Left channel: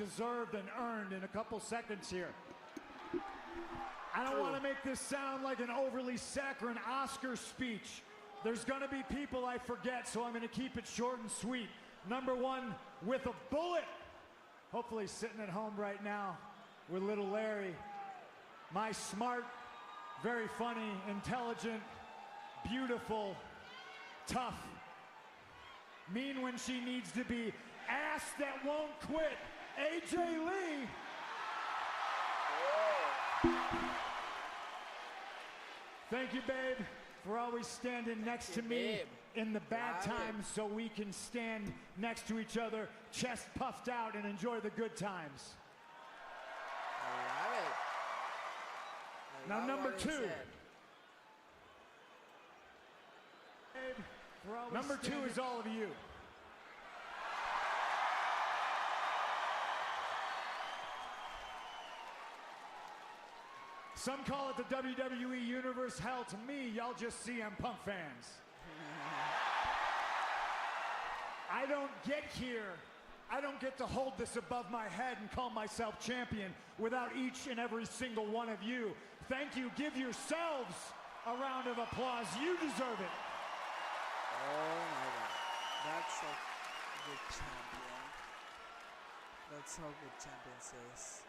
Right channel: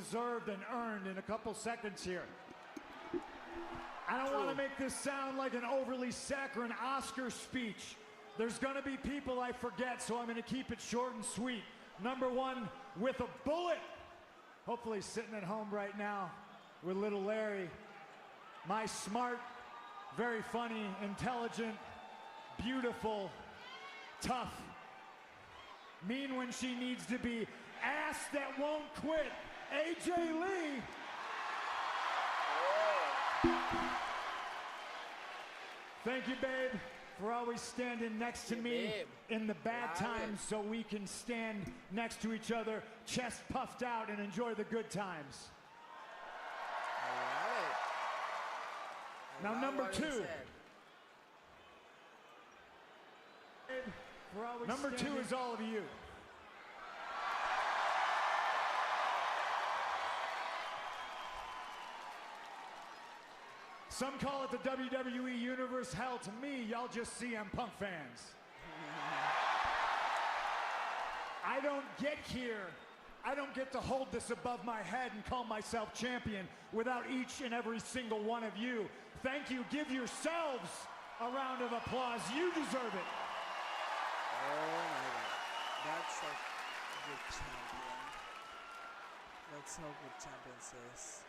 deserved and earned in a couple seconds here. I don't want to make this sound like an overly saccharine Oscar speech. There's going to be people I forget, so I'm going to keep it short and sweet. Number one, with a bullet, hopefully sitting at home right now with little Larry. My smart, very funny, intelligent, beautiful, tough, mean when she needs to be, ass that won't quit, AJ Lee. Thank you, babe, for always standing next to me in the bad times so we can stand next to each other, chest puffed out, and enjoy the good times. I love it. Now, number two. Number two is all of you. Some call it the WWE Universe. Hell, to me, y'all just CM Punk fans. I don't get here. I don't get to hold this above my head and call myself champion without each and every single one of you. Thank you. Give yourselves a round of applause. You deserve it. Oh my God. That's a good champion. That's how good champion says.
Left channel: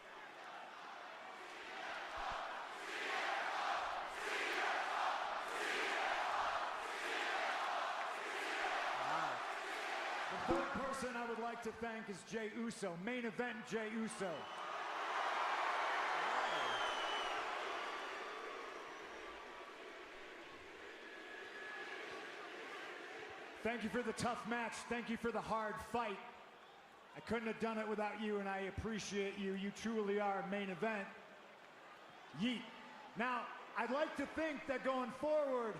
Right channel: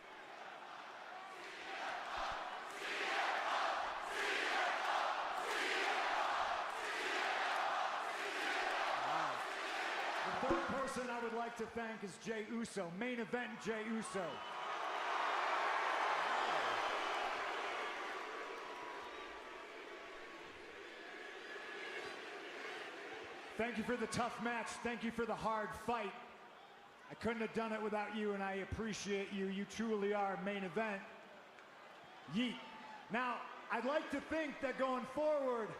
Wow. The third person I would like to thank is Jey Uso. Main event, Jey Uso. Thank you for the tough match. Thank you for the hard fight. I couldn't have done it without you, and I appreciate you. You truly are main event. Yeet. Now, I'd like to think that going forward,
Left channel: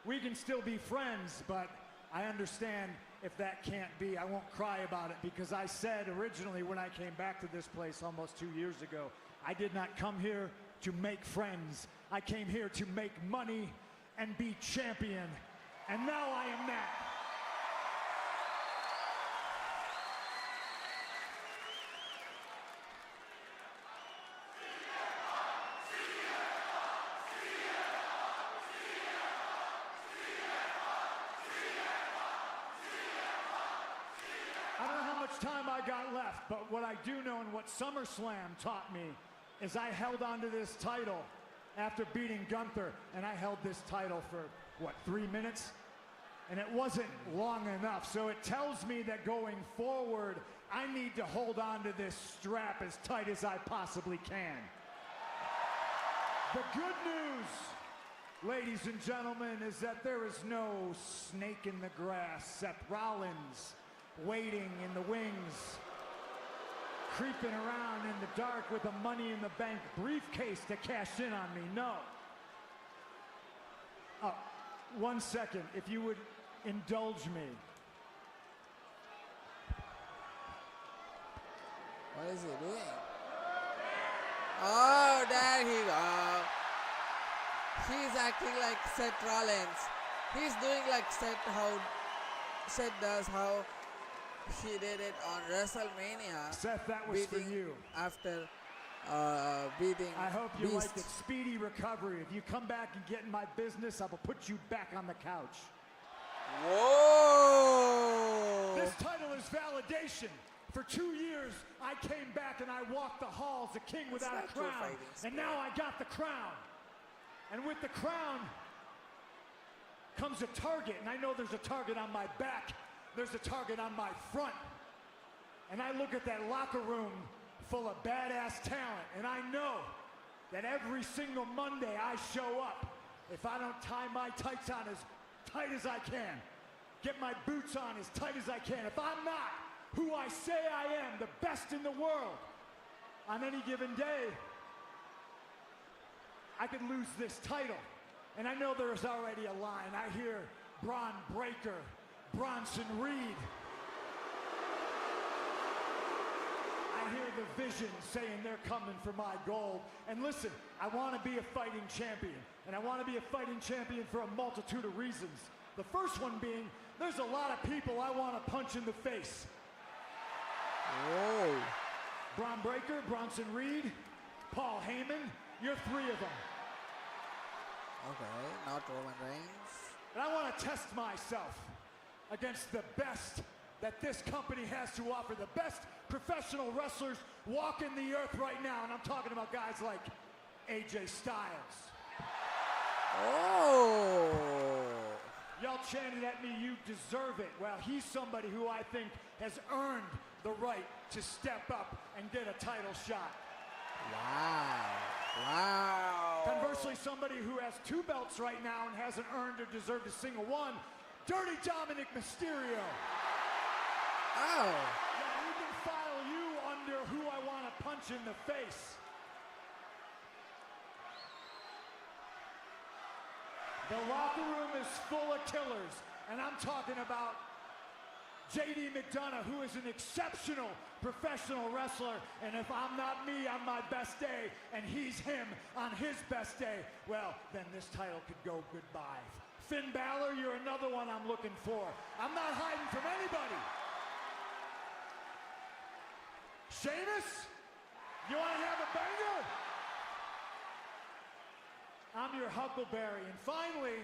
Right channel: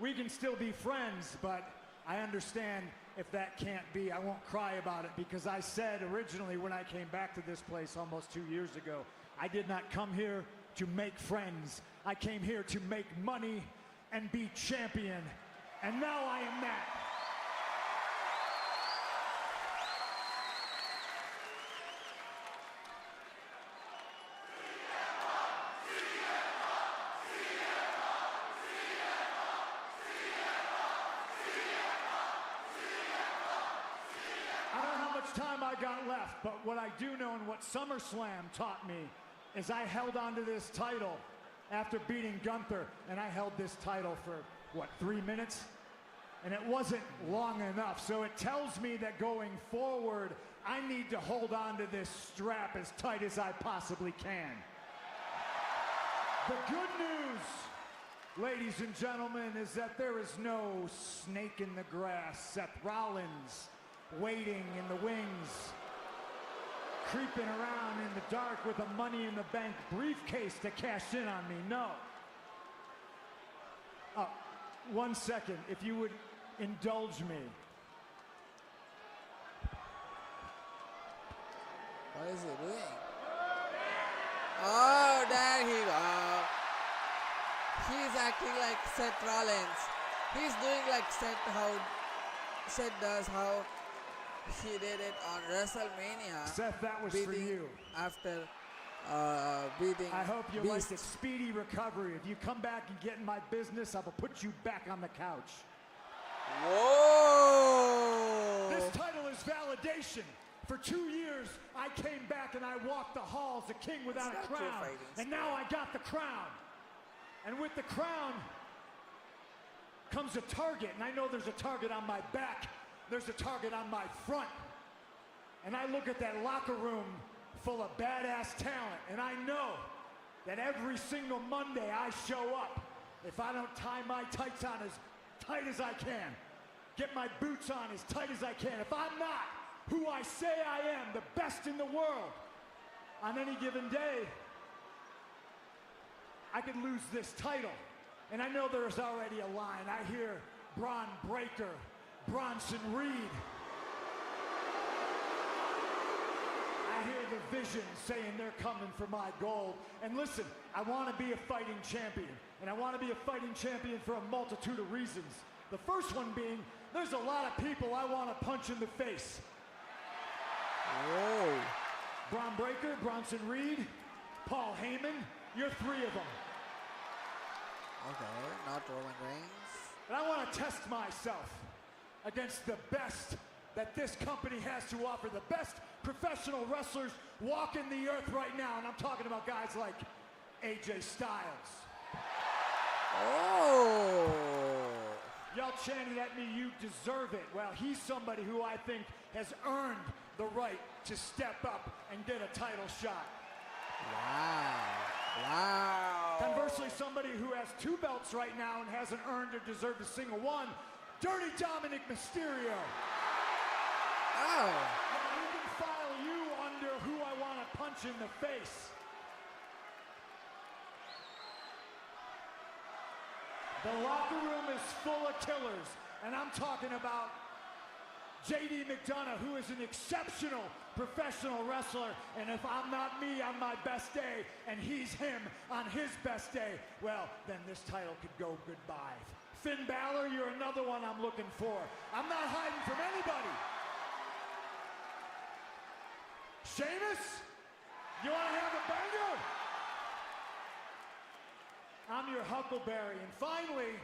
we can still be friends, but I understand if that can't be. I won't cry about it because I said originally when I came back to this place almost 2 years ago, I did not come here to make friends. I came here to make money and be champion. And now I am that. But what I do know and what SummerSlam taught me is I held on to this title after beating Gunther, and I held this title for, what, 3 minutes? And it wasn't long enough, so it tells me that going forward, I need to hold on to this strap as tight as I possibly can. The good news, ladies and gentlemen, is that there is no snake in the grass. Seth Rollins waiting in the wings, creeping around in the dark with a Money in the Bank briefcase to cash in on me. No. 1 second, if you would indulge me. What is he doing? Oh, there he goes. He's acting like Seth Rollins. He's doing like Seth does, how he did it on WrestleMania, Seth, beating after beating I hope you Beast. like a speedy recovery. If you come back and get in my business, I'll put you back on the couch. Whoa! This title is validation. For 2 years, I came back and I walked the halls, a king without a crown. And now I got the crown. And with the crown comes a target, and I know there's a target on my back. There's a target on my front. And I look at that locker room full of badass talent, and I know that every single Monday I show up, if I don't tie my tights on as tight as I can, get my boots on as tight as I can, if I'm not who I say I am, the best in the world, on any given day, I can lose this title. And I know there's already a line. I hear Braun Breaker, Bronson Reed. I hear the vision saying they're coming for my gold. And listen, I want to be a fighting champion. And I want to be a fighting champion for a multitude of reasons. The first one being, there's a lot of people I want to punch in the face. Whoa. Bronson Reed, Paul Heyman, you're 3 of them. Okay, not Roman Reigns. And I want to test myself against the best that this company has to offer, the best professional wrestlers walking the earth right now. And I'm talking about guys like AJ Styles. Oh! Y'all chanting at me, you deserve it. Well, he's somebody who I think has earned the right to step up and get a title shot. Wow. Wow. Conversely, somebody who has 2 belts right now and hasn't earned or deserved a single one, Dirty Dominic Mysterio. Oh. Now, we can file you under who I want to punch in the face. The locker room is full of killers, and I'm talking about JD McDonough, who is an exceptional professional wrestler, and if I'm not me on my best day, and he's him on his best day, well, then this title could go goodbye. Finn Balor, you're another one I'm looking for. I'm not hiding from anybody. Sheamus, you want to have a banger? I'm your Huckleberry. And finally,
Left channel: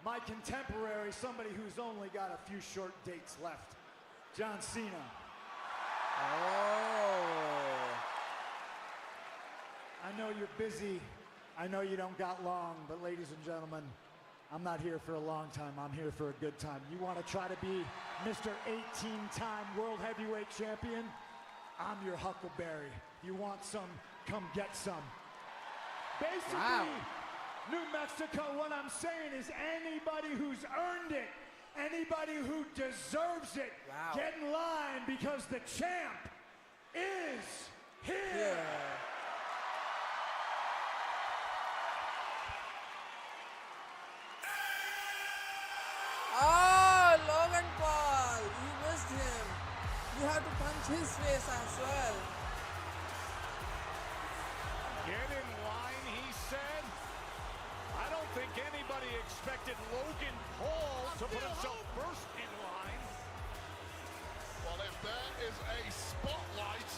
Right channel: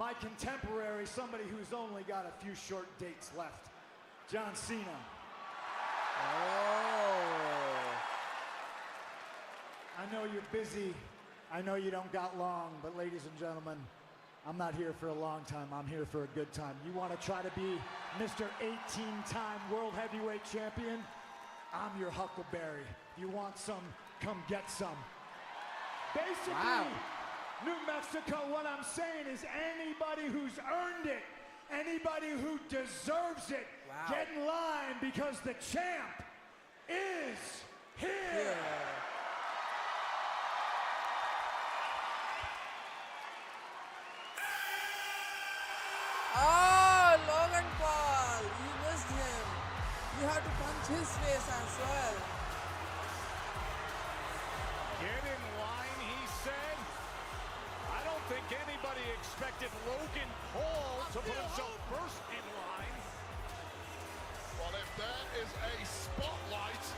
my contemporary, somebody who's only got a few short dates left, John Cena. Oh. I know you're busy. I know you don't got long, but ladies and gentlemen, I'm not here for a long time. I'm here for a good time. You want to try to be Mr. 18-time World Heavyweight Champion? I'm your Huckleberry. You want some? Come get some. Basically, Wow. New Mexico, what I'm saying is anybody who's earned it, anybody who deserves it, Wow. get in line because the champ is here. Yeah. Oh, Logan Paul, you missed him. You have to punch his face as well. Get in line, he said. I don't think anybody expected Logan Paul to rush up first in line. Well, if that is a spotlight.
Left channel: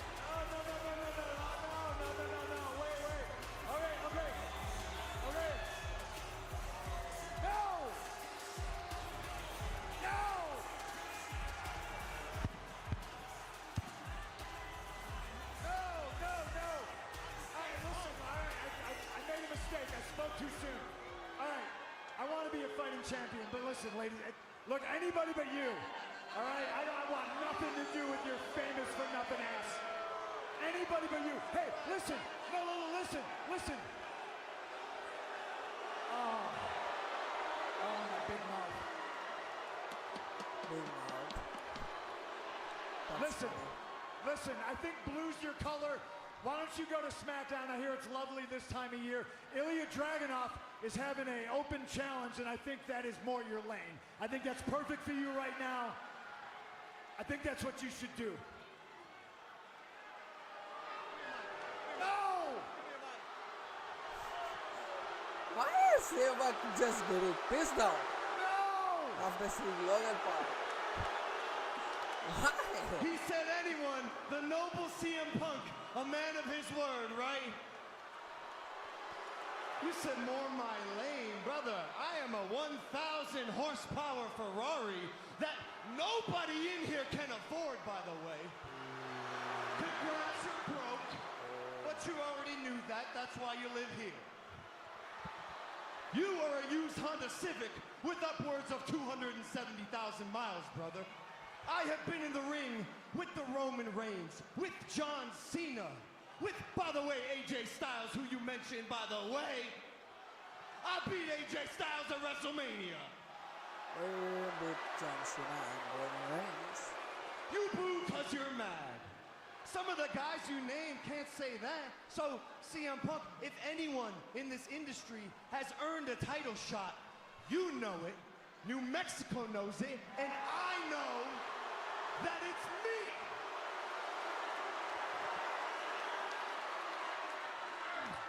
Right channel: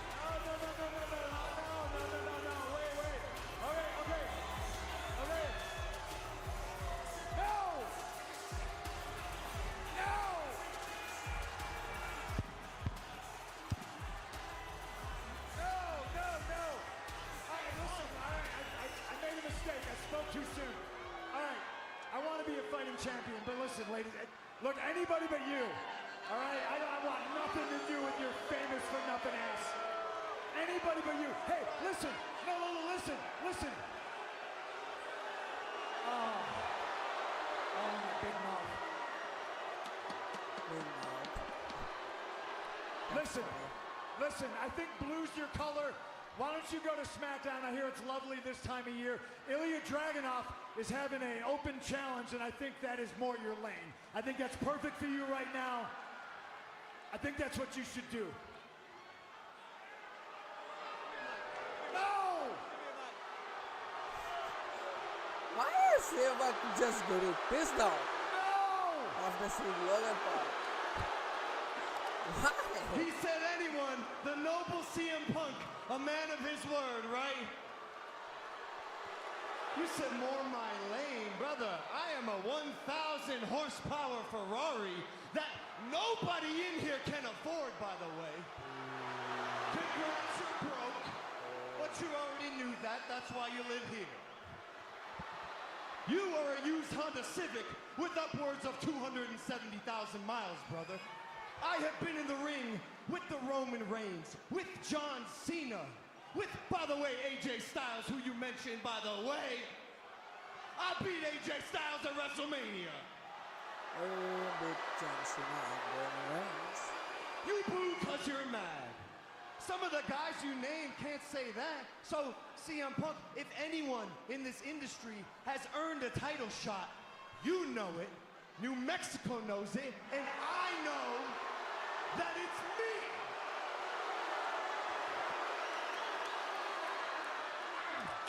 Look, anybody but you. All right? I don't want nothing to do with your famous or nothing else. Anybody but you. Hey, listen. No, listen. Big mouth. Big mouth. That's Listen. funny. Listen, I think blue's your color. Why don't you go to SmackDown? I hear it's lovely this time of year. Ilya Dragunov is having an open challenge, and I think that is more your lane. I think that's perfect for you right now. I think that's what you should do. No! Why is Sebak just getting pissed off No! after seeing Logan Paul? Why? He said anyone, the noble CM Punk, a man of his word, right? You said more my lane, brother. I am a 1,000 horsepower Ferrari that nobody in here can afford, by the way. Congrats, you broke. But you already knew that. That's why you live here. You are a used Honda Civic with upwards of 270,000 miles, brother. I have been in the ring with the Roman Reigns, with John Cena, with, by the way, AJ Styles, who you mentioned, by the way. I beat AJ Styles at WrestleMania. Beat John Cena and Roman Reigns. You boo because you're mad. Some of the guys you name can't say that. So, CM Punk, if anyone in this industry has earned a title shot, you know it, New Mexico knows it, and I know that it's me.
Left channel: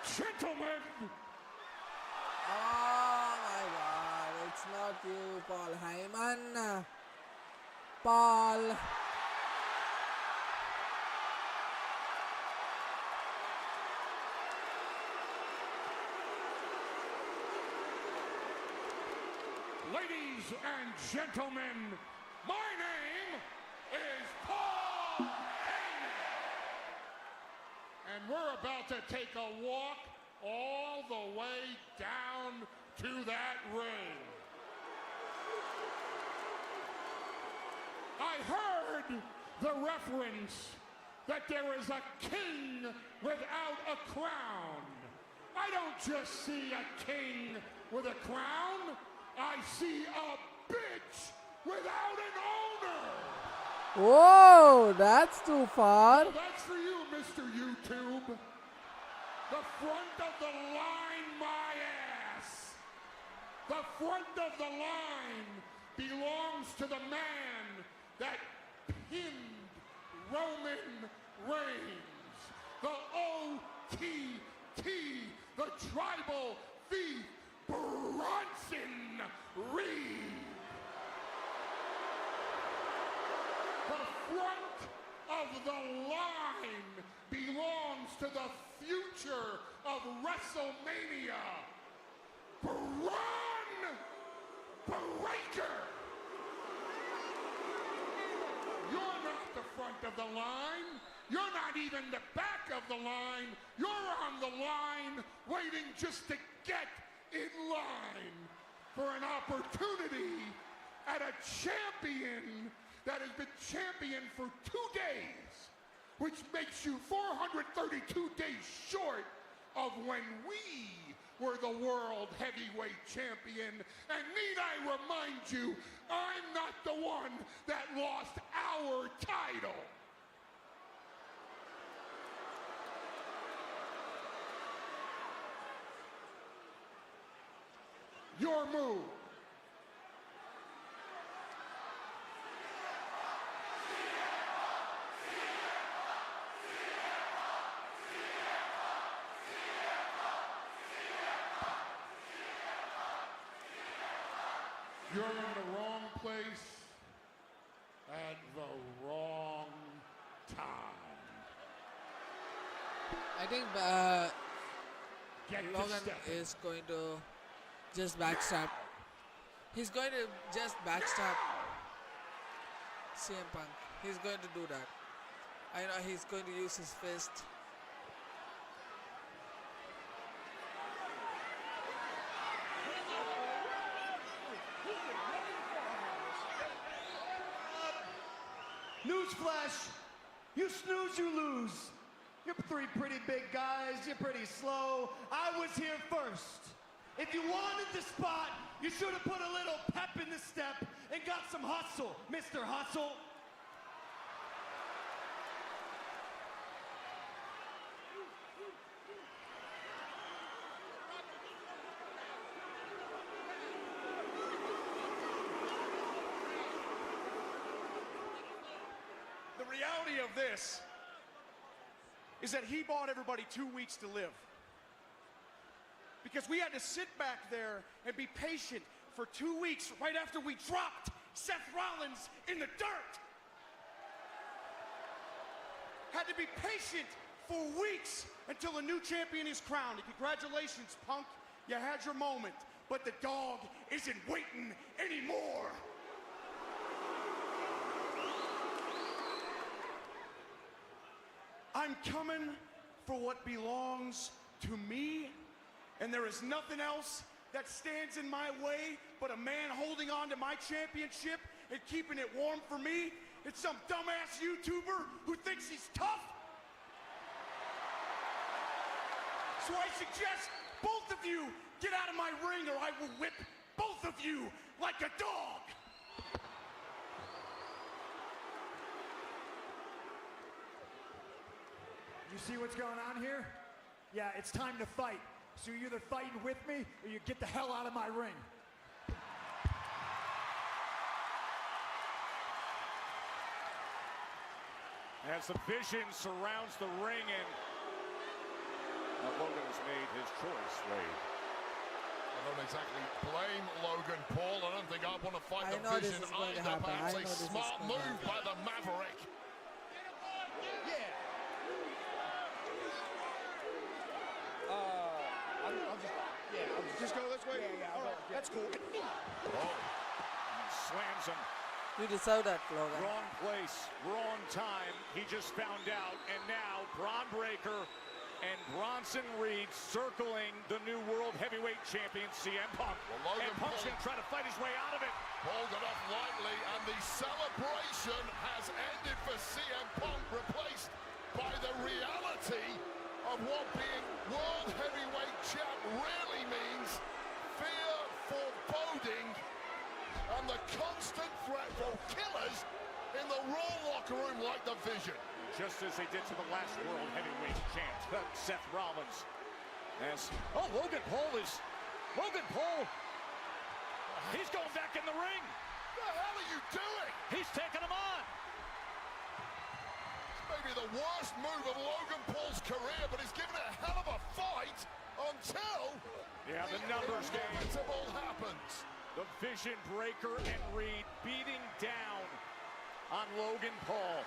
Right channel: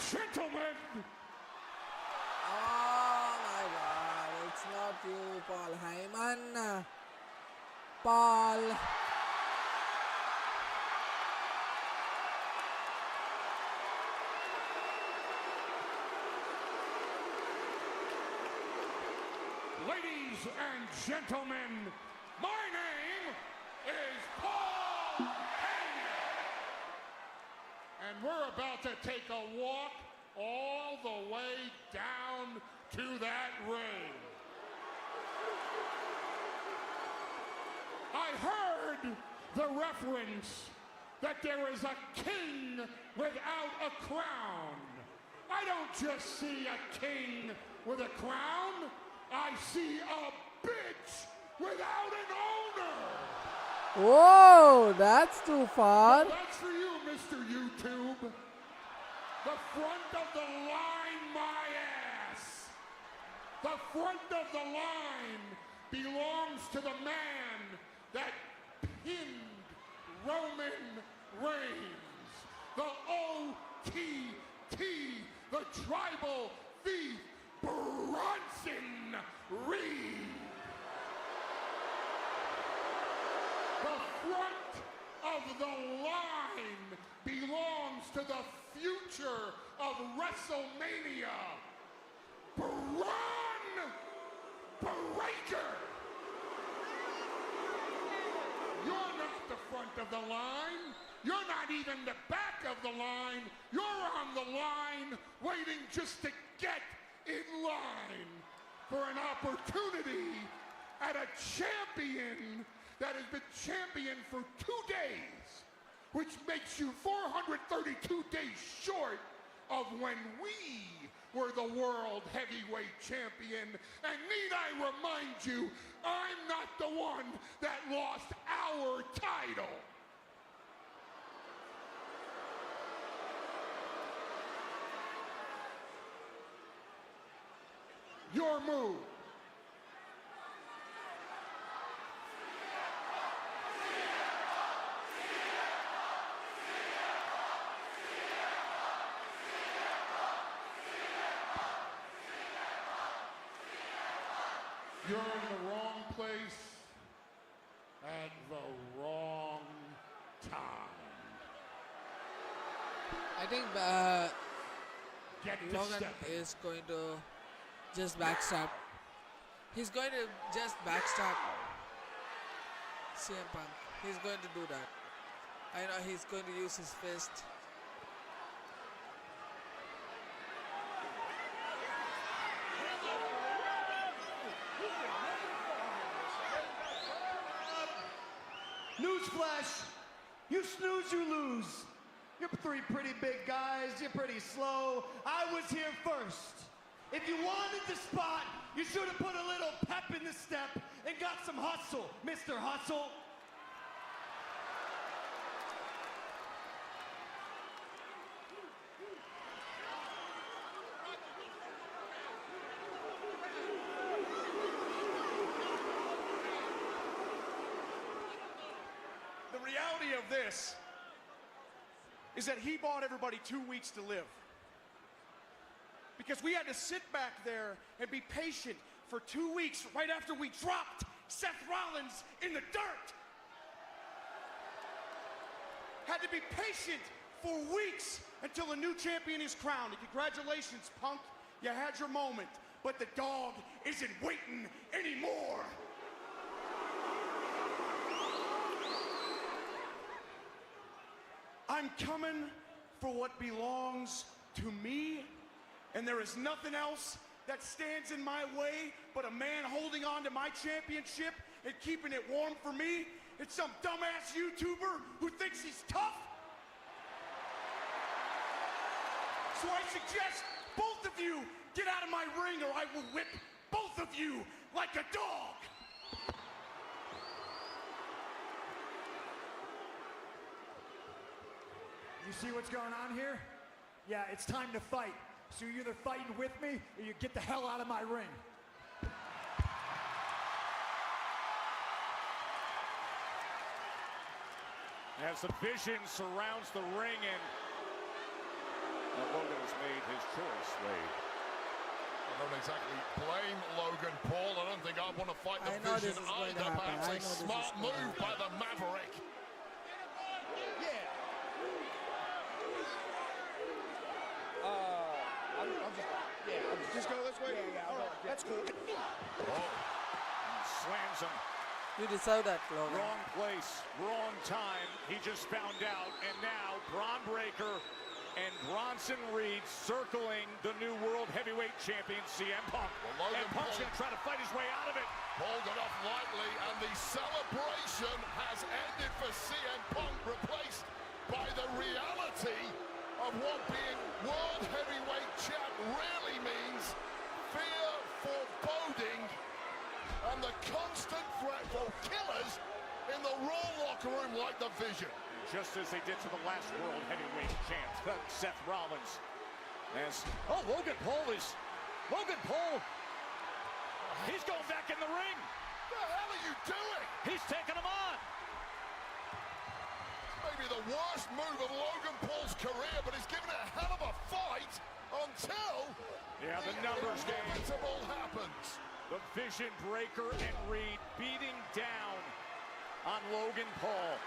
Gentlemen! Oh my god, it's not you, Paul Heyman. Paul. and gentlemen, my name is Paul Heyman. And we're about to take a walk all the way down to that ring. I heard the reference that there is a king without a crown. I don't just see a king with a crown. I see a bitch without an owner. Whoa, that's too far. That's for you, Mr. YouTube. The front of the line, my ass. The front of the line belongs to the man that pinned Roman Reigns. The OTT, the tribal thief, Bronson Reed. The front of the line belongs to the future of WrestleMania, Braun Breaker. You're not the front of the line. You're not even the back of the line. You're on the line waiting just to get in line for an opportunity at a champion that has been champion for 2 days, which makes you 432 days short of when we were the world heavyweight champion. And need I remind you, I'm not the one that lost our title. Your move. You're in the wrong place at the wrong time. I think Logan is going to just backstab. He's going to just backstab CM Punk. He's going to do that. I know he's going to use his fist. Newsflash, you snooze, you lose. You're three pretty big guys, you're pretty slow. I was here first. If you wanted the spot, you should have put a little pep in the step and got some hustle, Mr. Hustle. The reality of this is that he bought everybody 2 weeks to live. Because we had to sit back there and be patient for 2 weeks right after we dropped Seth Rollins in the dirt. Had to be patient for weeks until a new champion is crowned. And congratulations, Punk. You had your moment. But the dog isn't waiting anymore. I'm coming for what belongs to me, and there is nothing else that stands in my way but a man holding on to my championship and keeping it warm for me. It's some dumbass YouTuber who thinks he's tough. So I suggest both of you get out of my ring or I will whip both of you like a dog. You see what's going on here? Yeah, it's time to fight. So you're either fighting with me or you get the hell out of my ring. As the vision surrounds the ring, and the woman's name is Curtis Slade. I don't exactly blame Logan Paul. I don't think I want to fight. I know this is going to happen. I know this is going to happen. By the Maverick. You deserve that, Logan. Wrong place, wrong time. He just found out. And now Bron Breakker and Bronson Reed circling the new World Heavyweight Champion, CM Punk. And Punk's going to try to fight his way out of it. Hold it off lightly, and the celebration has ended for CM Punk, replaced by the reality of what being World Heavyweight Champ really means. Fear, foreboding, and the constant threat for killers in the Raw locker room like the Vision. Just as they did to the last World Heavyweight Champ, Seth Rollins. Yes. Oh, Logan Paul is... Logan Paul! He's going back in the ring! What the hell are you doing? He's taking him on! Maybe the worst move of Logan Paul's career, but he's given a hell of a fight until Another change. it all happens. The Vision Breaker and Reed beating down on Logan Paul.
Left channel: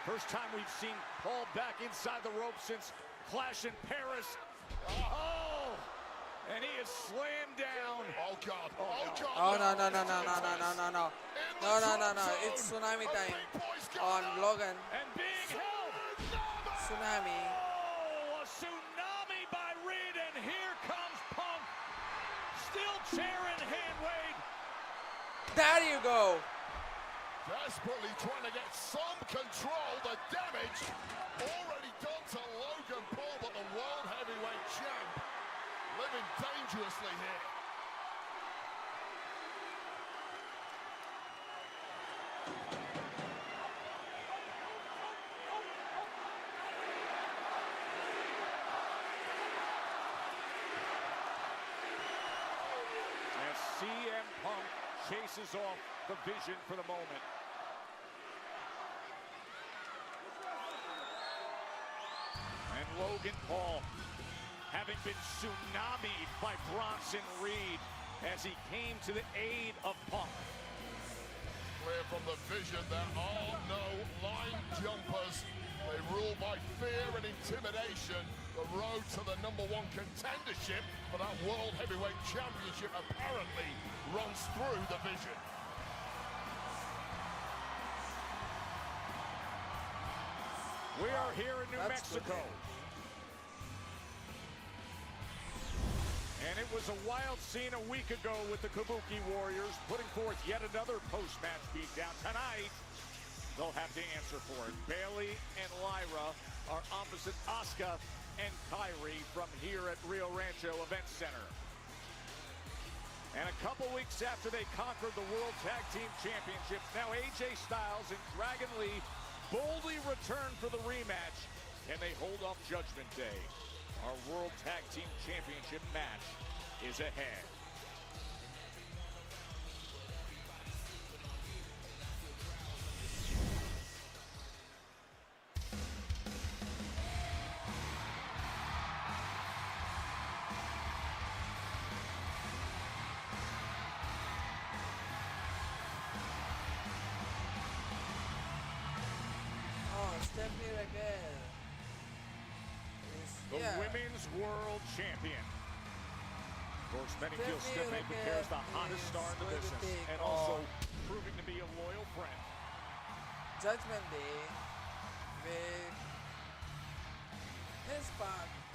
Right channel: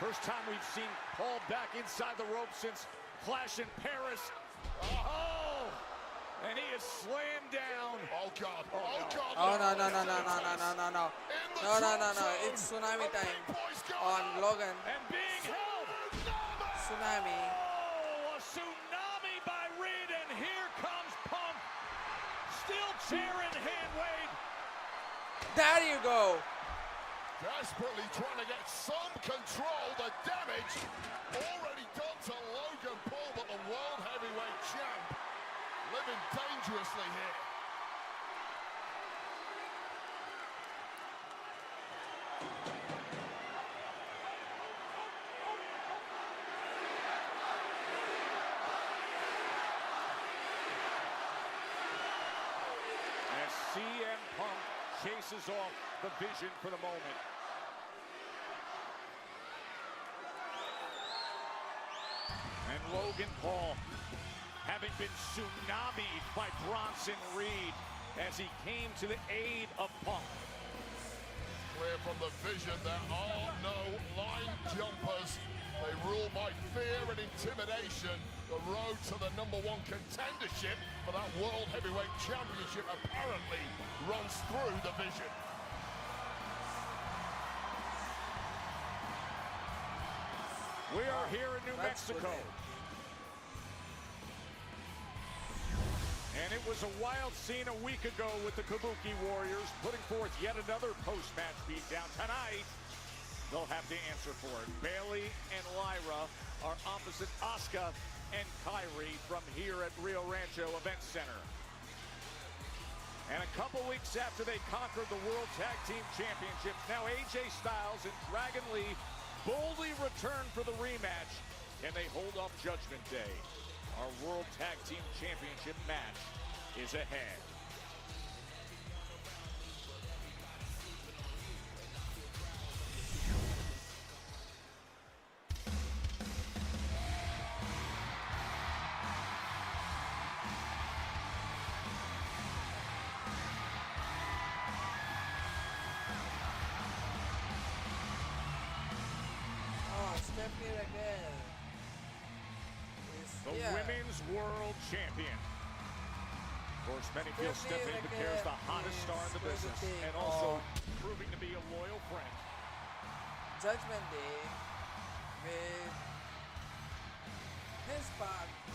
First time we've seen Paul back inside the rope since Clash in Paris. Oh! And he is slaying down. Oh God, oh God. Oh, no, no, no, no, no, no, no, no, no. No, no, no, no. It's tsunami time on Logan. And being held. Tsunami. Oh, a tsunami by Reed, and here comes Punk. Still chair in hand waiting. There you go. Desperately trying to get some control. The damage already done to Logan Paul, but the World Heavyweight Champ living dangerously here. As CM Punk chases off the Vision for the moment. And Logan Paul, having been tsunamied by Bronson Reed as he came to the aid of Punk. Clear from the Vision that all no line jumpers. They rule by fear and intimidation. The road to the #1 contendership for that World Heavyweight Championship apparently runs through the Vision. We are here in New That's good. Mexico. And it was a wild scene a week ago with the Kabuki Warriors putting forth yet another post-match beatdown. Tonight, they'll have to answer for it. Bailey and Lyra are opposite Asuka and Kyrie from here at Rio Rancho Event Center. And a couple weeks after they conquered the World Tag Team Championships, now AJ Styles and Dragon Lee boldly return for the rematch. Can they hold off Judgment Day? Our World Tag Team Championship match is ahead. Oh, Stephanie Raquel is The here. Women's World Champion. Stephanie Raquel is going to take on Proving to be a loyal friend. Judgment Day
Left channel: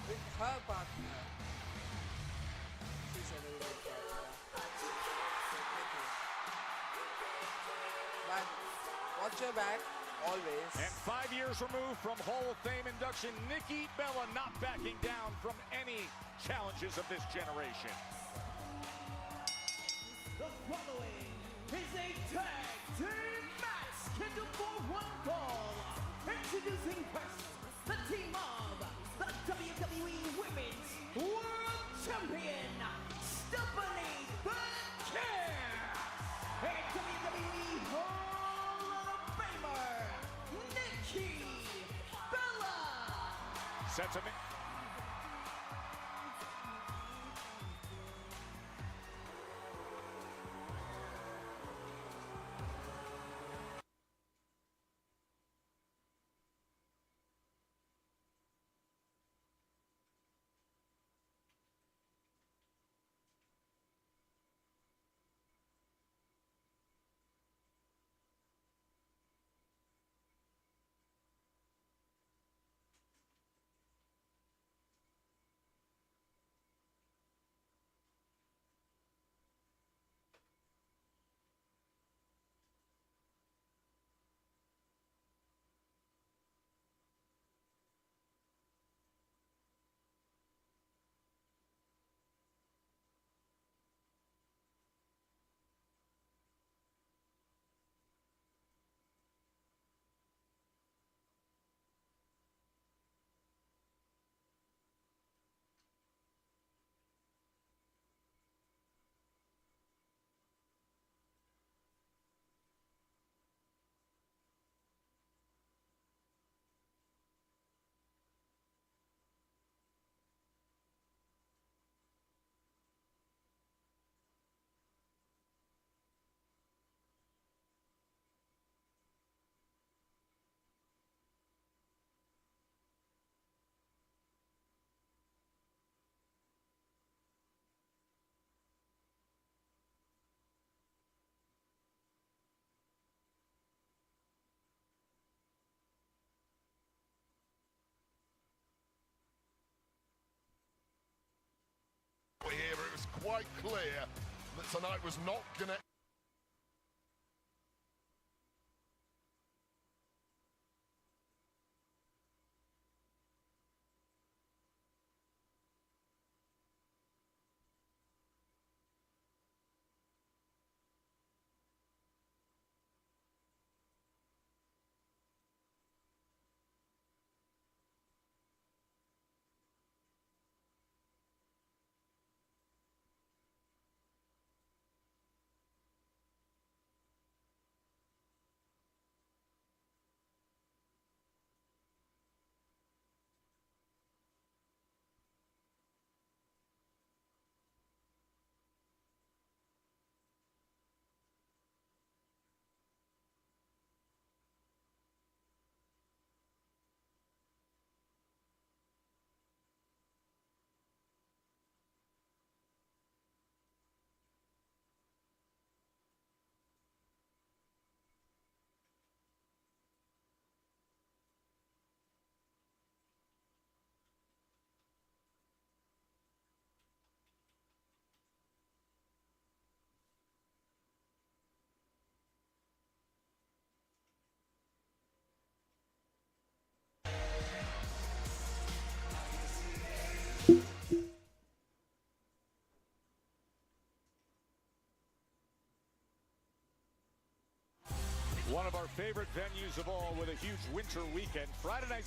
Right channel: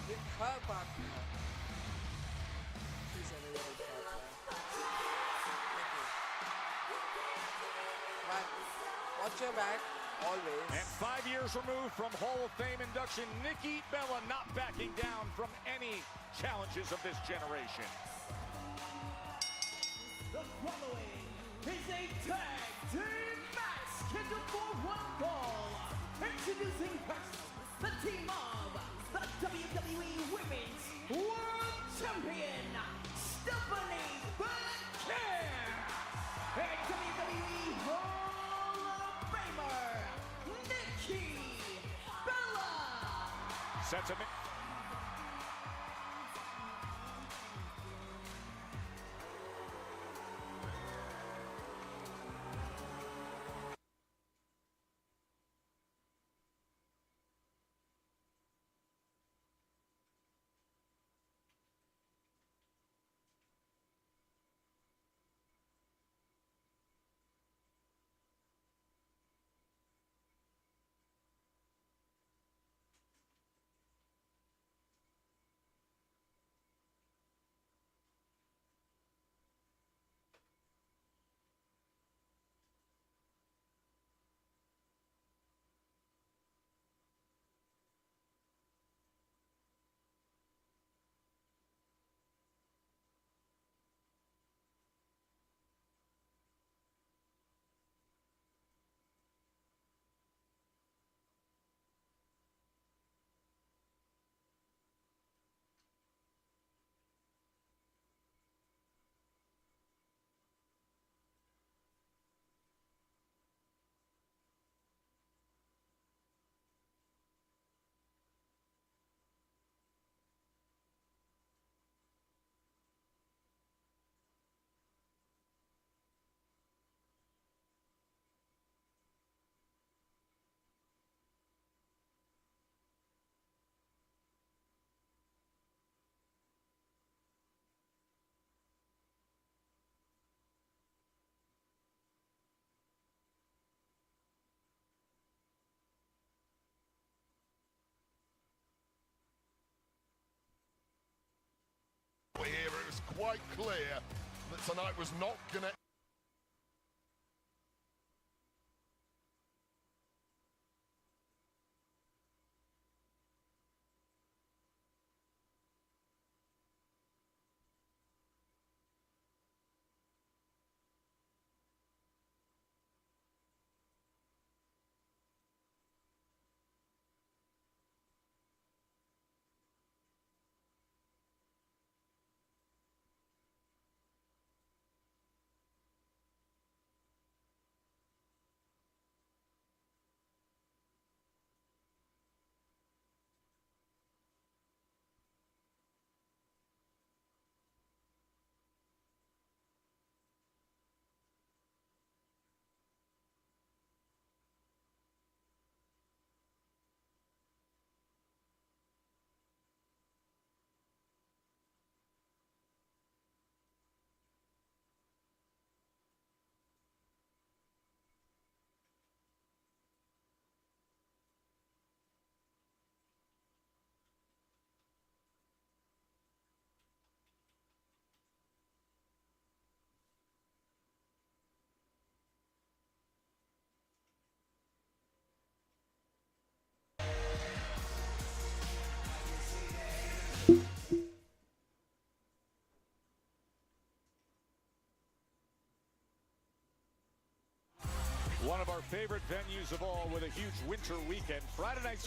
with her partner. She's a very good partner. Nikki. But watch your back always. And 5 years removed from Hall of Fame induction, Nikki Bella not backing down from any challenges of this generation. The following is a tag team match scheduled for one fall. Introducing first, the team of the WWE Women's World Champion, Stephanie Blair, aka Hall of Famer, Nikki Bella. Sentiment.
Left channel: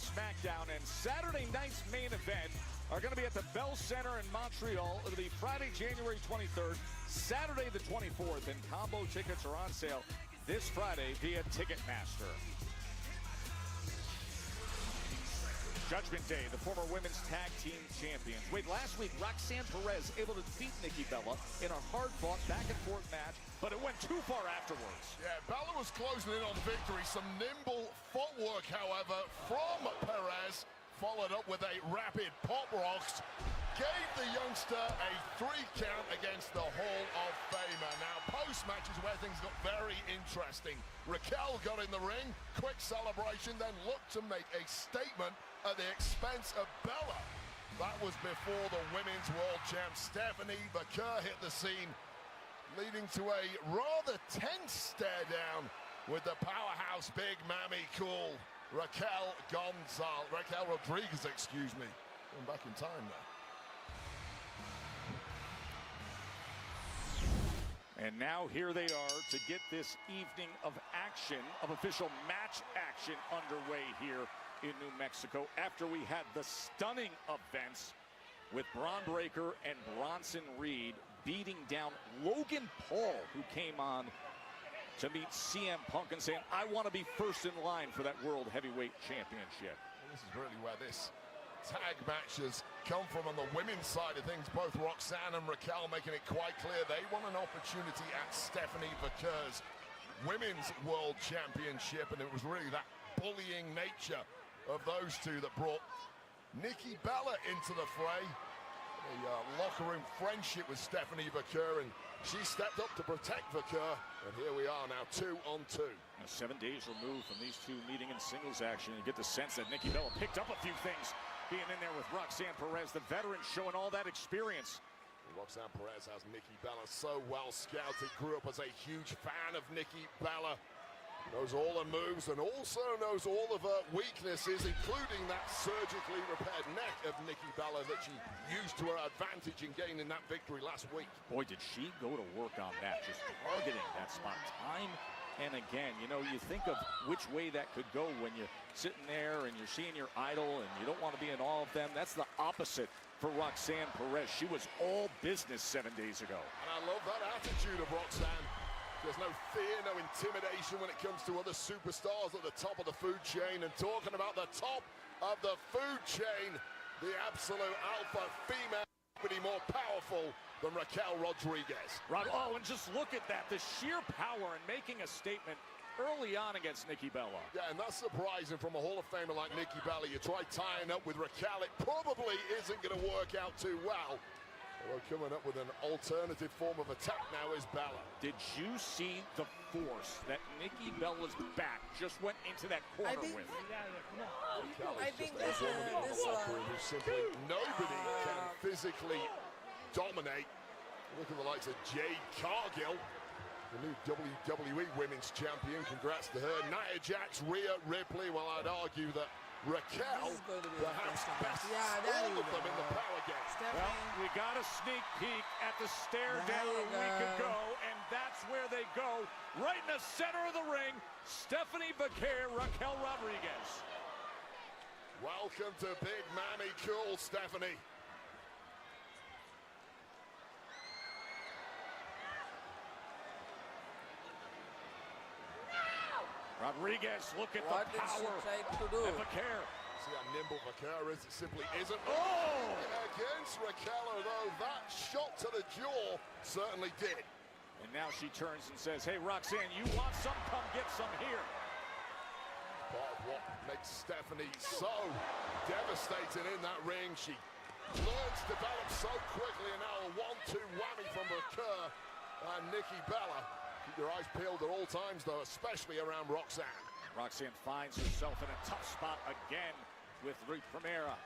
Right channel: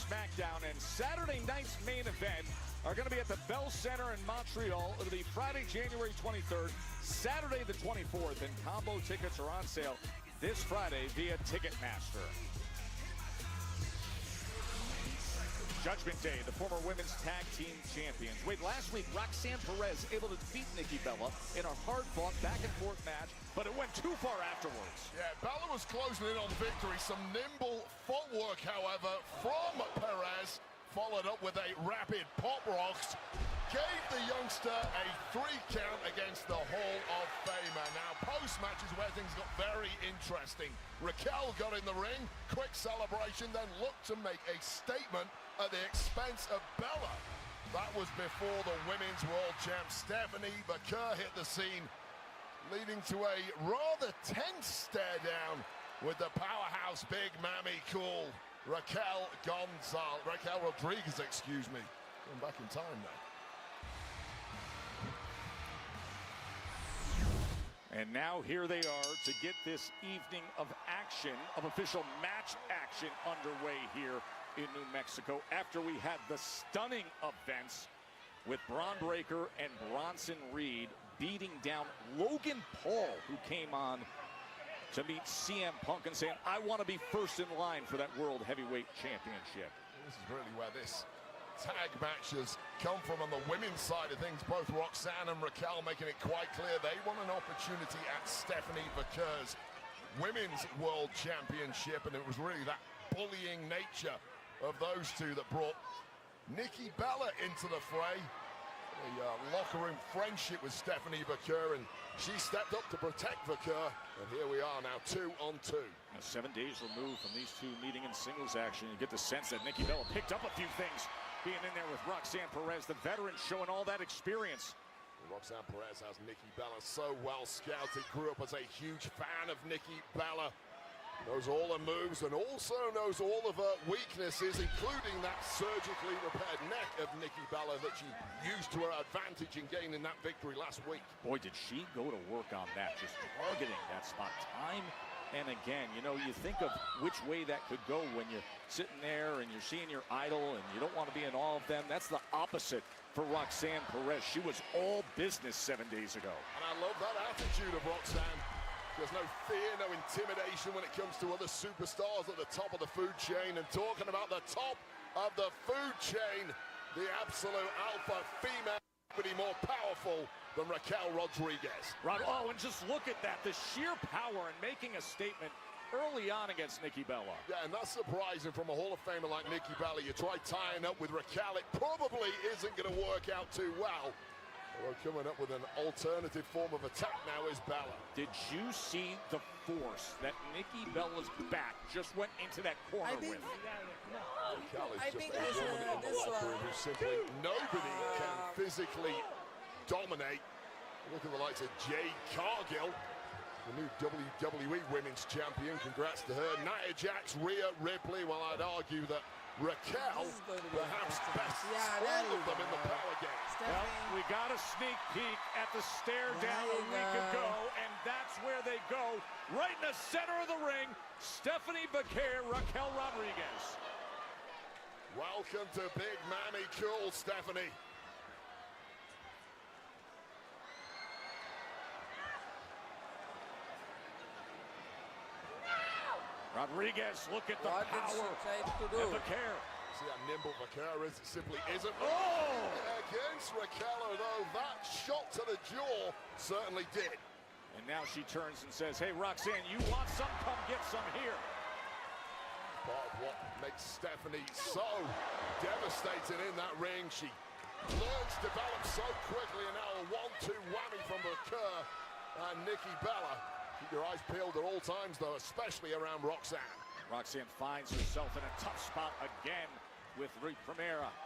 SmackDown, and Saturday night's main event are going to be at the Bell Center in Montreal. It'll be Friday, January 23rd, Saturday the 24th, and combo tickets are on sale this Friday via Ticketmaster. Judgment Day, the former women's tag team champions. Wait, last week, Roxanne Perez able to defeat Nikki Bella in a hard-fought back-and-forth match, but it went too far afterwards. Yeah, Bella was closing in on victory. Some nimble footwork, however, from Perez, followed up with a rapid pop rocks, gave the youngster a 3 count against the Hall of Famer. Now, post-match, where things look very interesting. Raquel got in the ring, quick celebration, then looked to make a statement at the expense of Bella. That was before the women's world champ Stephanie Baker hit the scene, leading to a rather tense stare down with the powerhouse Big Mammy Cool, Raquel Rodriguez, excuse me. I'm back in time now. And now here they are to get this evening of action, of official match action underway here in New Mexico after we had the stunning events with Bron Breakker and Bronson Reed beating down Logan Paul, who came on to meet CM Punk and say, I want to be first in line for that World Heavyweight Championship. This is really where this tag matches come from on the women's side of things. Both Roxanne and Raquel making it quite clear they want an opportunity at Stephanie Baker's women's world championship, and it was really that bullying nature of those two that brought Nikki Bella into the fray. A locker room friendship with Stephanie Baker, and she stepped up to protect Baker, and here we are now 2-on-2. 7 days removed from these two meeting in singles action, you get the sense that Nikki Bella picked up a few things being in there with Roxanne Perez, the veteran, showing all that experience. Roxanne Perez has Nikki Bella so well scouted, grew up as a huge fan of Nikki Bella, knows all her moves and also knows all of her weaknesses, including that surgically repaired neck of Nikki Bella that she used to her advantage in gaining that victory last week. Boy, did she go to work on that, just targeting that spot time and again. You know, you think of which way that could go when you're sitting there and you're seeing your idol and you don't want to be in all of them. That's the opposite for Roxanne Perez. She was all business 7 days ago. And I love that attitude of Roxanne. There's no fear, no intimidation when it comes to other superstars at the top of the food chain. And talking about the top of the food chain, the absolute alpha female, more powerful than Raquel Rodriguez. Right. Oh, and just look at that, the sheer power and making a statement early on against Nikki Bella. Yeah, and that's surprising from a Hall of Famer like Nikki Bella. You try tying up with Raquel, it probably isn't going to work out too well. Well, coming up with an alternative form of attack now is Bella. Did you see the force that Nikki Bella's back just went into that corner? I think this one. Nobody can physically dominate. Look at the likes of Jade Cargill, the new WWE Women's Champion. Congrats to her. Nia Jax, Rhea Ripley. Well, I'd argue that Raquel. This is going to be interesting. Yeah, there you go. Stephanie. We got a sneak peek at the stare There down you go. and that's where they go. Right in the center of the ring, Stephanie Baker, Raquel Rodriguez. Welcome to Big Mammy Cool, Stephanie. Rodriguez looking at What did she try to do? See that nimble Raquel is simply isn't. Oh! Against Raquel, though, that shot to the jaw certainly did. And now she turns and says, hey, Roxanne, you want some? Come get some here. Oh, what makes Stephanie so devastated in that ring? She learns to develop so quickly, and now a 1-2-1 from Raquel and Nikki Bella. Keep your eyes peeled at all times, though, especially around Roxanne. Roxanne finds herself in a tough spot again with Rick Primera.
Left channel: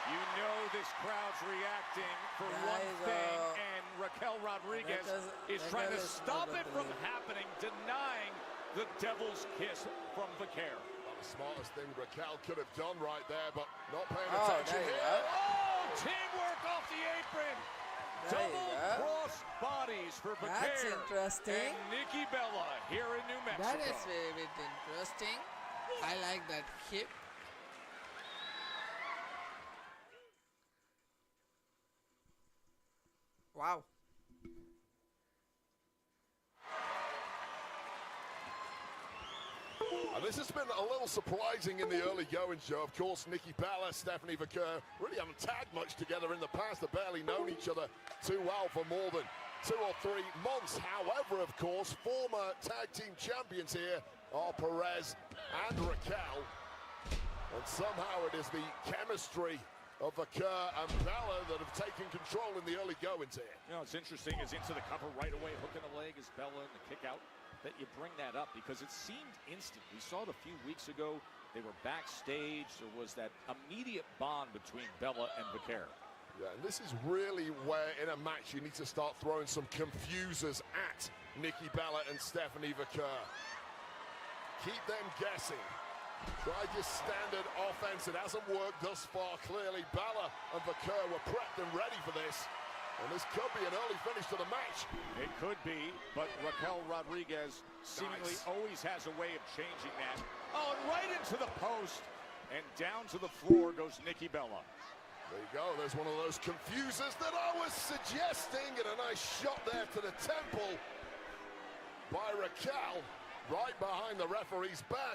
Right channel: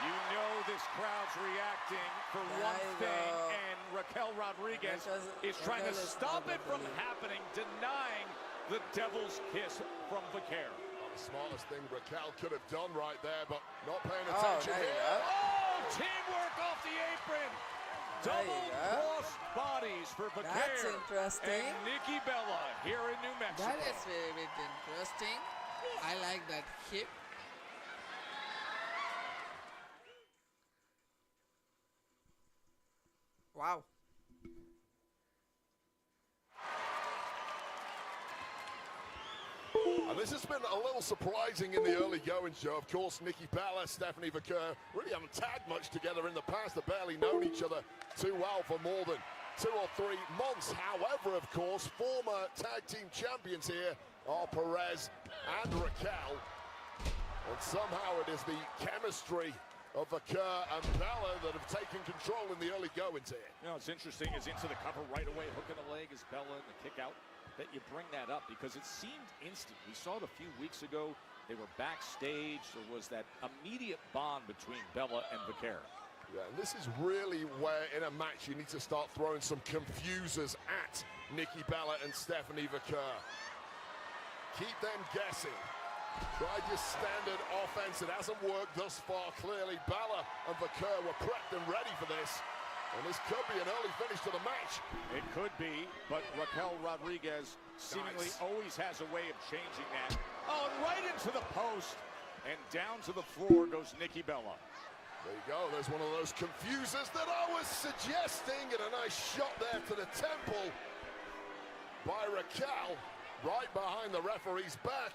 You know this crowd's reacting for There one you thing, go. and Raquel Rodriguez is Raquel trying to is stop not it going to from leave. happening, denying the devil's kiss from Baker. Smartest thing Raquel could have done right there, but not paying Oh, attention. there you go. Oh, teamwork off the apron. There you go. Cross bodies for Baker. That's interesting. And Nikki Bella here in New Mexico. That is very bit interesting. I like that hip. Wow. This has been a little surprising in the early going, Joe. Of course, Nikki Bella, Stephanie McCurr really haven't tagged much together in the past. They've barely known each other too well for more than 2 or 3 months. However, of course, former tag team champions here are Perez and Raquel. And somehow it is the chemistry of McCurr and Bella that have taken control in the early goings here. You know, it's interesting. It's into the cover right away, hook at the legs, Bella, kick out. That you bring that up because it seemed instant. We saw it a few weeks ago. They were backstage. There was that immediate bond between Bella and Vaquero. Yeah, this is really where in a match you need to start throwing some confusers at Nikki Bella and Stephanie McCurr. Keep them guessing. Like your standard offense, it hasn't worked thus far. Clearly, Bella and McCurr were prepped and ready for this. And this could be an early finish to the match. It could be, but Raquel Rodriguez seemingly always has a way of changing that. Oh, right into the post. And down to the floor goes Nikki Bella. There you go. There's one of those confusers that I was suggesting. And a nice shot there to the temple by Raquel, right behind the referee's back.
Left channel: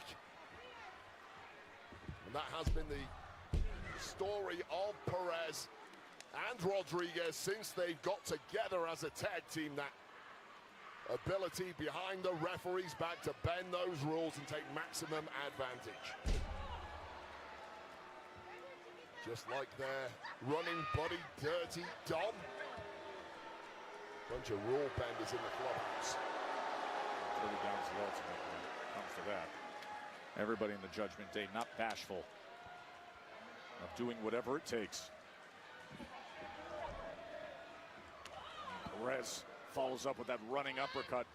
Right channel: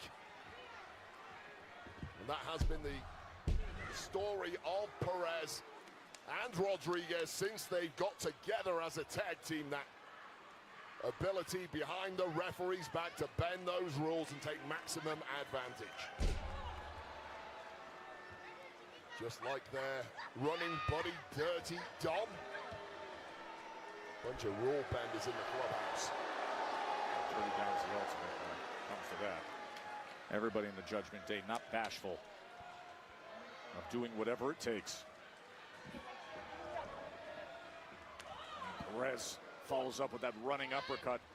And that has been the story of Perez and Rodriguez since they got together as a tag team. That ability behind the referee's back to bend those rules and take maximum advantage. Just like their running buddy, Dirty Dog. Bunch of rule benders in the clubhouse. Everybody in the Judgment Day not bashful of doing whatever it takes. Perez follows up with that running uppercut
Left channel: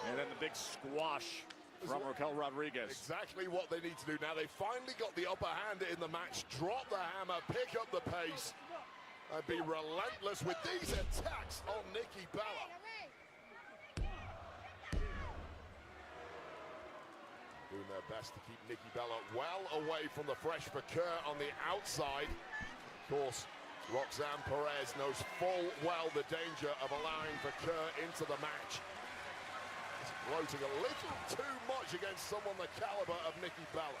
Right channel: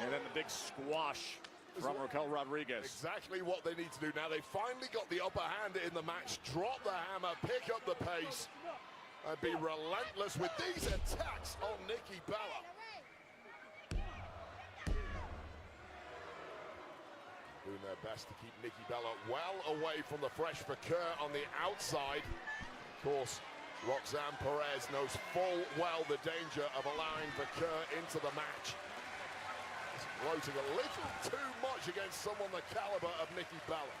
and then a big squash from Raquel Rodriguez. Exactly what they need to do now. They finally got the upper hand in the match. Drop the hammer, pick up the pace, and be relentless with these attacks on Nikki Bella. Doing their best to keep Nikki Bella well away from the fresh McCurr on the outside. Of course, Roxanne Perez knows full well the danger of allowing McCurr into the match. Floating a little too much against someone the caliber of Nikki Bella.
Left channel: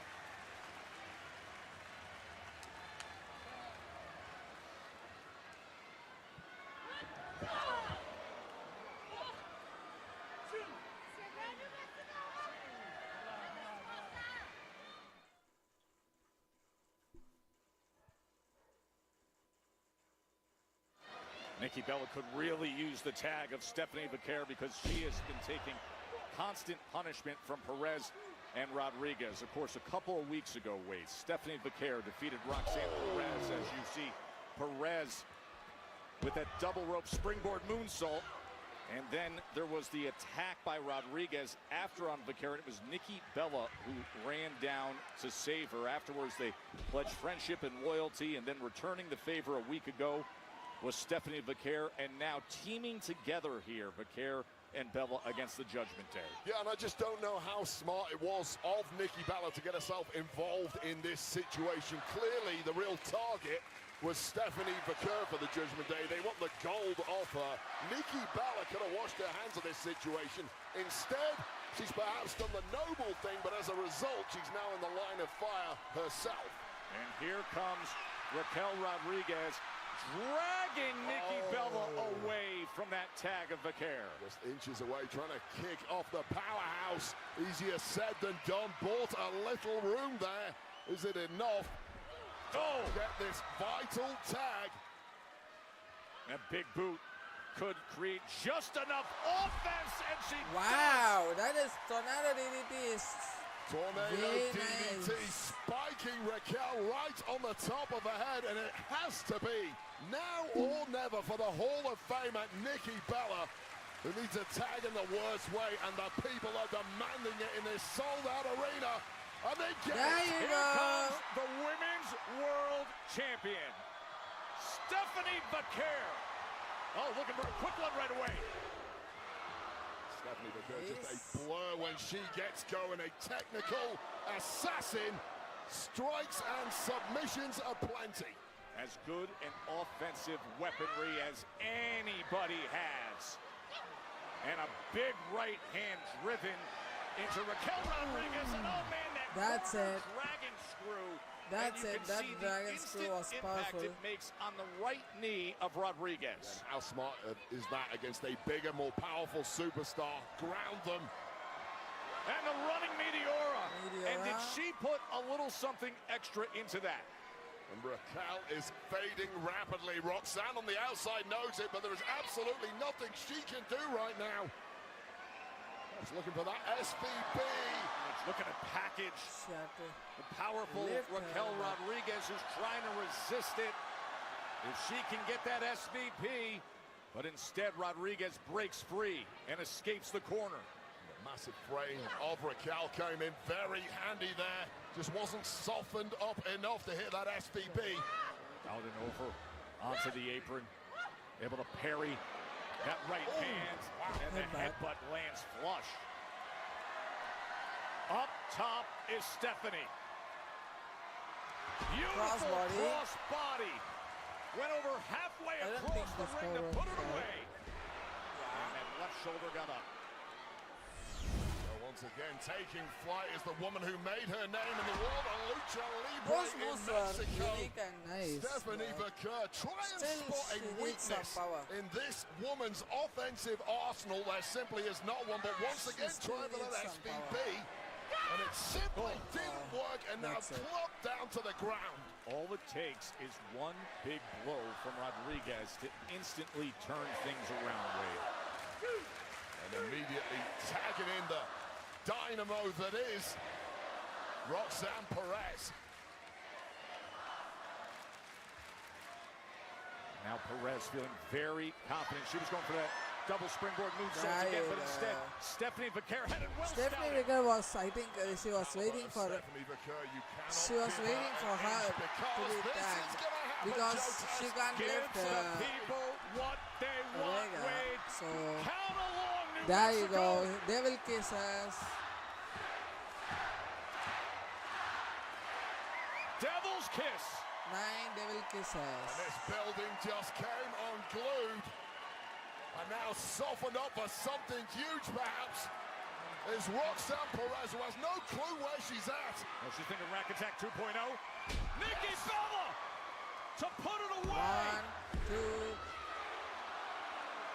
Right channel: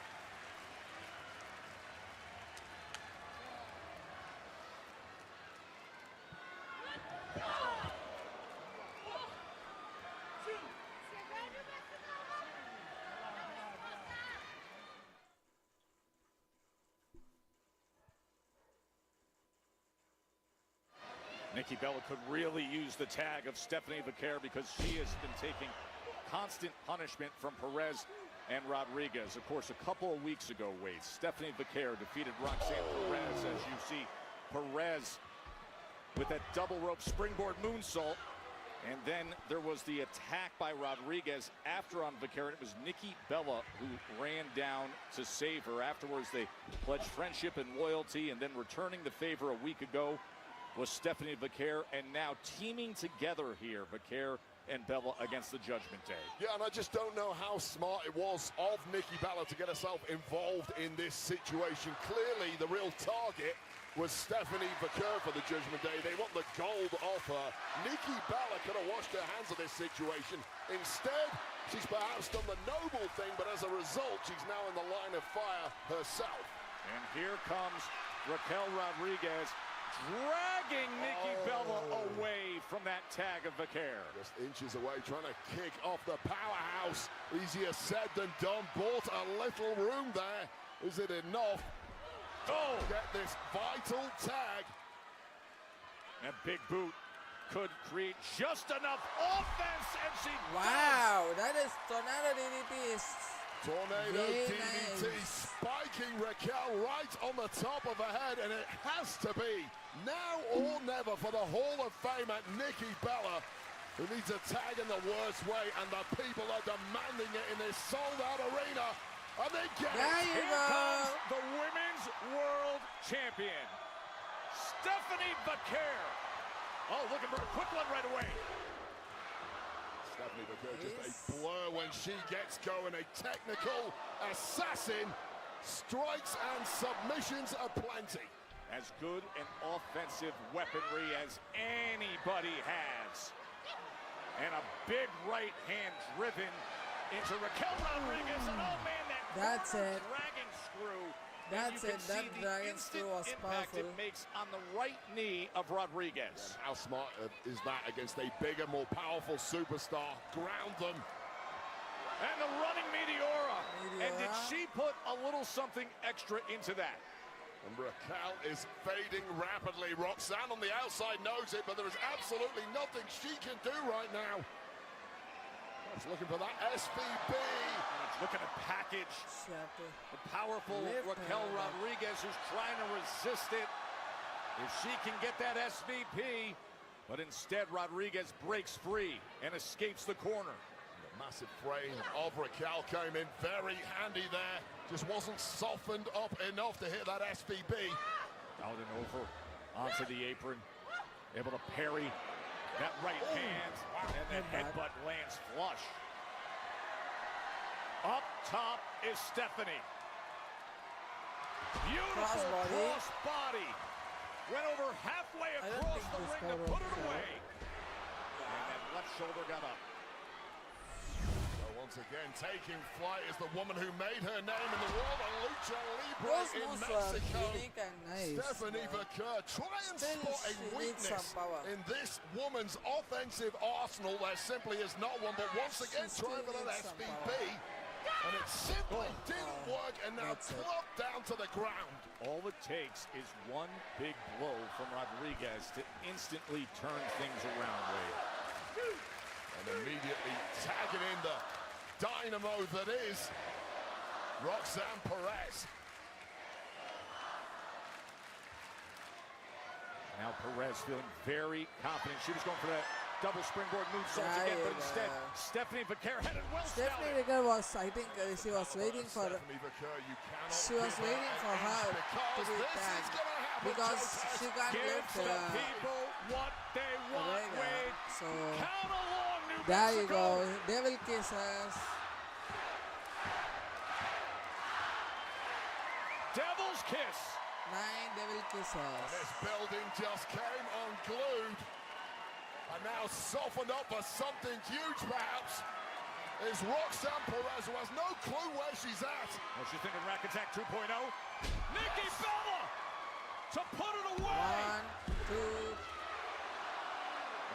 Nikki Bella could really use the tag of Stephanie McCurr because she has been taking constant punishment from Perez and Rodriguez. Of course, a couple of weeks ago, Stephanie McCurr defeated Roxanne Perez, as you see. Perez with that double rope springboard moonsault. And then there was the attack by Rodriguez after on McCurr. It was Nikki Bella who ran down to save her. Afterwards, they pledged friendship and loyalty, and then returning the favor a week ago was Stephanie McCurr, and now teaming together here, McCurr and Bella against the Judgment Day. Yeah, and I just don't know how smart it was of Nikki Bella to get herself involved in this situation. Clearly, the real target was Stephanie McCurr for the Judgment Day. They want the gold off her. Nikki Bella could have washed her hands of this situation. Instead, she's perhaps done the noble thing, but as a result, she's now in the line of fire herself. And here comes Raquel Rodriguez, dragging Nikki Bella away from that tag of McCurr. Just inches away, trying to kick off the powerhouse. Easier said than done. Bought a little room there. Is it enough? Oh, get this vital tag. And Big Boot could create just enough offense. And she Wow, that is Tornado DDT is Tornado very DDT nice. spiking Raquel right on the top of her head, and it has to be now or never for the Hall of Famer Nikki Bella, who needs a tag in the worst way, and the people are demanding it in this sold-out arena. Are they getting There you go. the Women's World Champion, Stephanie McCurr. Oh, look at her quick one right away. Stephanie McCurr is a blur when she gets going. A technical assassin, strikes and submissions aplenty. As good an offensive weaponry as anybody has. And a big right hand driven into Raquel Rodriguez. Oh, man, That's it. dragon screw. That's it. That dragon screw was powerful. It makes on the right knee of Rodriguez. How smart is that against a bigger, more powerful superstar? Ground them. And the running Meteora. And Meteora. did she put a little something extra into that? And Raquel is fading rapidly. Roxanne on the outside knows it, but there is absolutely nothing she can do right now. She's looking for that SVP. Look at the package. She had to The powerful lift her Raquel up. Rodriguez is trying to resist it. If she can get that SVP, but instead Rodriguez breaks free and escapes the corner. Massive frame of Raquel coming in very handy there. Just wasn't softened up enough to hit that SVP. Out and over onto the apron. Able to parry that right hand. And Headbutt. headbutt lands flush. Up top is Stephanie. Beautiful Crossbody. Crossbody. Well, we're halfway I don't think this cover was out. And left shoulder got up. Once again, taking flight is the woman who made her name in the world. Lucha Libre Those in moves were Mexico. unique and nice. Stephanie But Vaquer still, transports she a needs some weakness power. in this woman's offensive arsenal. There simply is no one but once again still trying needs that some SVP. power. And it simply didn't work, and now that's it. dropped down to the ground. All it takes is one big blow for Rodriguez to instantly turn things around. And immediately tagging in the dynamo that is Roxanne Perez. Now Perez feeling very confident. She was going for that double springboard move. There you go. Stephanie Vaquer. Stephanie Vaquer was, I think, she was waiting for her to be tagged because she can't lift Vega. So there you go. Devil kisses. Devil's kiss. 9 devil kisses. Building just came unglued and now softened up for something huge perhaps. Is Roxanne Perez, who has no clue where she's at. She's in Rack Attack 2.0. Nikki Bella to put her away. 1, 2.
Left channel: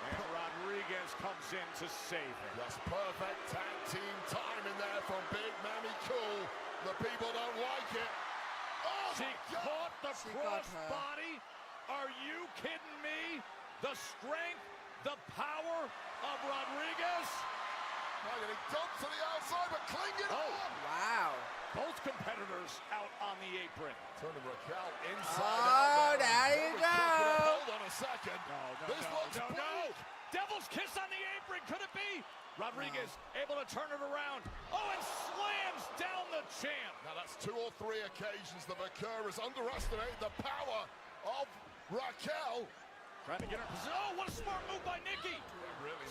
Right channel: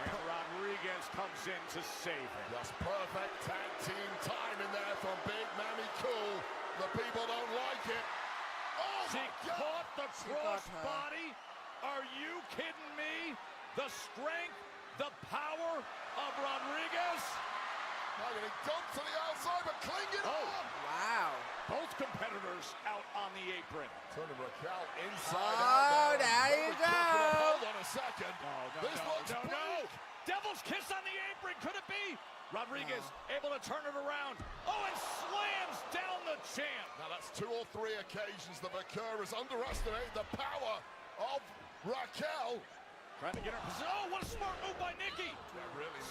And Rodriguez comes in to save. Just perfect tag team timing there from Big Manny Cool. The people don't like it. Oh, She caught the She got her. crossbody. Are you kidding me? The strength, the power of Rodriguez. and it dumped to the outside, but clinging on. Wow. Both competitors out on the apron. Turn Raquel inside. Oh, there you go. Hold on a second. This one's big. Devil's kiss on the apron. Could it be? Rodriguez able to turn it around. Oh, it slams down the champ. Now that's 2 or 3 occasions that Vaquer has underestimated the power of Raquel. Trying to get her. Oh, what a smart move by Nikki.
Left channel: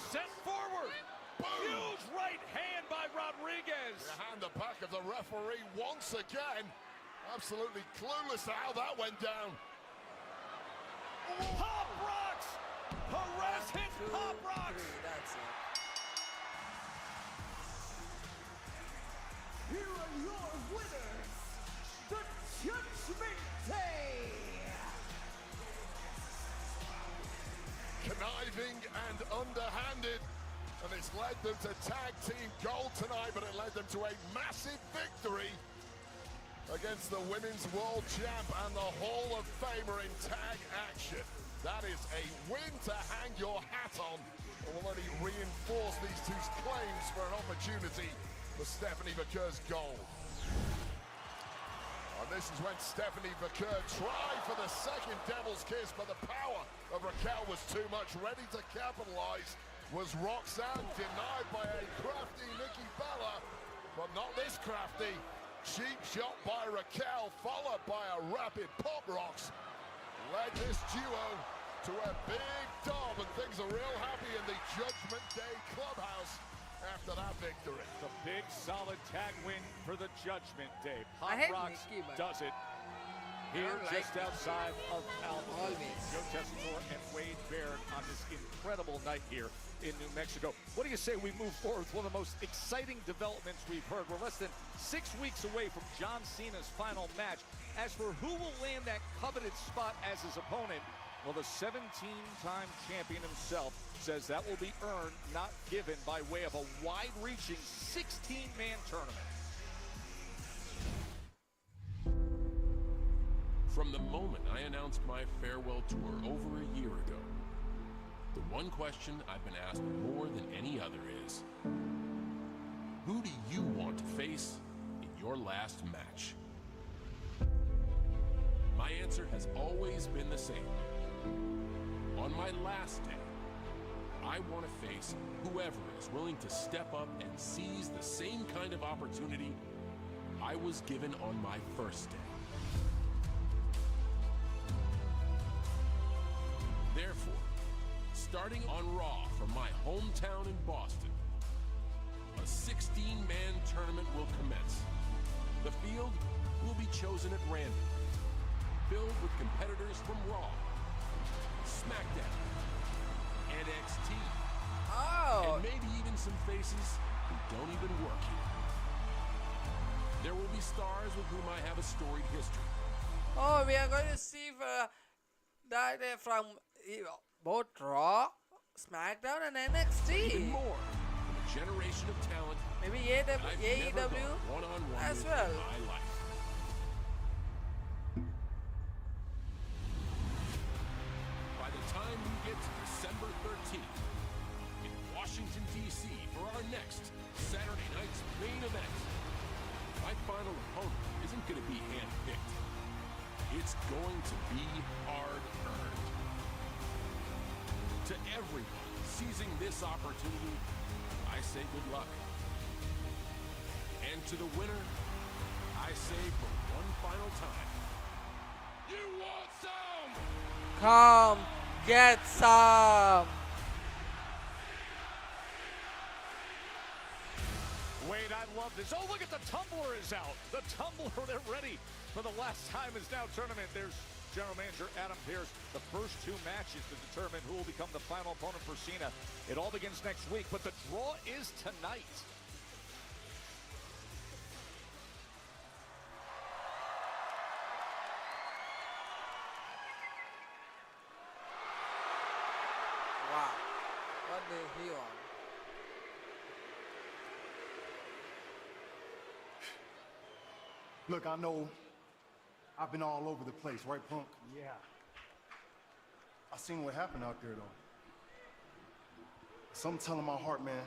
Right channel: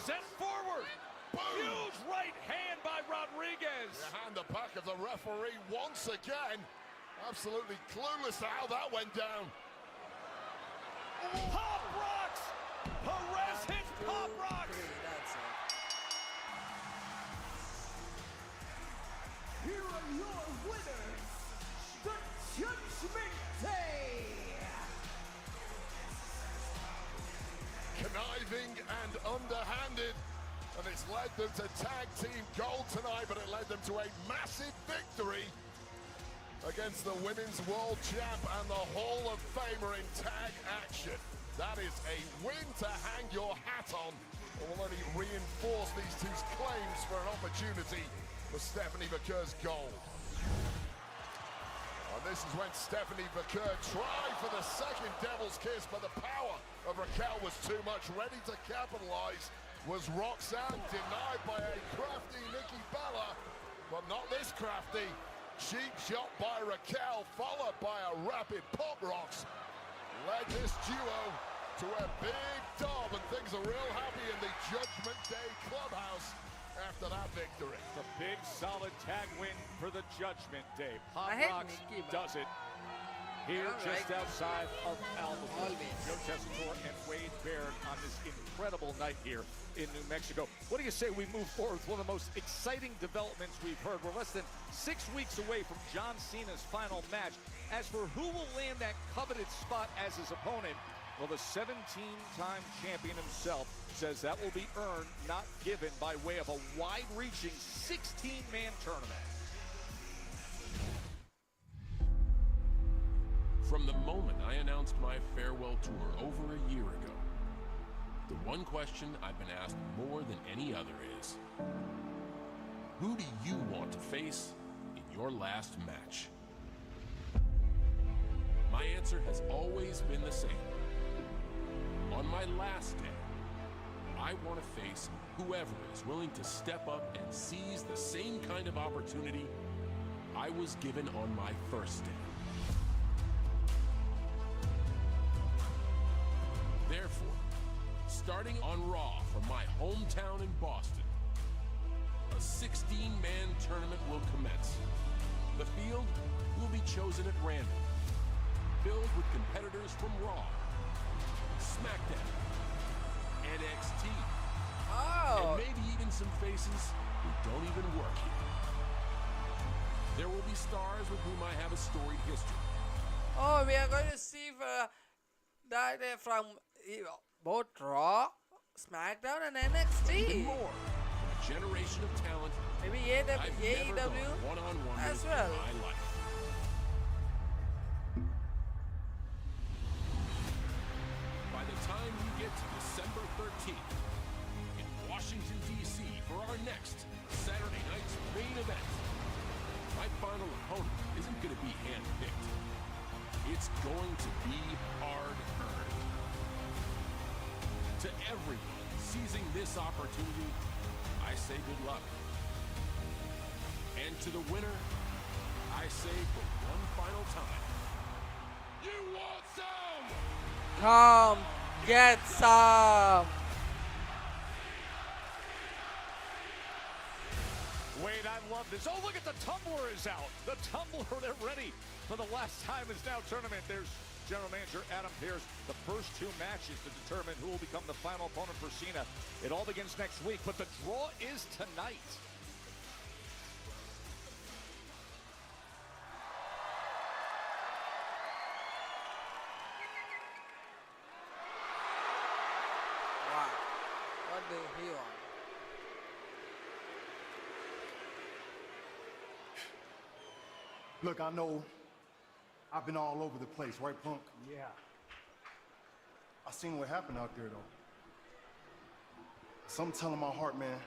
Set forward. Huge right hand by Rodriguez. And the back of the referee once again. Absolutely clueless how that went down. Pop rocks. 1, Harassing 2, pop rocks. 3. That's it. Here are your winners, the Judgment Day. Conniving and underhanded. And it's led them to tag team gold tonight, but it led them to a massive victory against the Women's World Champ and the Hall of Famer in tag action. That is a win to hang your hat on. Already reinforced these two claims for an opportunity for Stephanie Vaquer's goal. And this is when Stephanie Vaquer tried for the second Devil's Kiss, but the power of Raquel was too much. Ready to capitalize was Roxanne, denied by a crafty Nikki Bella, but not this crafty. Cheap shot by Raquel, followed by a rapid pop rocks. Led this duo to a big dub, and things are real happy in the Judgment Day clubhouse after that victory. A big solid tag win for the Judgment. I hate Fox Nikki, but does it. Here don't just like outside of Alamo. always. Joseph Moore and Wayne Barrett on this incredible night here in New Mexico. What do you say we move forward? One of the most exciting developments we've heard. We're less than 6 weeks away from John Cena's final match. As for who will land that coveted spot as his opponent, well, the 17-time champion himself says that will be earned, not given, by way of a wide-reaching 16-man tournament. From the moment I announced my farewell tour over a year ago, the one question I've been asked more than any other is, who do you want to face in your last match? My answer has always been the same. On my last day, I want to face whoever is willing to step up and seize the same kind of opportunity I was given on my first day. Therefore, starting on Raw from my hometown in Boston, a 16-man tournament will commence. The field will be chosen at random, filled with competitors from Raw, SmackDown, NXT, Oh, and maybe even some faces who don't even work here. There will be stars with whom I have a storied history. oh, we are going to see that from both Raw, SmackDown, and NXT. Generation of talent Maybe AEW one-on-one as well. in my life. By the time we get to December 13th in Washington, D.C. for our next Saturday night's main event, my final opponent isn't going to be handpicked. It's going to be hard-earned. To everyone seizing this opportunity, I say good luck. And to the winner, I say for one final time, you want some? Come get some. Wayne, I love this. Oh, look at the tumbler is out. The tumbler is ready for the last time in this now tournament. There's General Manager Adam Pearce. The first two matches to determine who will become the final opponent for Cena. It all begins next week, but the draw is tonight. Wow, what do he want? Look, I know I've been all over the place, right, Punk? Yeah. I seen what happened out there, though. Something telling my heart, man.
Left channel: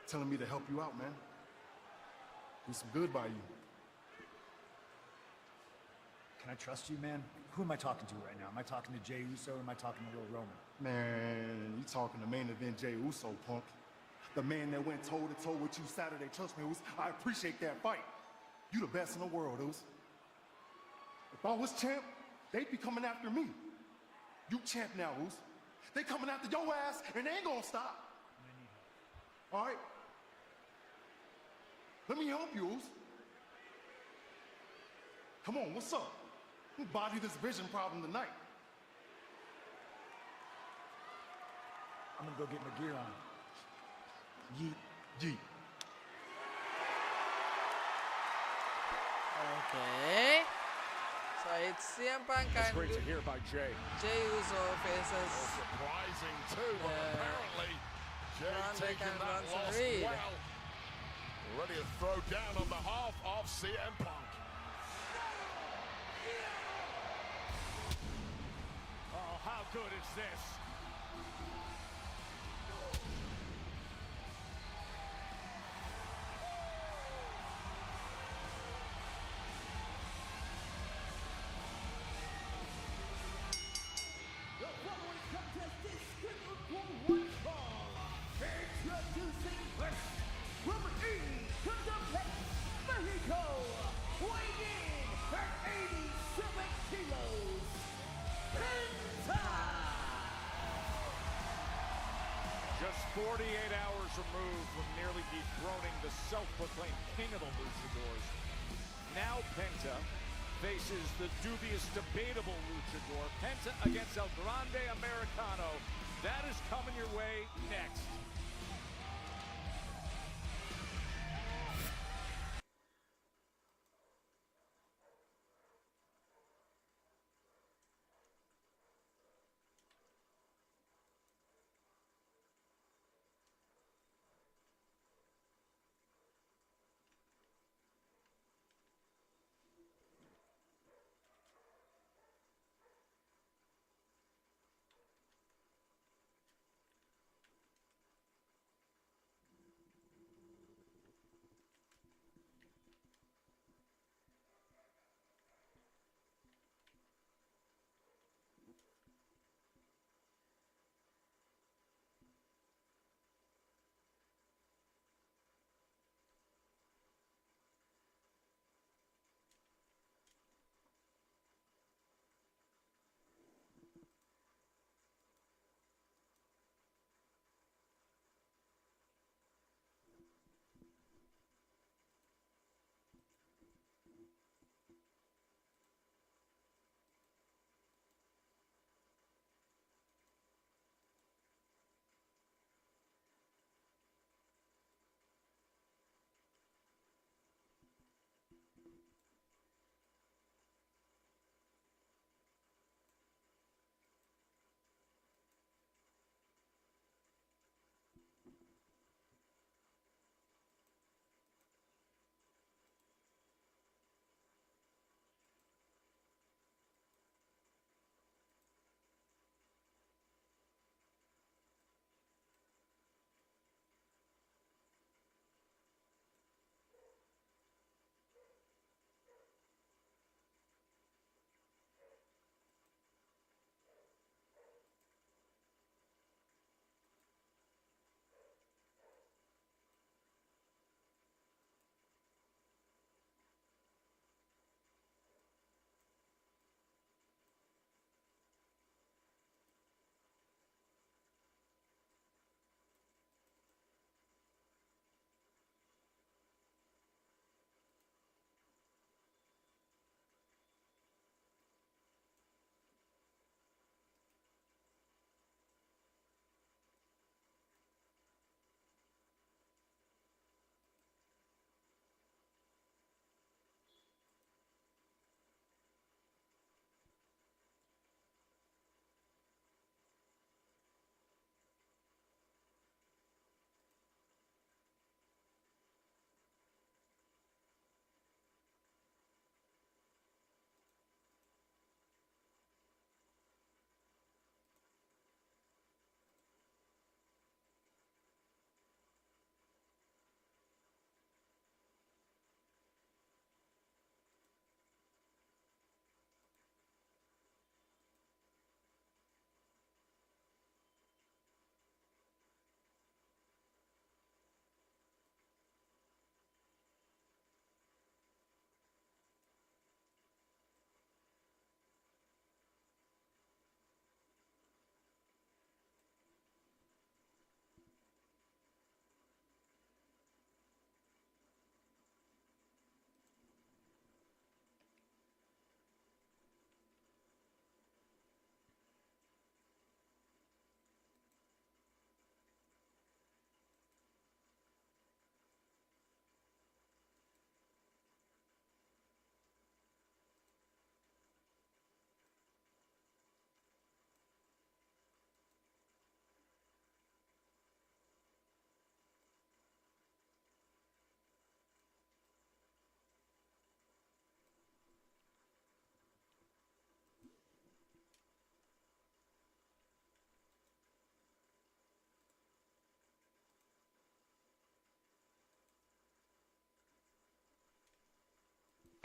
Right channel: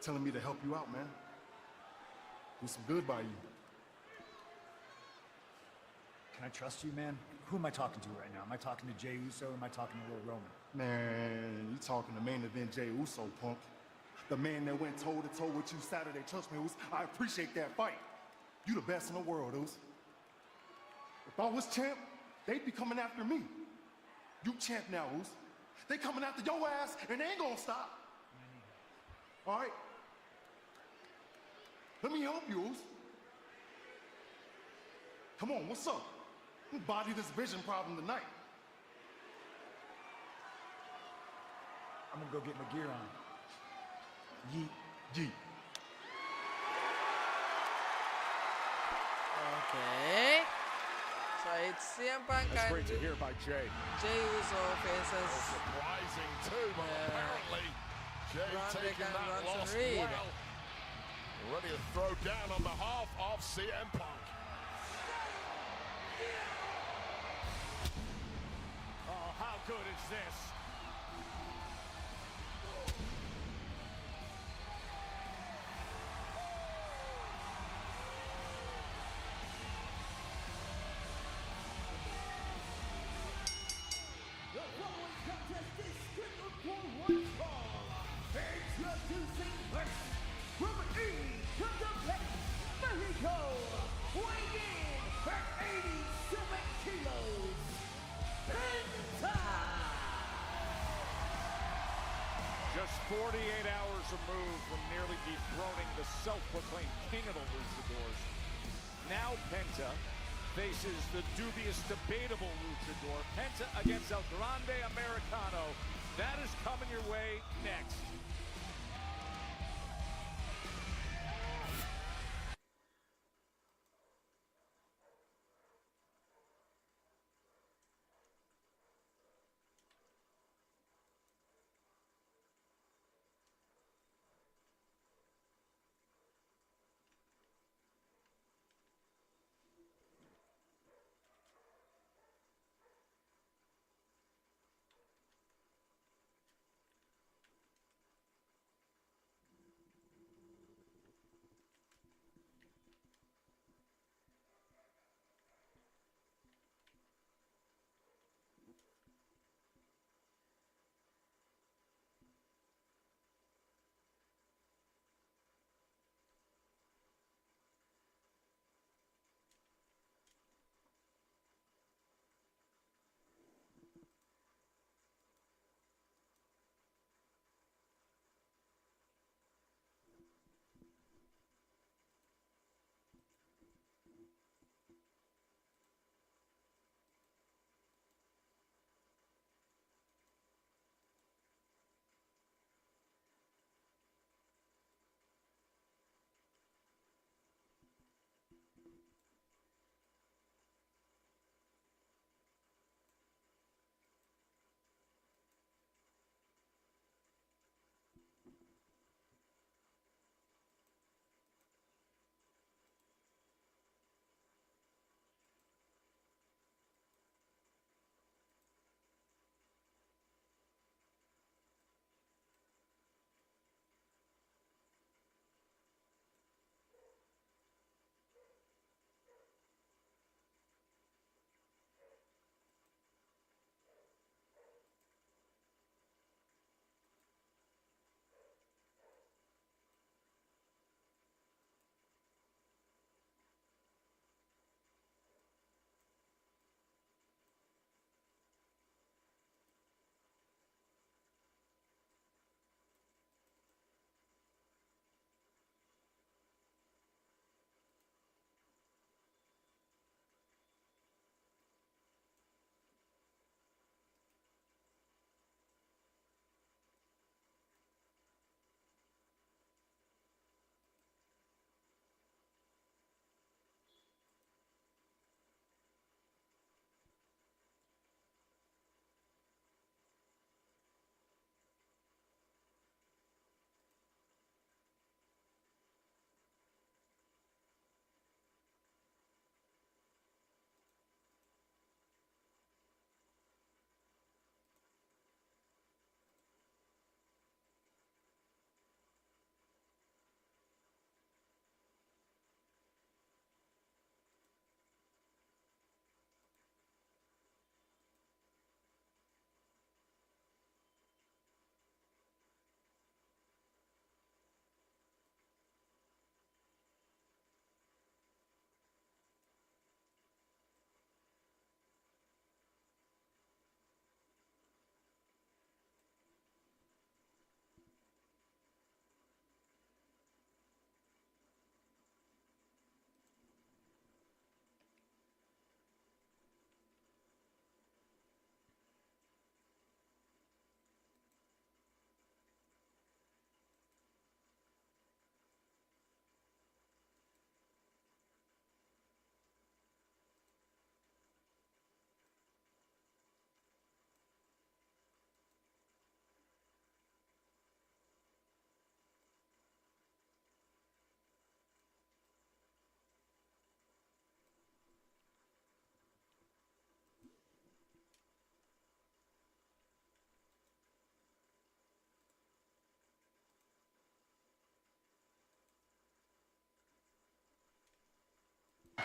Telling me to help you out, man. This is good by you. Can I trust you, man? Who am I talking to right now? Am I talking to Jey Uso or am I talking to Lil Roman? Man, you talking to main event Jey Uso, Punk. The man that went toe-to-toe with you Saturday, trust me, Uso. I appreciate that fight. You the best in the world, Uso. If I was champ, they'd be coming after me. You champ now, Uso. They coming after your ass, and they ain't gonna stop. All right? Let me help you, Uso. Come on, what's up? We'll body this vision problem tonight. I'm gonna go get my gear on. Yeet. Gee. Okay. So it's CM Punk and Great to hear by Jay. Jey Uso faces Rising to apparently. Braun Breaker and Bronson Reed. Ready to throw down on the off CM Punk. Oh, how good is this? is the dubious, debatable luchador. Penta against El Grande Americano. That is coming your way next.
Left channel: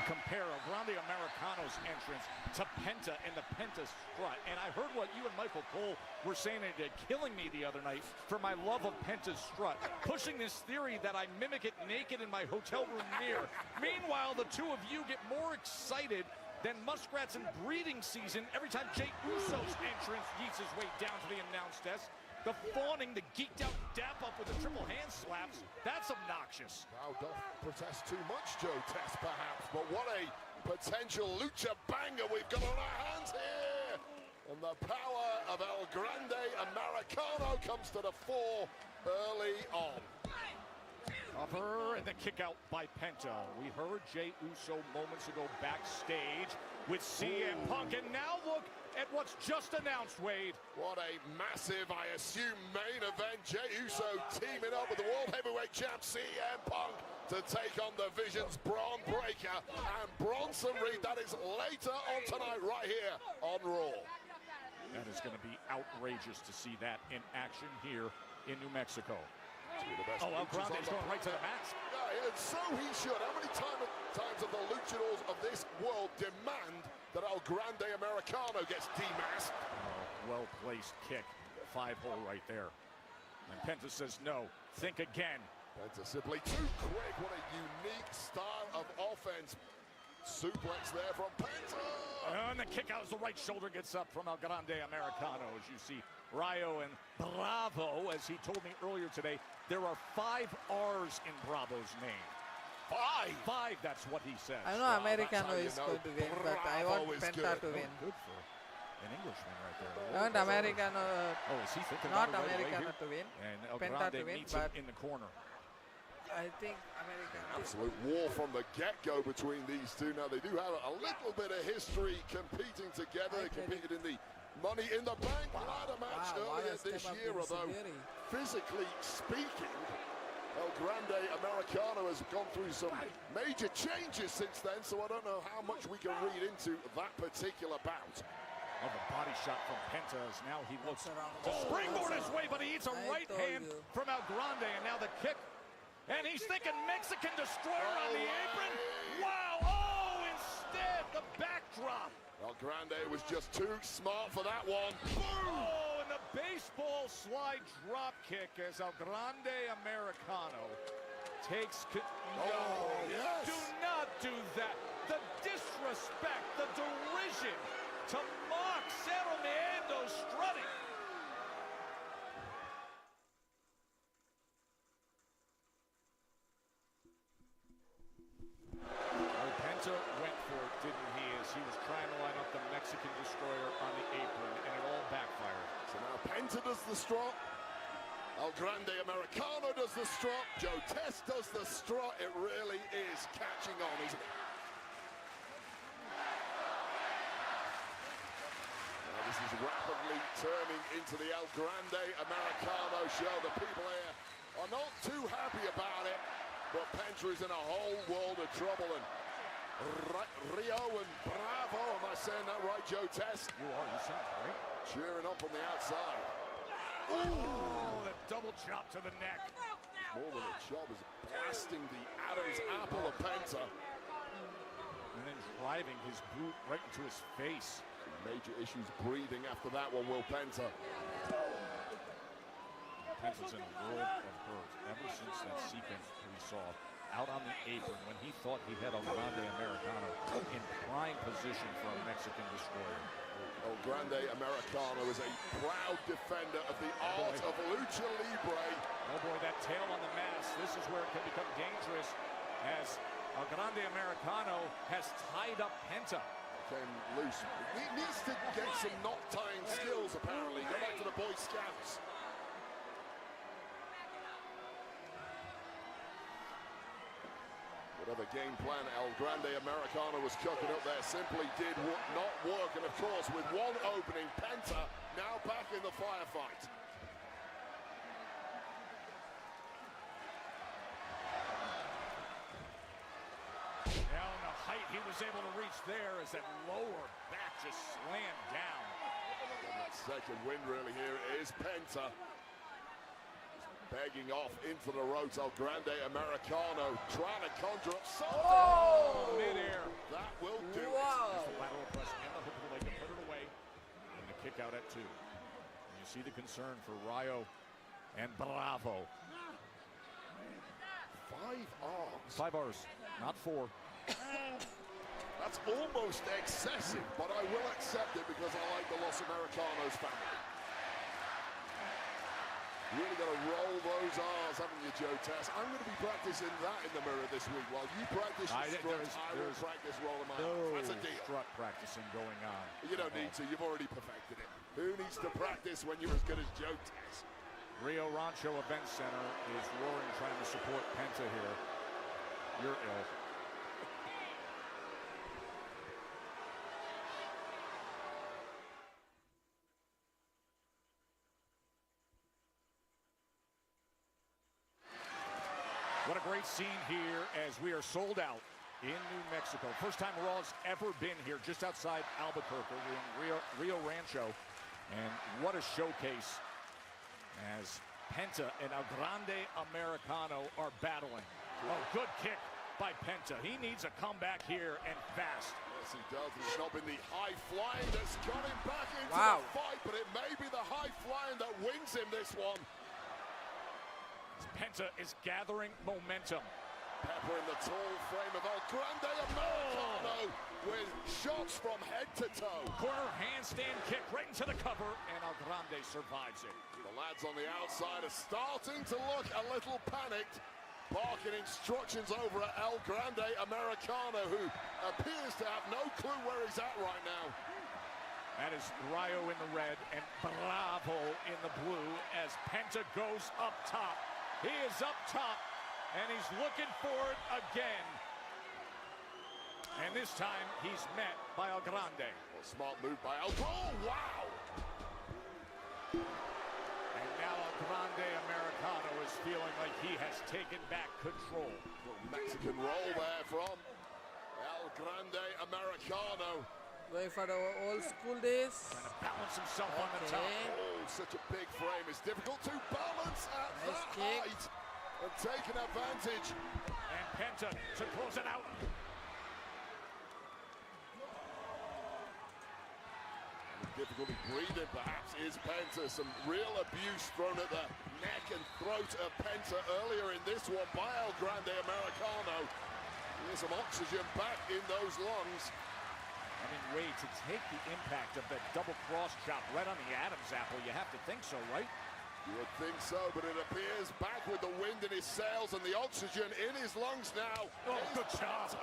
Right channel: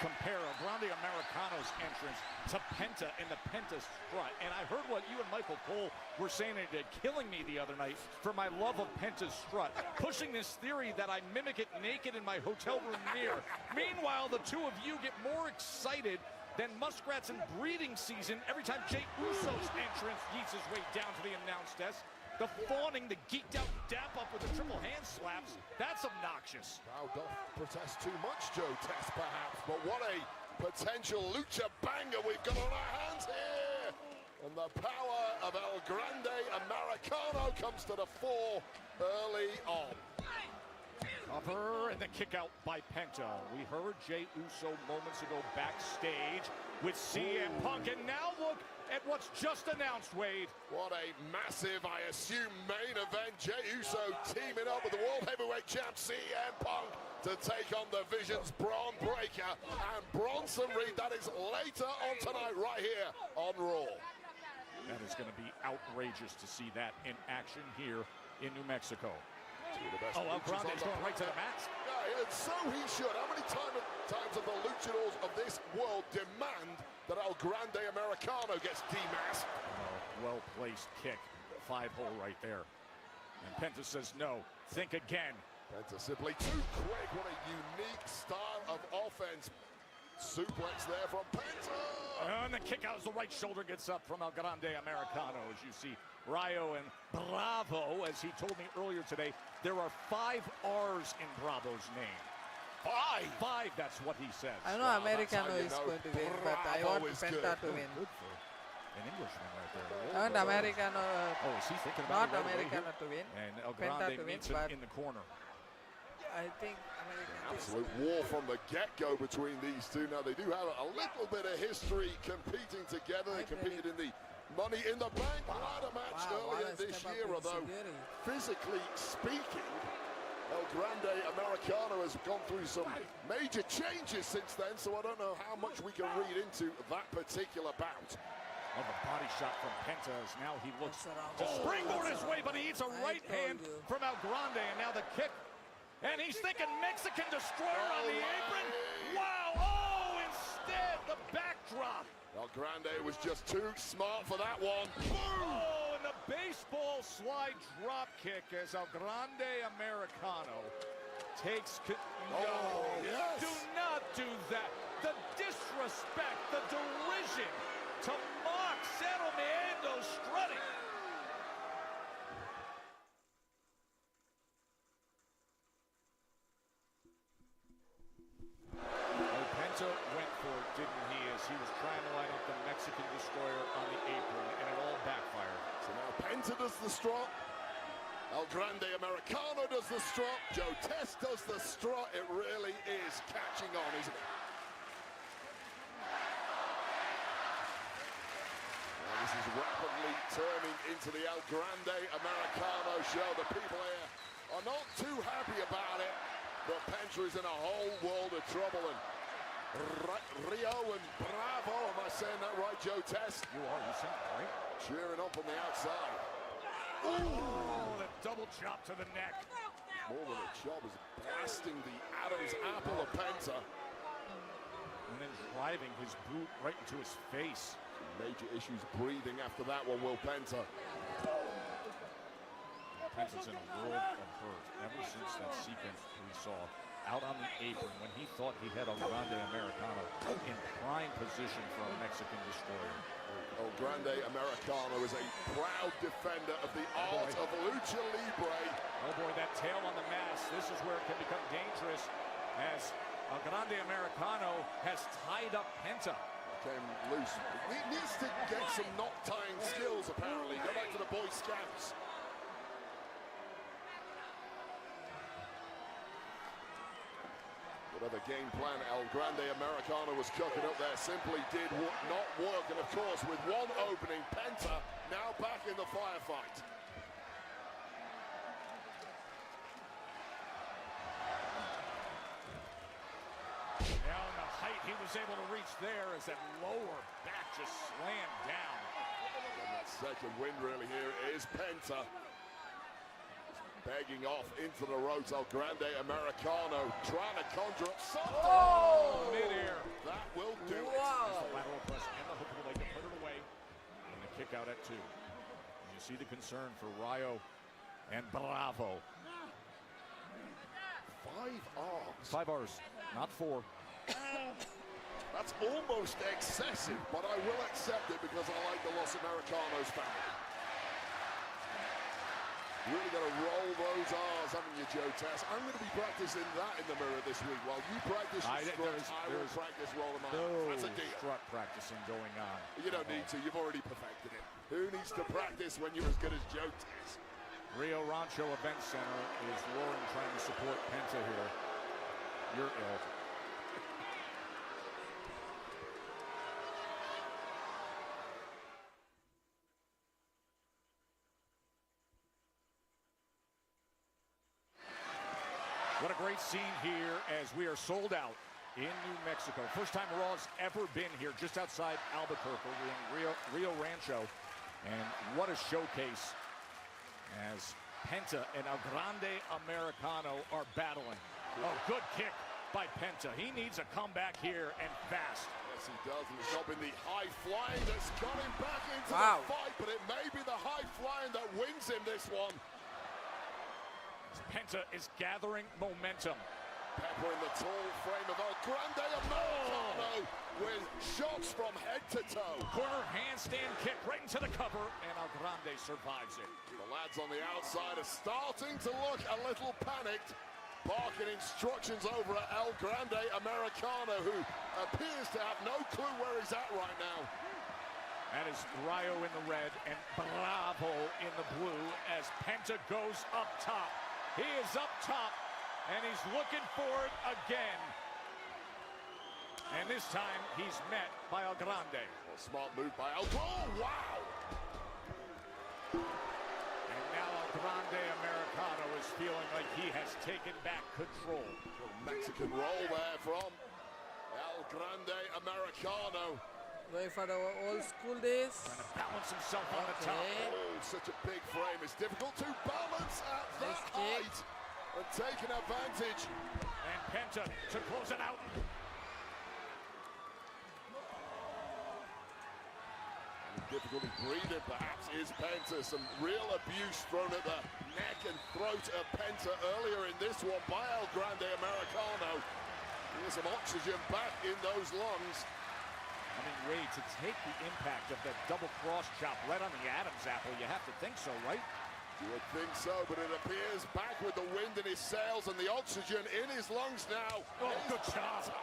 Compare Grande Americano's entrance to Penta in the Penta strut. And I heard what you and Michael Cole were saying in Killing Me the other night for my love of Penta's strut, pushing this theory that I mimic it naked in my hotel room mirror. Meanwhile, the two of you get more excited than muskrats in breeding season every time Jey Uso's entrance eases his way down to the announce desk. The fawning, the geeked out dap up with the triple hand slaps, that's obnoxious. Now, that presents too much show test perhaps for what a potential lucha signature banger we've got on our hands here. And the power of El Grande Americano comes to the fore early on. Cover and a kick out by Penta. We heard Jey Uso moments ago backstage with CM Punk, and now look at what's just announced, Wade. What a massive, I assume, main event. Jey Uso teaming up with the World Heavyweight Champ CM Punk to take on the Vision's Braun Breaker and Bronson Reed. That is later on tonight right here on Raw. And it's going to be outrageous to see that in action here in Mexico. Oh, Andrade's going right to the mat. Yeah, so he should. How many times have the luchadors of this world demand that El Grande Americano gets demasked? Well-placed kick. 5-0 right there. And Penta says no. Think again. Penta simply too quick. What a unique start of offense. Suplex there from Penta. And the kick out of the right shoulder gets up from El Grande Americano. As you see Rayo and Bravo, as he told me earlier today, there are 5 R's in Bravo's name. Five, that's what he said. I know Americano is going to win, but I want Penta to win. I want Americano, not Americano to win, Penta to win, but I think Americano is It's a war from the get-go between these two. Now they do have a little bit of history competing together. They competed in the Money in the Bank. wow, what a step up to Shigiri. Physically speaking, El Grande Americano has gone through some major changes since then, so I don't know how much we can read into that particular bout. Oh, the body shot from Penta. Now he looks around. Springboard his way, but he eats a I right told hand you. from El Grande. Now the kick. And he's thinking Mexican destroyer on the apron. Wow! Oh, instead, the backdrop. El Grande was just too smart for that one. Oh, and a baseball slide drop kick as El Grande Americano takes to... Oh, yes. Do not do that. The disrespect, the derision to mock Cerroniendo strutting. Penta went for it, didn't he, as he was trying to line up the Mexican destroyer on the apron, and it all backfired. Penta does the strut. El Grande Americano does the strut. Joe Test does the strut. It really is catching on, isn't it? This is rapidly turning into the El Grande Americano show. The people here are not too happy about it, but Penta is in a whole world of trouble. Rio and Bravo, am I saying that right, Joe Test? Cheering up on the outside. Oh, the double chop to the neck. Oh, the shot was blasting the Adam's apple of Penta. And then driving his boot right to his face. Major issues breathing after that one, Will Penta. Penta's in a world of hurt ever since the season we saw out on the apron when he thought he had El Grande Americano in prime position for a Mexican destroyer. El Grande Americano is a proud defender of the art of Lucha Libre. Over that tail on the mask, this is where it can become dangerous as El Grande Americano has tied up Penta. Came loose. He needs to get some knock-tying skills, apparently. Head to the Boy Scouts. Well, the game plan, El Grande Americano was coming up there, simply did not work. And of course, with one opening, Penta now back in the firefight. Down the height he was able to reach there as that lower back just slammed down. Second win room here is Penta. Begging off into the ropes, El Grande Americano trying to conjure up something. Oh! That will do. Wow! Kick out at 2. You see the concern for Rayo and Bravo. 5 R's. 5 R's, not 4. That's almost excessive, but I will accept it because I like the Los Americanos back. You're going to roll those R's, haven't you, Joe Test? I'm going to be practicing that in the mirror this week. While you practice, I will practice rolling R's. Strut to practice when you were good at jokes. Rio Rancho Event Center is roaring trying to support Penta here. You're ill. What a great scene here as we are sold out in New Mexico. First time Raw's ever been here, just outside Albuquerque in Rio Rancho. And what a showcase as Penta and El Grande Americano are battling. A good kick by Penta. He needs to come back here and fast. Yes, he does. He's up with the high flying that's coming back into Wow. the fight, but it may be the high flying that wins in this one. Penta is gathering momentum. Pepper in the tall frame of El Grande Americano with shots from head to toe. Quarter handstand kick right to the cover, and El Grande survives it. The lads on the outside are starting to look a little panicked. Barking instructions over at El Grande Americano, who appears to have no clue where he's at right now. As Rayo in the red and Bravo in the blue as Penta goes up top. He is up top, and he's looking for it again. And this time, he's met by El Grande. Smart move by El. Oh, wow! And now El Grande Americano is feeling like he has taken back control. Mexican roll there from El Grande Americano. Going for the old school days. Balance himself on the top. Okay. Oh, such a big frame. It's difficult to balance at Nice that kick. height. But taking advantage. And Penta to close it out. Difficult to breathe it back is Penta. Some real abuse from the neck and throat of Penta earlier in this one by El Grande Americano. There's some oxygen back in those lungs. I mean, Ray, to take the impact of that double cross shot right on the Adam's apple, you have to think so, right? You would think so, but it appears back with the wind in his sails and the oxygen in his lungs now. Oh, good shot.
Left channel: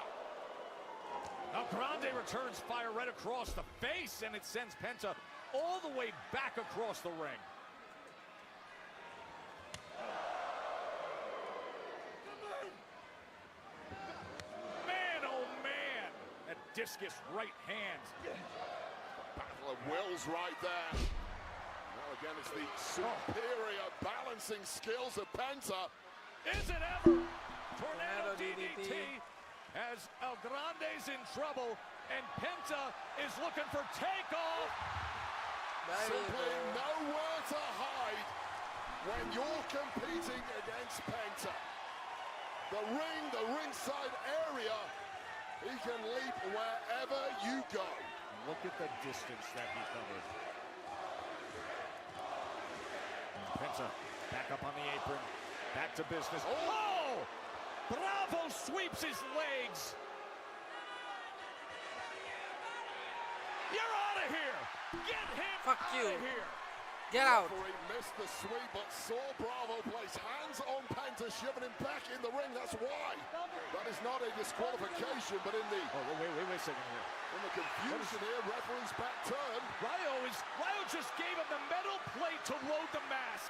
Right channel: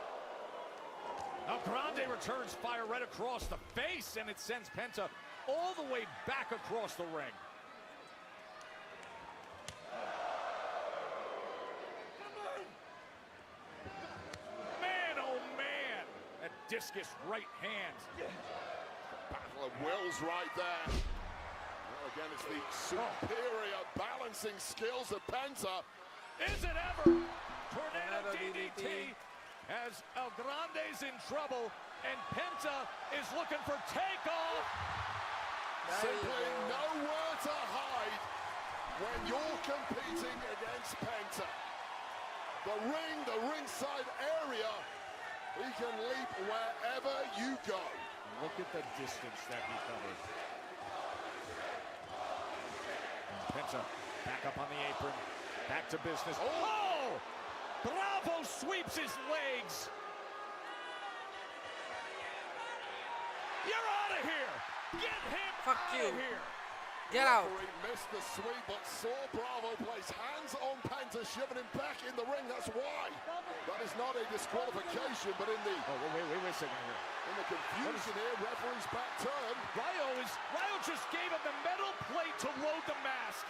El Grande returns fire right across the face, and it sends Penta all the way back across the ring. Man, oh man! And a discus right hand. Well, Will's right there. Against the superior balancing skills of Penta. Is it ever? Tornado DDT. As El Grande's in trouble, and Penta is looking for takeoff. There you go. Nowhere to hide when you're competing against Penta. The ring, the ringside area, he can leap wherever you go. Look at the distance that he covers. Penta back up on the apron, back to business. Oh! Bravo sweeps his legs. You're out of here. Get him Fuck out you. of here. Get out. He missed the sweep, but saw Bravo put his hands on Penta, shoving him back in the ring. That's why. That is not a disqualification, but in the Wait a second here. confusion here, referee's back turn. Rayo just gave him a metal plate to load the mask.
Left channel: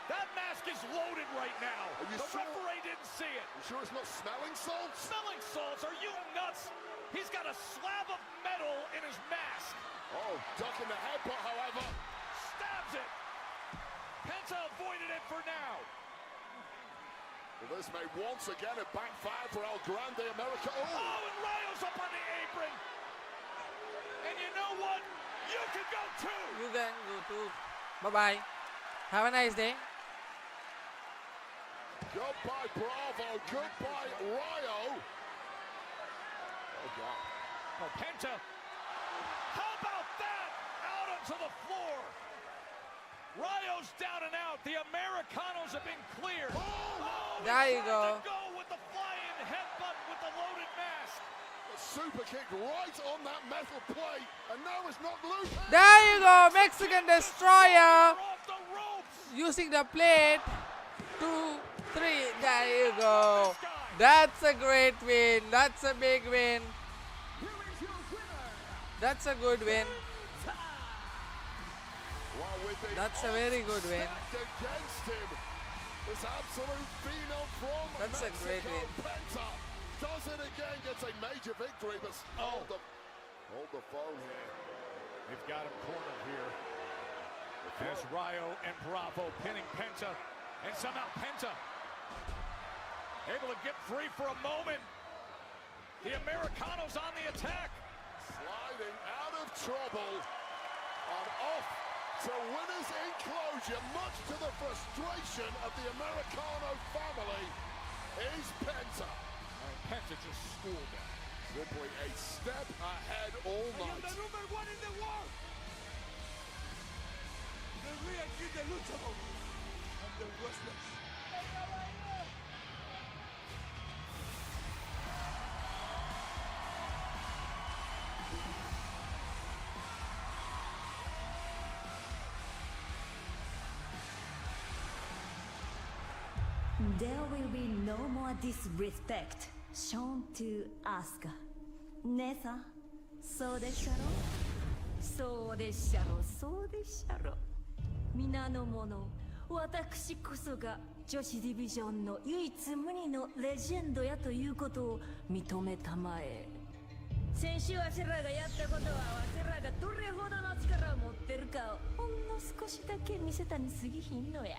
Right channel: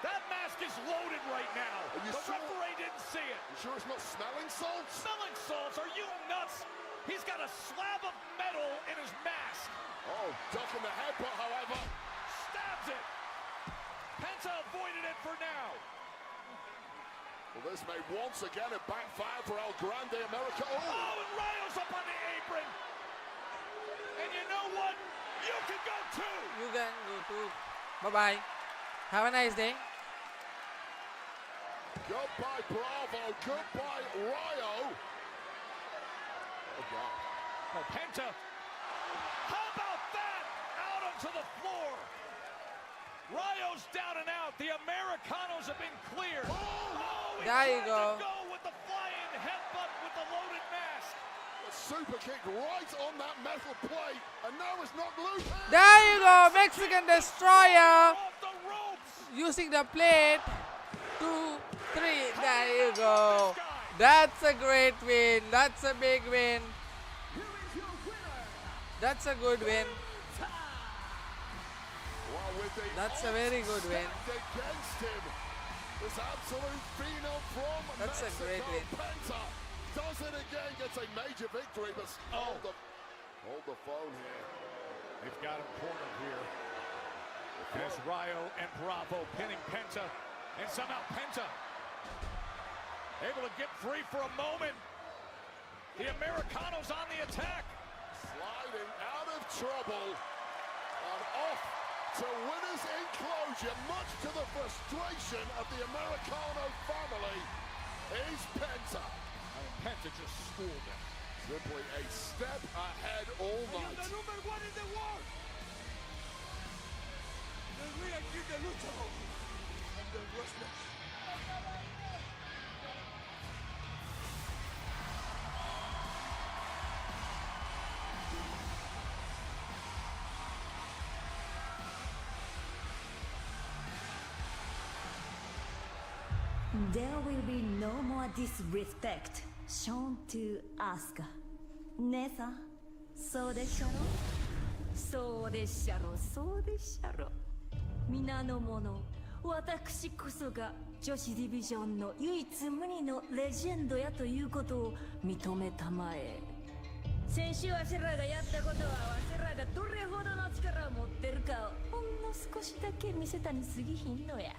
That mask is loaded right now. The referee didn't see it. Sure it's not smelling salts? Smelling salts, are you nuts? He's got a slab of metal in his mask. Oh, ducking the headbutt, however. Stabs it. Penta avoided it for now. Well, this may once again a backfire for El Grande Americano. Oh, and Rayo's up on the apron. And you know what? You can go too. You can go too. Bye-bye. Have a nice day. Goodbye, Bravo. Goodbye, Rayo. Oh, Penta. How about that? Out onto the floor. Rayo's down and out. The Americanos have been cleared. Oh, There you go. go with the flying headbutt with the loaded mask. Super kick right on that metal plate. And now it's not loose. There you go. Mexican Destroyer. Off the ropes. Using the plate. 2, 3. There you go. That's a great win. That's a big win. That's a good win. That's a very good win. That's a great win. They've got a corner here. As Rayo and Bravo pinning Penta. It's not Penta. Able to get free for a moment. The Americanos on the attack. Sliding out of trouble. Off to win his inclusion, much to the frustration of the Americano family. Ace Penta. And Penta just schooled him. Will bring a step ahead all night. There will be no more disrespect shown to Asuka. 姉さん、そうでしょそうでしょそうでしょ皆の者、私こそが女子ディビジョンの唯一無二のレジェンドやということを認めたまえ。先週わしらがやったことはわしらがどれほどの力を持ってるかをほんの少しだけ見せたに過ぎひんのや。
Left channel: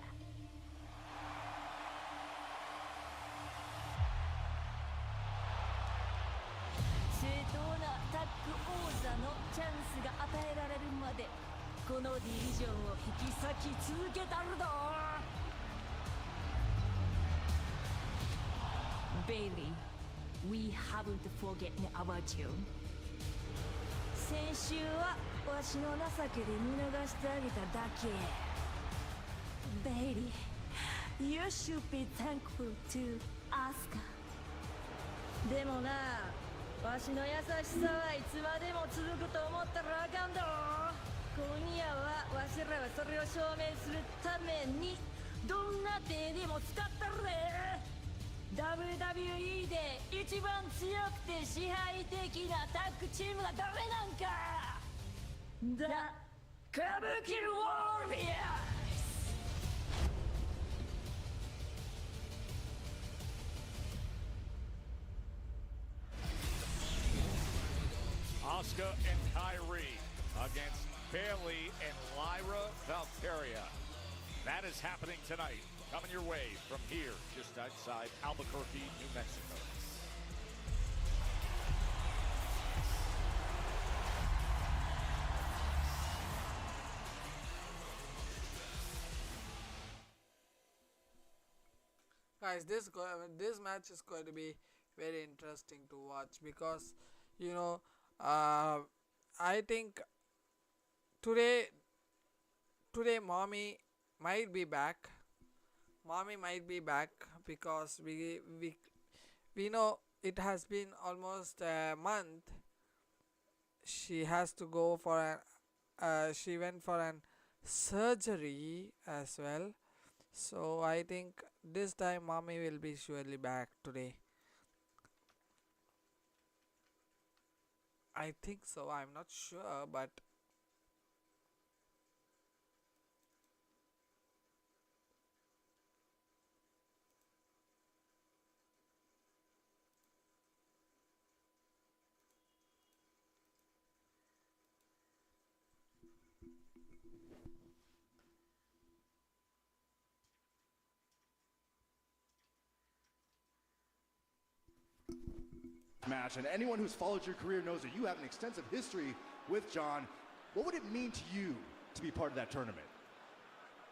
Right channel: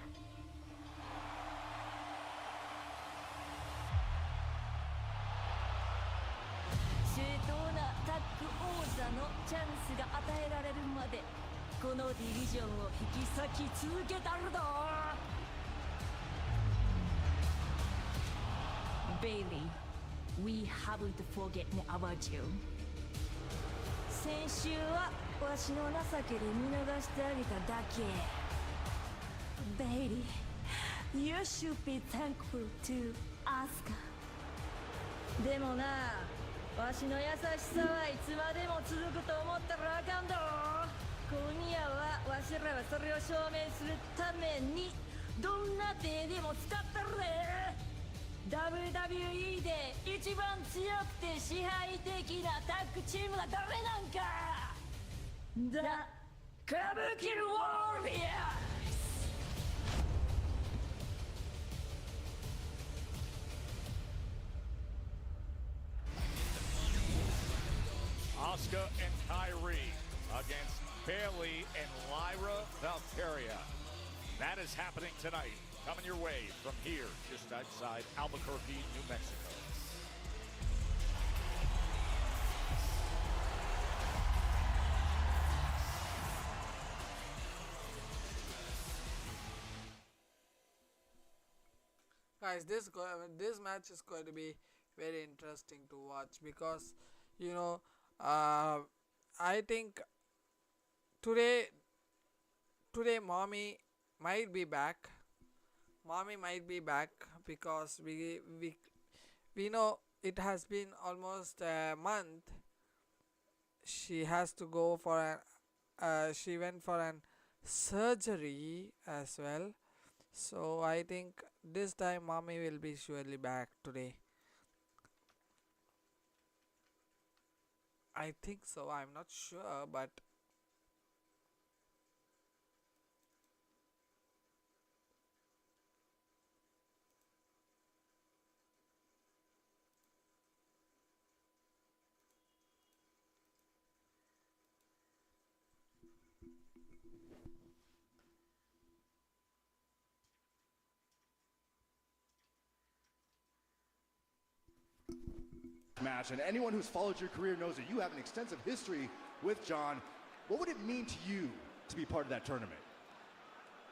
正当なタッグ王座のチャンスが与えられるまでこのディビジョンを引き裂き続けたるぞ。Baby, we haven't forgotten about you. 先週はわしの情けで見逃してあげただけ。Baby, you should be thankful to Asuka. でもな、わしの優しさはいつまでも続くと思ったらあかんだろ。今夜はわしらがそれを証明するためにどんな手でも使ったるで。WWE で一番強くて支配的なタッグチームは誰なんか。だ、歌舞伎ウォリアー。Asuka and Kyrie against Bayley and Lyra Valkyria. That is happening tonight. On your way from here, just outside Albuquerque, New Mexico. Guys, this match is going to be very interesting to watch because I think today mommy might be back. Mommy might be back because we know it has been almost a month. She has to go for she went for an surgery as well. So I think this time mommy will be surely back today. I think so. I'm not sure, but match, and anyone who's followed your career knows that you have an extensive history with John. What would it mean to you to be part of that tournament?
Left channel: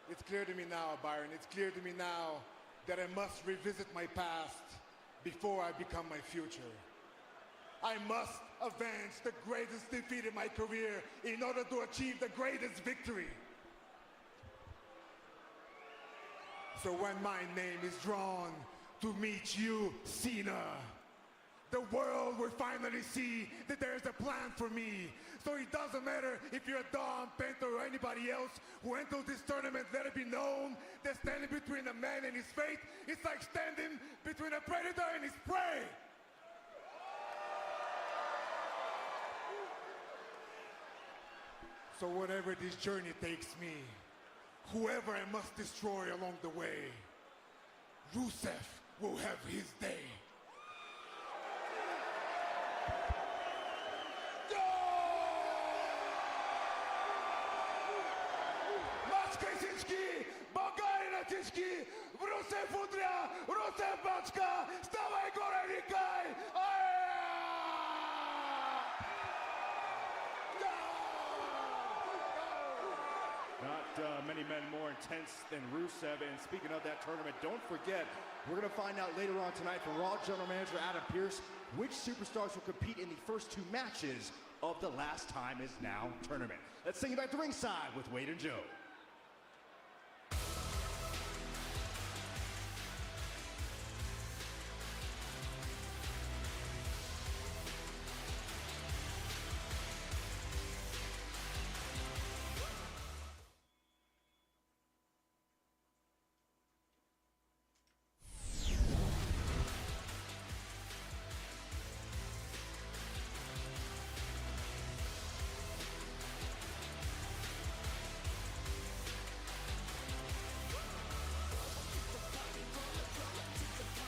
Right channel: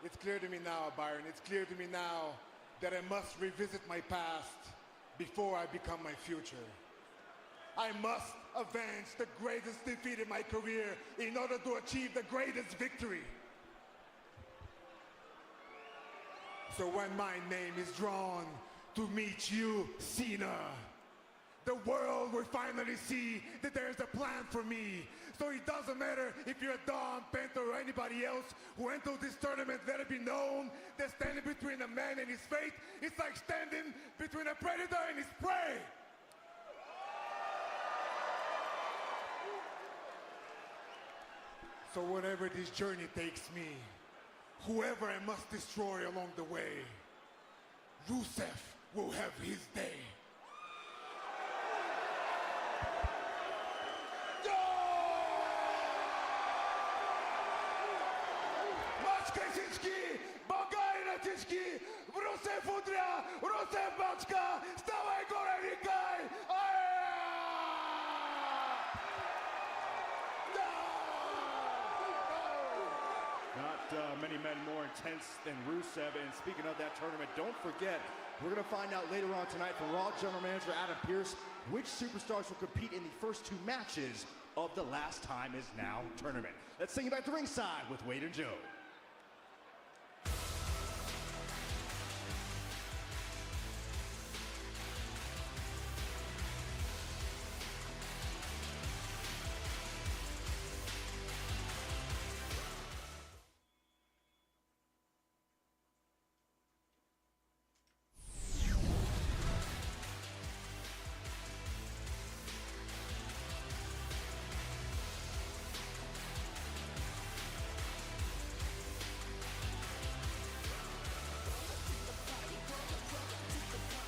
It's clear to me now, Byron. It's clear to me now that I must revisit my past before I become my future. I must avenge the greatest defeat in my career in order to achieve the greatest victory. So when my name is drawn to meet you, Cena, the world will finally see that there's a plan for me. So it doesn't matter if you're Don, Penta, or anybody else who enters this tournament, let it be known that standing between a man and his fate is like standing between a predator and his prey. So wherever this journey takes me, whoever I must destroy along the way, Rusev will have his day. Maczka Tyczki, Bogary na Tyczki, Rusev Udra, Rusev Maczka, stawaj góra Wikaj! Not many men more intense than Rusev. And speaking of that tournament, don't forget, we're going to find out later on tonight from Raw General Manager Adam Pearce which superstars will compete in the first 2 matches of the Last Time Is Now tournament. Let's take it back to ringside with Wade and Joe.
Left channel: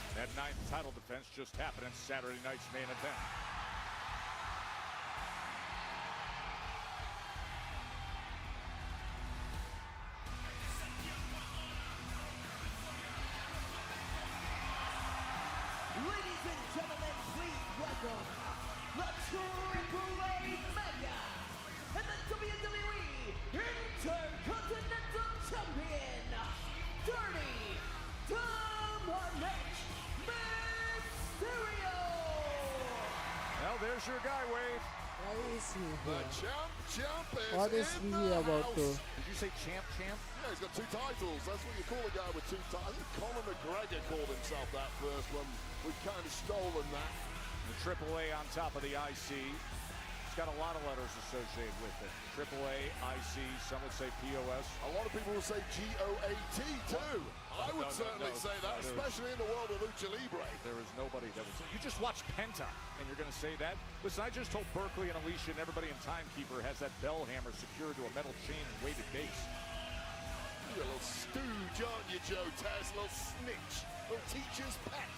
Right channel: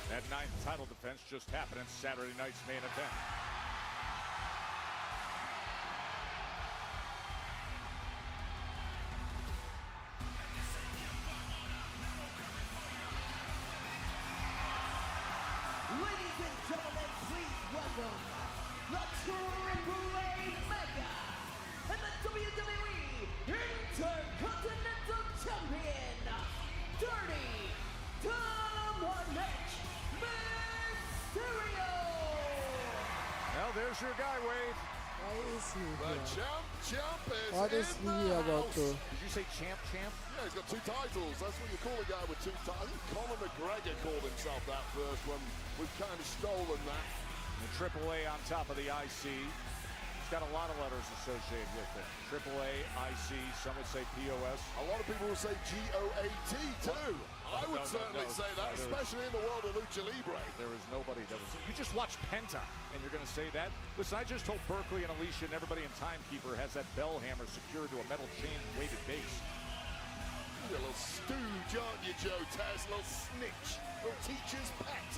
That 9 title defense just happened in Saturday night's main event. Ladies and gentlemen, please welcome the Triple-A Mega and the WWE Intercontinental Champion, Dirty Dominik Mysterio! Now there's your guy, Wade. Why is he here? Champ is What is he about to? Did you say champ? Yeah, he's got 2 titles. That's what we call the guy with 2 titles. Conor McGregor called himself that first one. We've kind of stolen that. Triple A on top of the IC. It's got a lot of letters associated with it. Triple A, IC, some would say POS. A lot of people will say GOAT too. I would certainly say that, especially in the world of Lucha Libre. There is nobody else. You just watched Penta, and you're going to say that? Listen, I just told Berkeley and Alicia and everybody in Timekeeper has that bell hammer secured to a metal chain way to base. Little stooge, aren't you, Joe Tesla? Snitch. Or teacher's pet.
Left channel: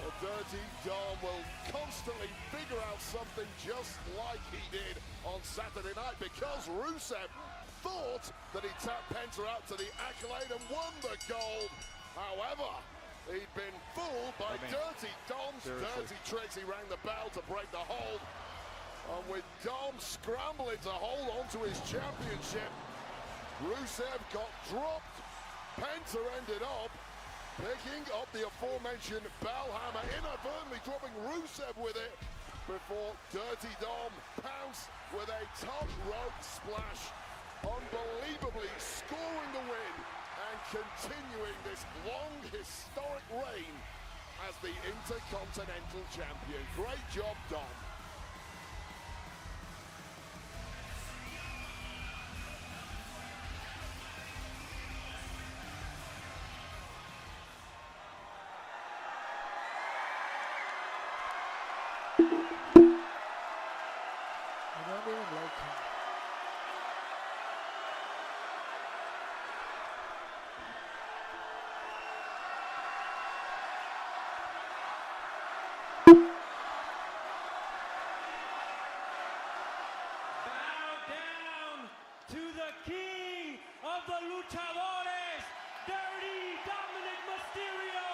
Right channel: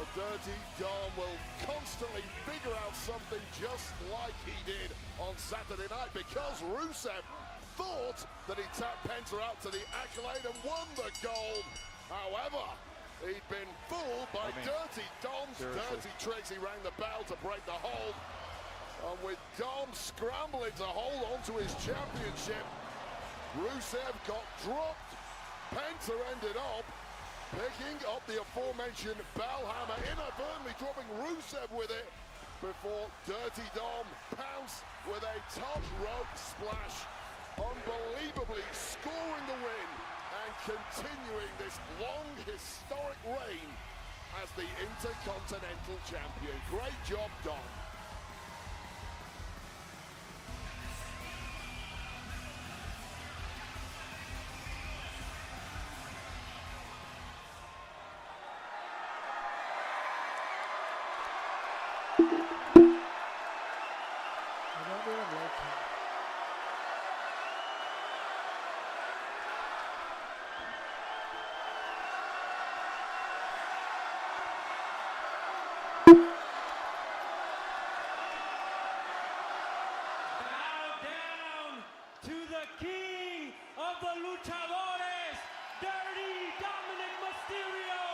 Well, Dirty Dom will constantly figure out something just like he did on Saturday night because Rusev thought that he tapped Penta out to the accolade and won the gold. However, he'd been fooled by Dirty Dom's dirty tricks. He rang the bell to break the hold. And with Dom scrambling to hold on to his championship, Rusev got dropped. Penta ended up picking up the aforementioned bell hammer, inadvertently drawing Rusev with it before Dirty Dom pounced with a top rope splash, unbelievably scoring the win and continuing this long historic reign as the Intercontinental Champion. Great job, Dom. I don't even like him. Bow down to the king of the luchadores, Dirty Dominik Mysterio!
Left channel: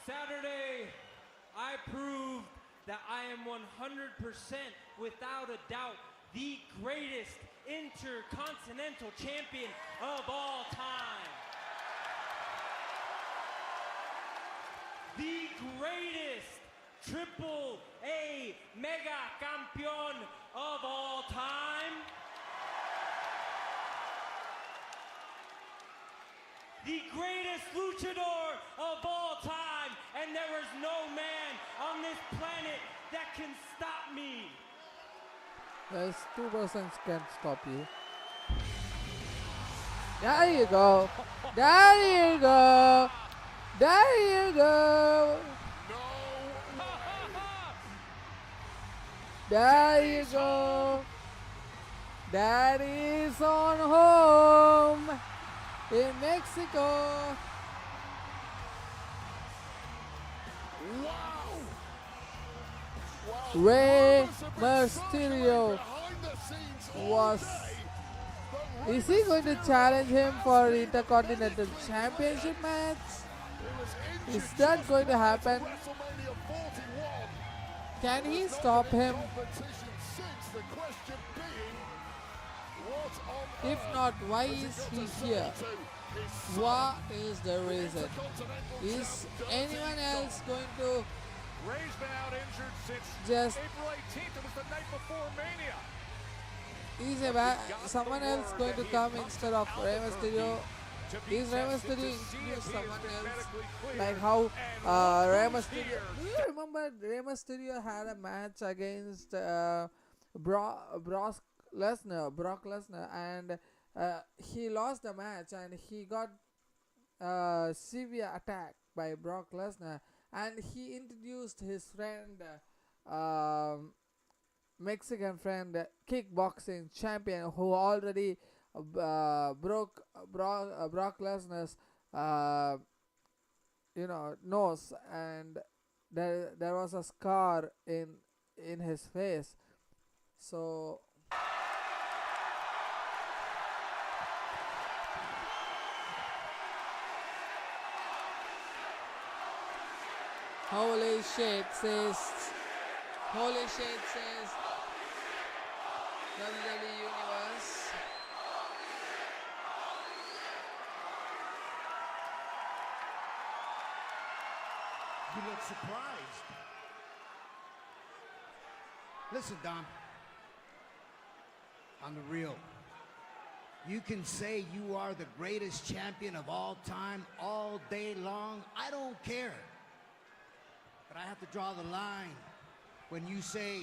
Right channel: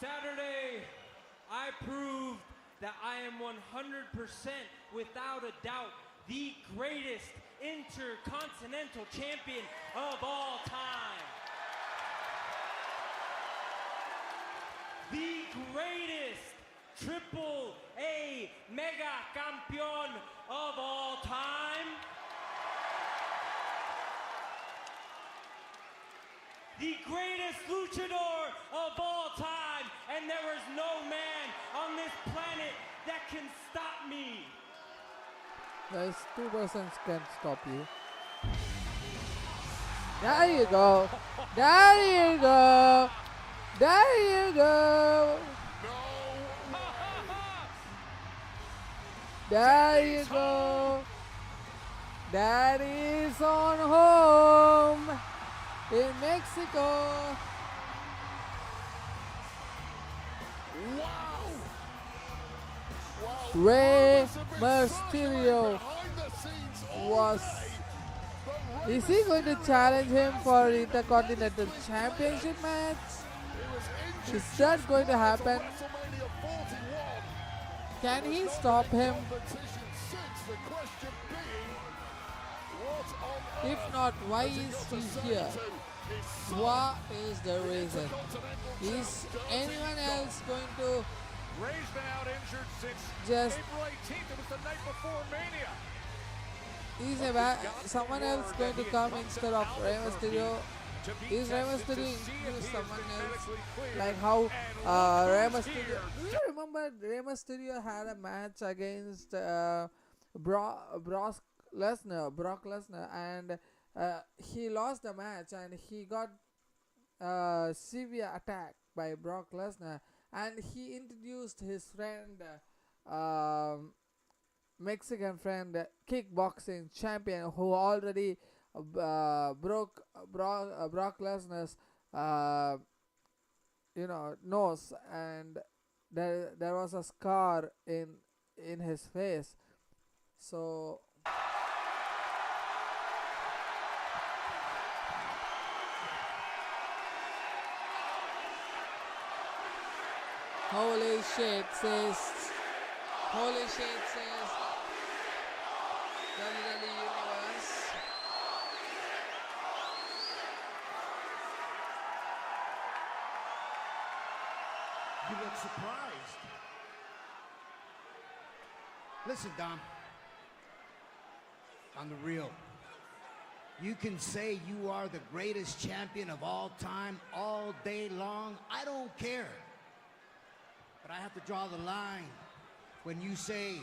Saturday, I proved that I am 100% without a doubt the greatest intercontinental champion of all time. The greatest Triple A Mega Campeón of all time. The greatest luchador of all time. And there is no man on this planet that can stop me. Guys, 2 persons can stop you. There you go. There you go. There you go. There you go. That is on home in Mexico. Rey Mysterio is he going to challenge him for Intercontinental Championship match? Is that going to happen? Can he stop him? If not, why is he here? What is the reason? Is anyone else going to just... Is someone else going to come instead of Rey Mysterio? Is Rey Mysterio introduce someone else? Like how Rey Mysterio... Do you remember Rey Mysterio had a match against Brock Lesnar, and he lost the match and he got severe attack by Brock Lesnar, and he introduced his friend, Mexican friend, kickboxing champion, who already broke Brock Lesnar's nose, and there was a scar in his face. So Holy shit says WWE Universe. You look surprised. Listen, Dom. I'm real. You can say you are the greatest champion of all time, all day long. I don't care. But I have to draw the line when you say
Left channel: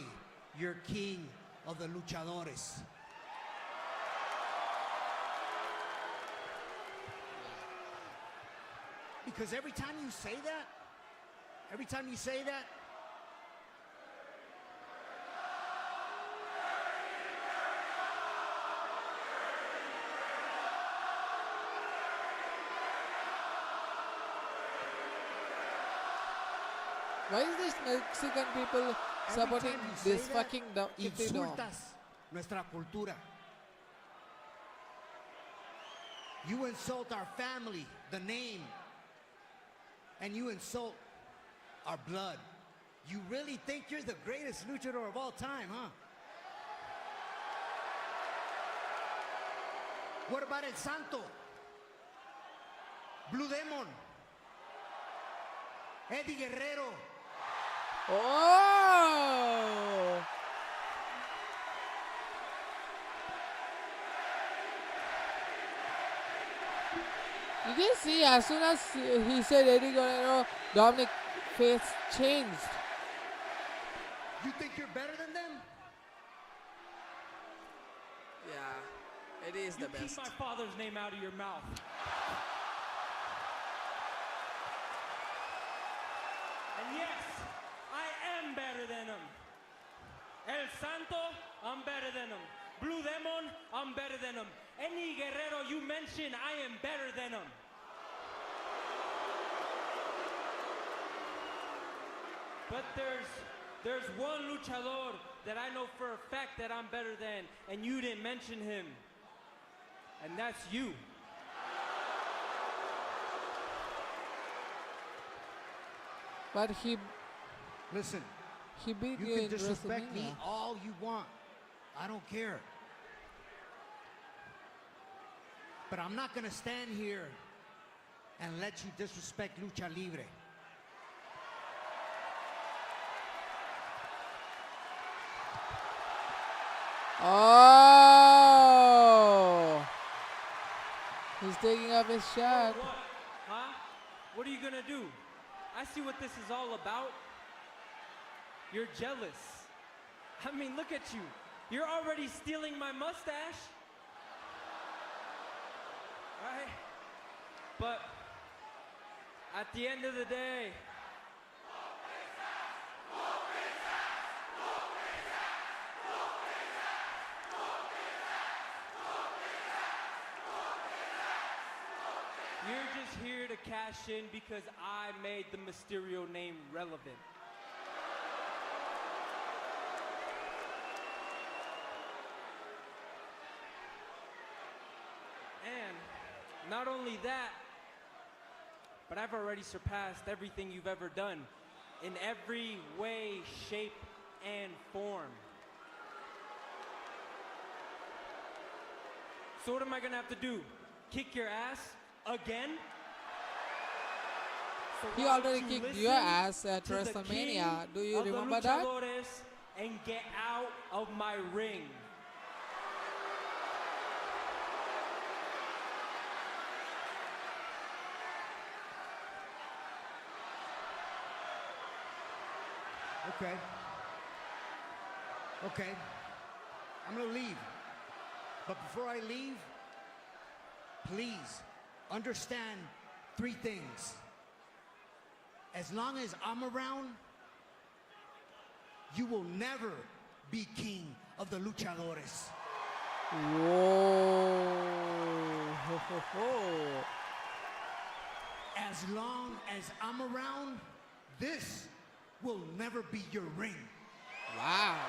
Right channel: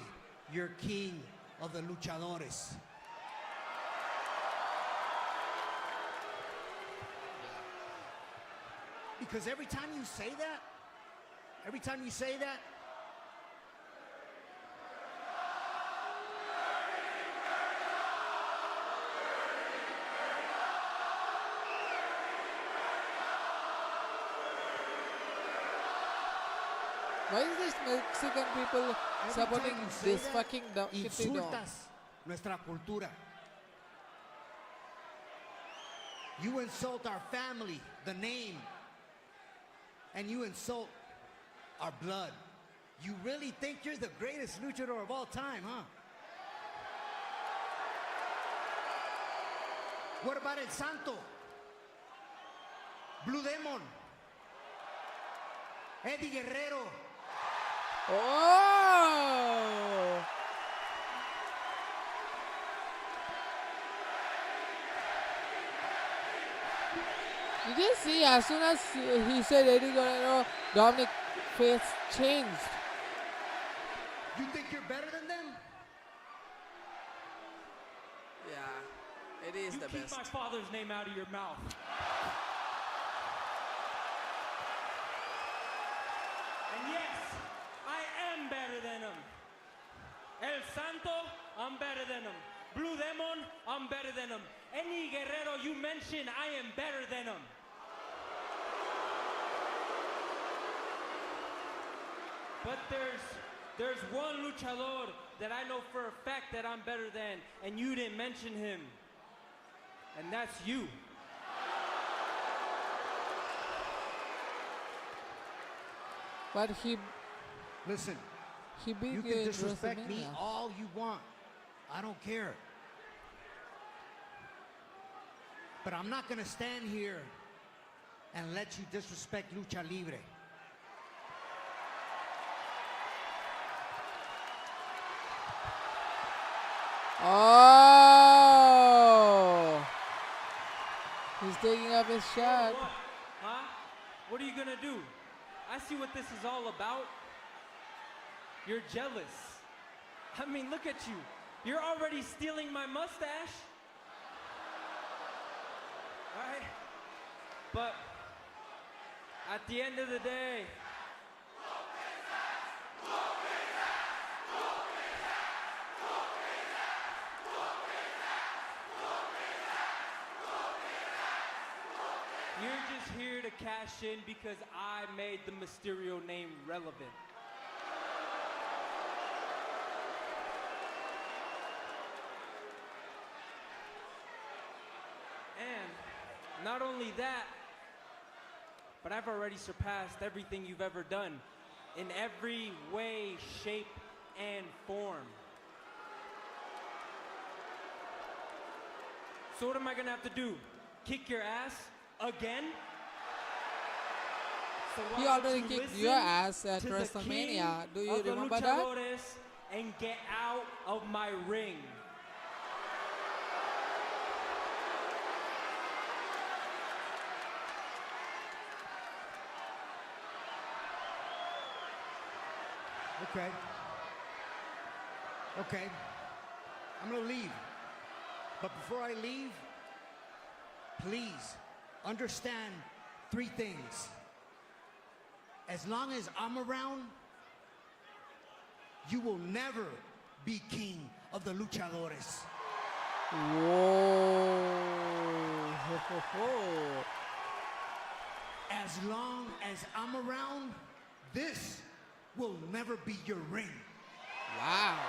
you're king of the luchadores. Because every time you say that, why is this Mexican people supporting this fucking Kitty Dom? Nuestra cultura. You insult our family, the name, and you insult our blood. You really think you're the greatest luchador of all time, huh? What about El Santo? Blue Demon? Eddie Guerrero? Oh! Did you see, as soon as he said Eddie Guerrero, Dominic face changed. You think you're better than them? Yeah, Eddie is the best. Keep my father's name out of your mouth. And yes, I am better than him. El Santo, I'm better than him. Blue Demon, I'm better than him. Any Guerrero you mention, I am better than him. But there's one luchador that I know for a fact that I'm better than, and you didn't mention him. And that's you. But he Listen, beat you you can in disrespect me WrestleMania. all you want. I don't care. But I'm not going to stand here and let you disrespect Lucha Libre. Oh! He's taking up his shot. Huh? What are you gonna do? I see what this is all about. You're jealous. I mean, look at you. You're already stealing my mustache. Alright? But at the end of the day, question because I made the Mysterio name relevant. And not only that, but I've already surpassed everything you've ever done in every way, shape, and form. So what am I gonna have to do? Kick your ass again? So He already kicked your ass at WrestleMania. Do you remember that? And get out of my ring. Okay. Okay. I'm gonna leave. But before I leave, please understand 3 things. As long as I'm around, you will never be king of the luchadores. Whoa. Ho, ho, ho. As long as I'm around, this will never be your ring. Wow.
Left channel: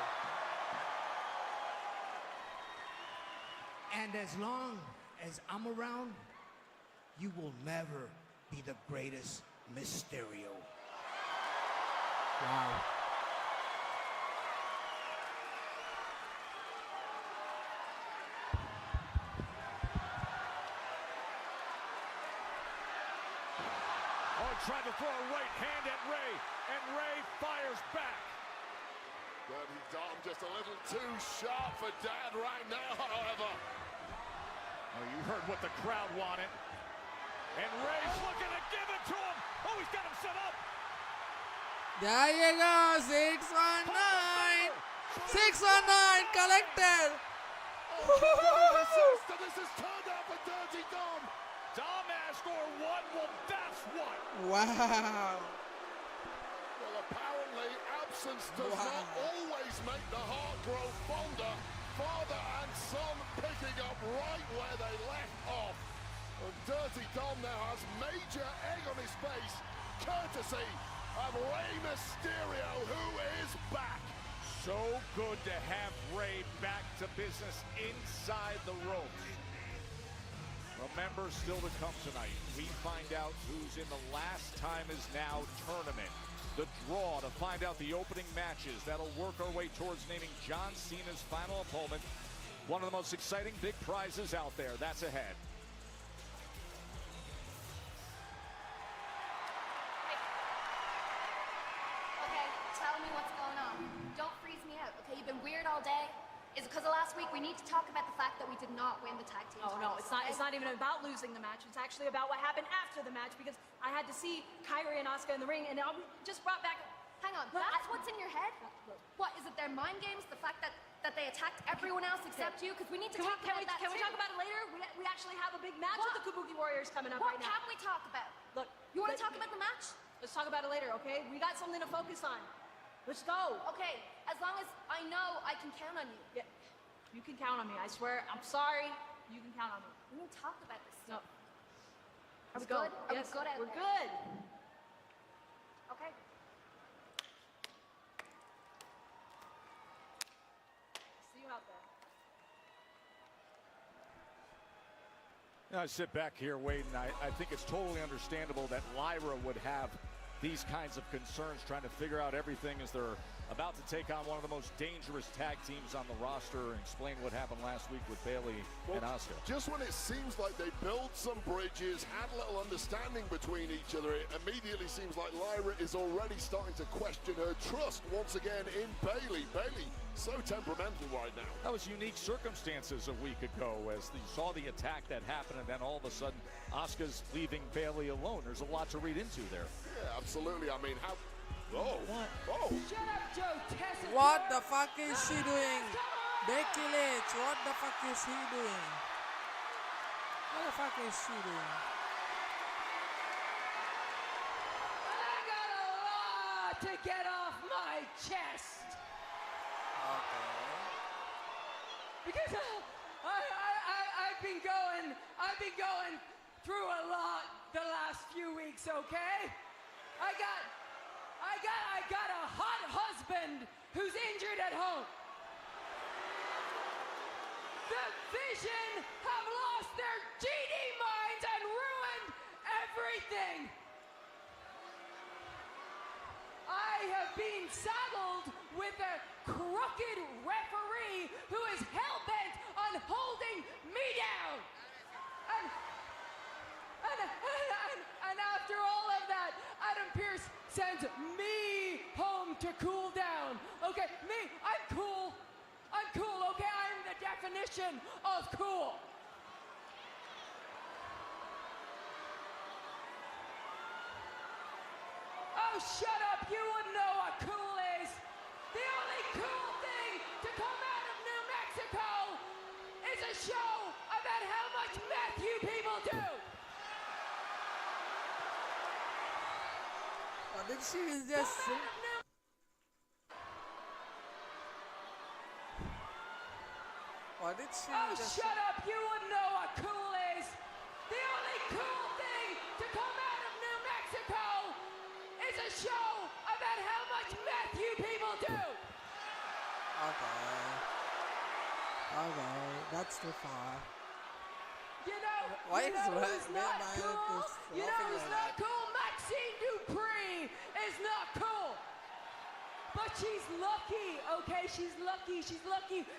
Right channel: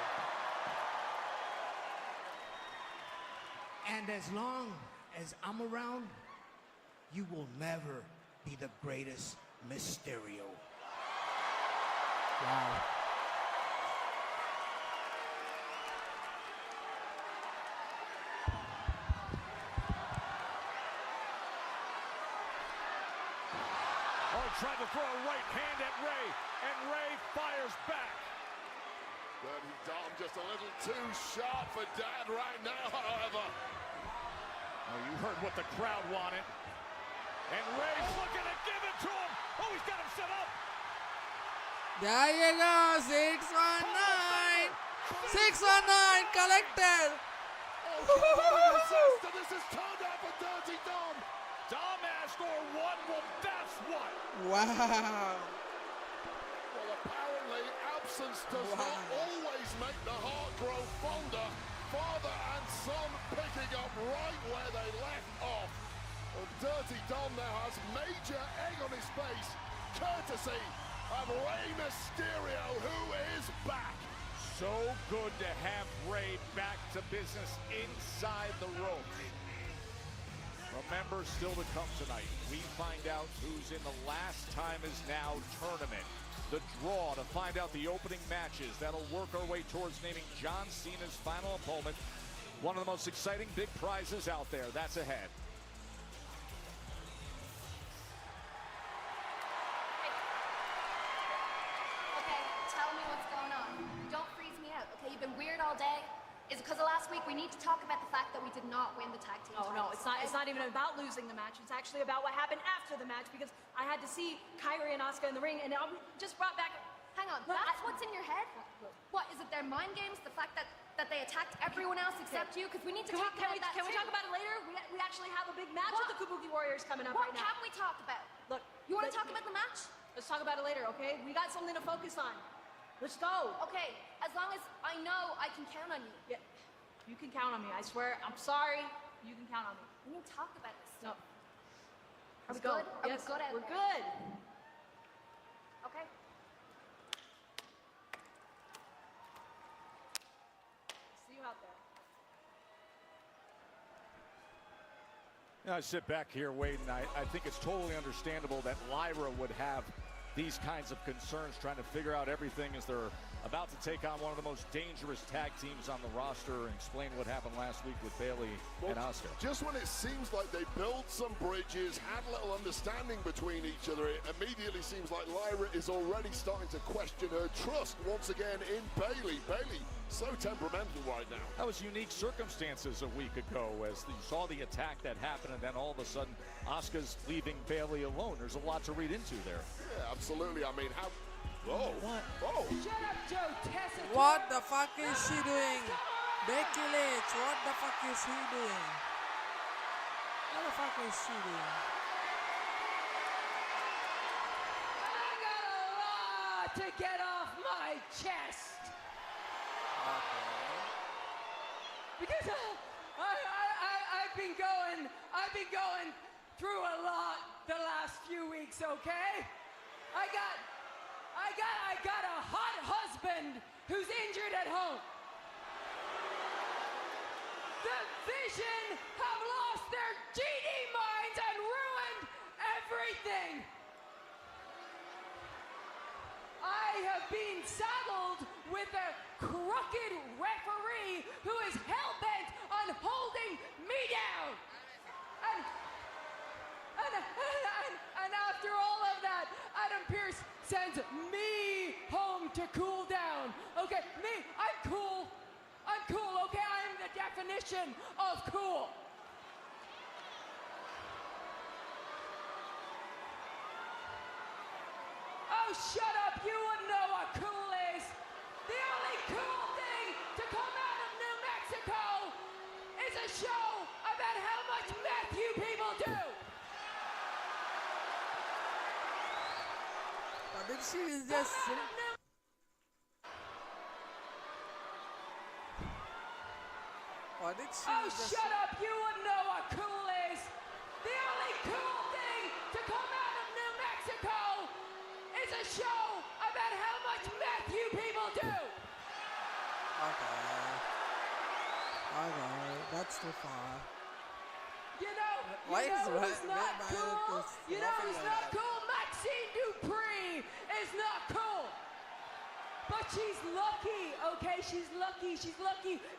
And as long as I'm around, you will never be the greatest Mysterio. Wow. Trying to throw a right hand at Ray, and Ray fires back. Dirty Dom just a little too sharp for Dan right now, however. Oh, you heard what the crowd wanted. And Ray's looking to give it to him. Oh, he's got him set up. There you go. 619. 619 collected. So this is turned up for Dirty Dom. Dom asked for one. Well, that's one. Wow. Well, apparently absence does Wow. not always make the heart grow fonder. Father and son picking up right where they left off. And Dirty Dom now has major egg on his face, courtesy of Rey Mysterio, who is back. So good to have Ray back to business inside the ropes. Remember, still to come tonight. We find out who's in the last time is now tournament. The draw to find out the opening matches that'll work our way towards naming John Cena's final opponent. One of the most exciting big prizes out there. That's ahead. Okay, tell me what's going on. Don't freeze me out, okay? You've been weird all day. It's because of last week. We need to talk about the fact that we did not win the tag team. Oh, no, it's not even about losing the match. It's actually about what happened after the match because I had to see Kyrie and Asuka in the ring and then I'm just brought back. Hang on, that's what's in your head? What, is it their mind games? The fact that they attacked everyone else except you? Because we need to talk about that. Can we talk about it later? We actually have a big match with the Kabuki Warriors coming up What right can now. we talk about? Look, You want to talk about the match? let's talk about it later, okay? We got something to focus on. Let's go. Okay, as long as I know I can count on you. Yeah, you can count on me, I swear. I'm sorry. You can count on me. We need to talk about it. No. Are we Let's go. good? Are we Yes, good? we're good. Okay. See you out there. I sit back here waiting. I think it's totally understandable that Lyra would have these kinds of concerns trying to figure out everything as they're about to take on one of the most dangerous tag teams on the roster and explain what happened last week with Bayley and Asuka. Just when it seems like they built some bridges, had a little understanding between each other, it immediately seems like Lyra is already starting to question her trust once again in Bayley. Bayley, so temperamental right now. That was unique circumstances a week ago as you saw the attack that happened and then all of a sudden Asuka's leaving Bayley alone. There's a lot to read into there. Yeah, absolutely. I mean, oh. What the fuck is she doing? Becky Lynch, what the fuck is he doing? What the fuck is she doing? I got a lot to get off my chest. Okay. Because I've been going through a lot the last few weeks, being saddled with a crooked referee who is hell-bent on holding me down. And after all of that, Adam Pearce sends me home to cool down. Okay, I'm cool. Okay, I'm the definition of cool. Oh, shut up, you wouldn't know what cool is. The only cool thing to come out of New Mexico is a show about how much meth you people do. What did she just say? What did she Oh, just shut up, you wouldn't know what cool is. The only cool thing to come out of New Mexico is a show about how much meth you people do. Okay, that's too far. You know, Why is who's Violet not cool? laughing You know like who's that? not cool? Maxine Dupree is not cool. But she's lucky, okay? She's lucky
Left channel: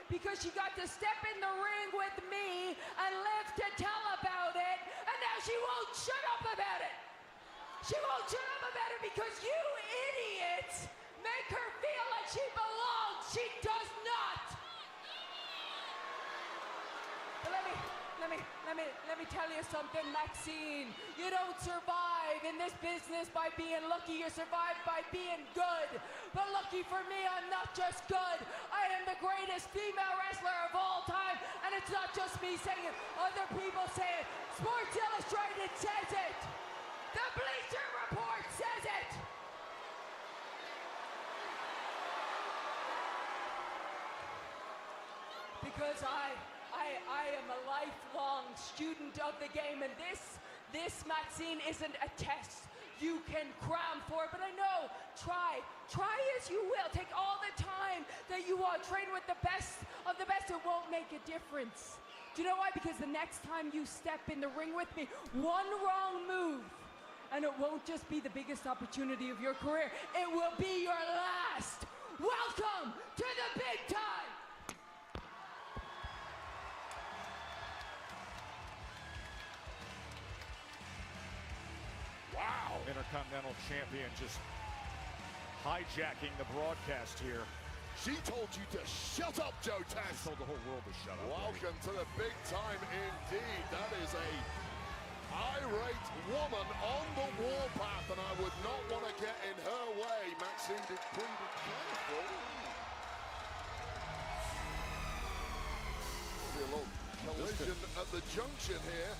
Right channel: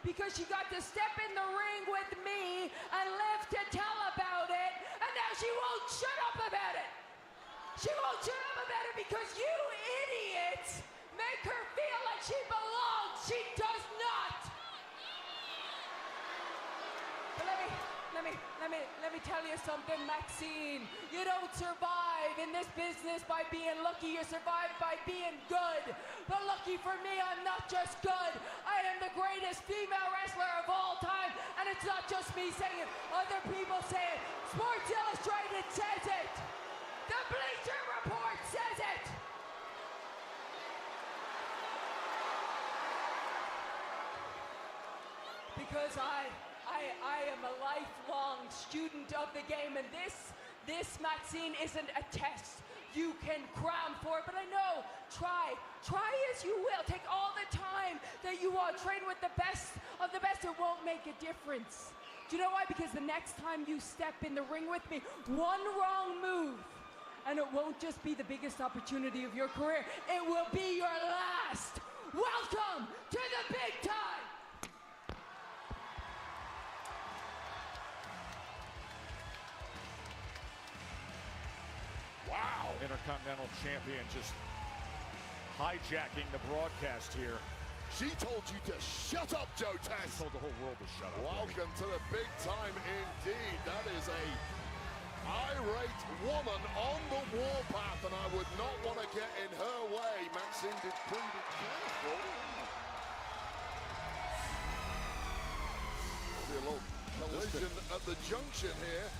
because she got to step in the ring with me and live to tell about it, and now she won't shut up about it. She won't shut up about it because you idiots make her feel like she belongs. She does not. Let me tell you something, Maxine. You don't survive in this business by being lucky. You survive by being good. But lucky for me, I'm not just good. I am the greatest female wrestler of all time. And it's not just me saying it. Other people say it. Sports Illustrated says it. The Bleacher Report says it. Because I am a lifelong student of the game, and this Maxine isn't a test you can cram for, but I know, try as you will, take all the time that you want, train with the best of the best, it won't make a difference. Do you know why? Because the next time you step in the ring with me, one wrong move, and it won't just be the biggest opportunity of your career, it will be your last. Welcome to the big time! Wow. Intercontinental champion just hijacking the broadcast here. She told you to shut up, Joe Tess. Welcome to the big time indeed. That is a irate woman on the warpath, and I would not want to get in her way. Maxine Dupree, beautiful. Little collision at the junction here.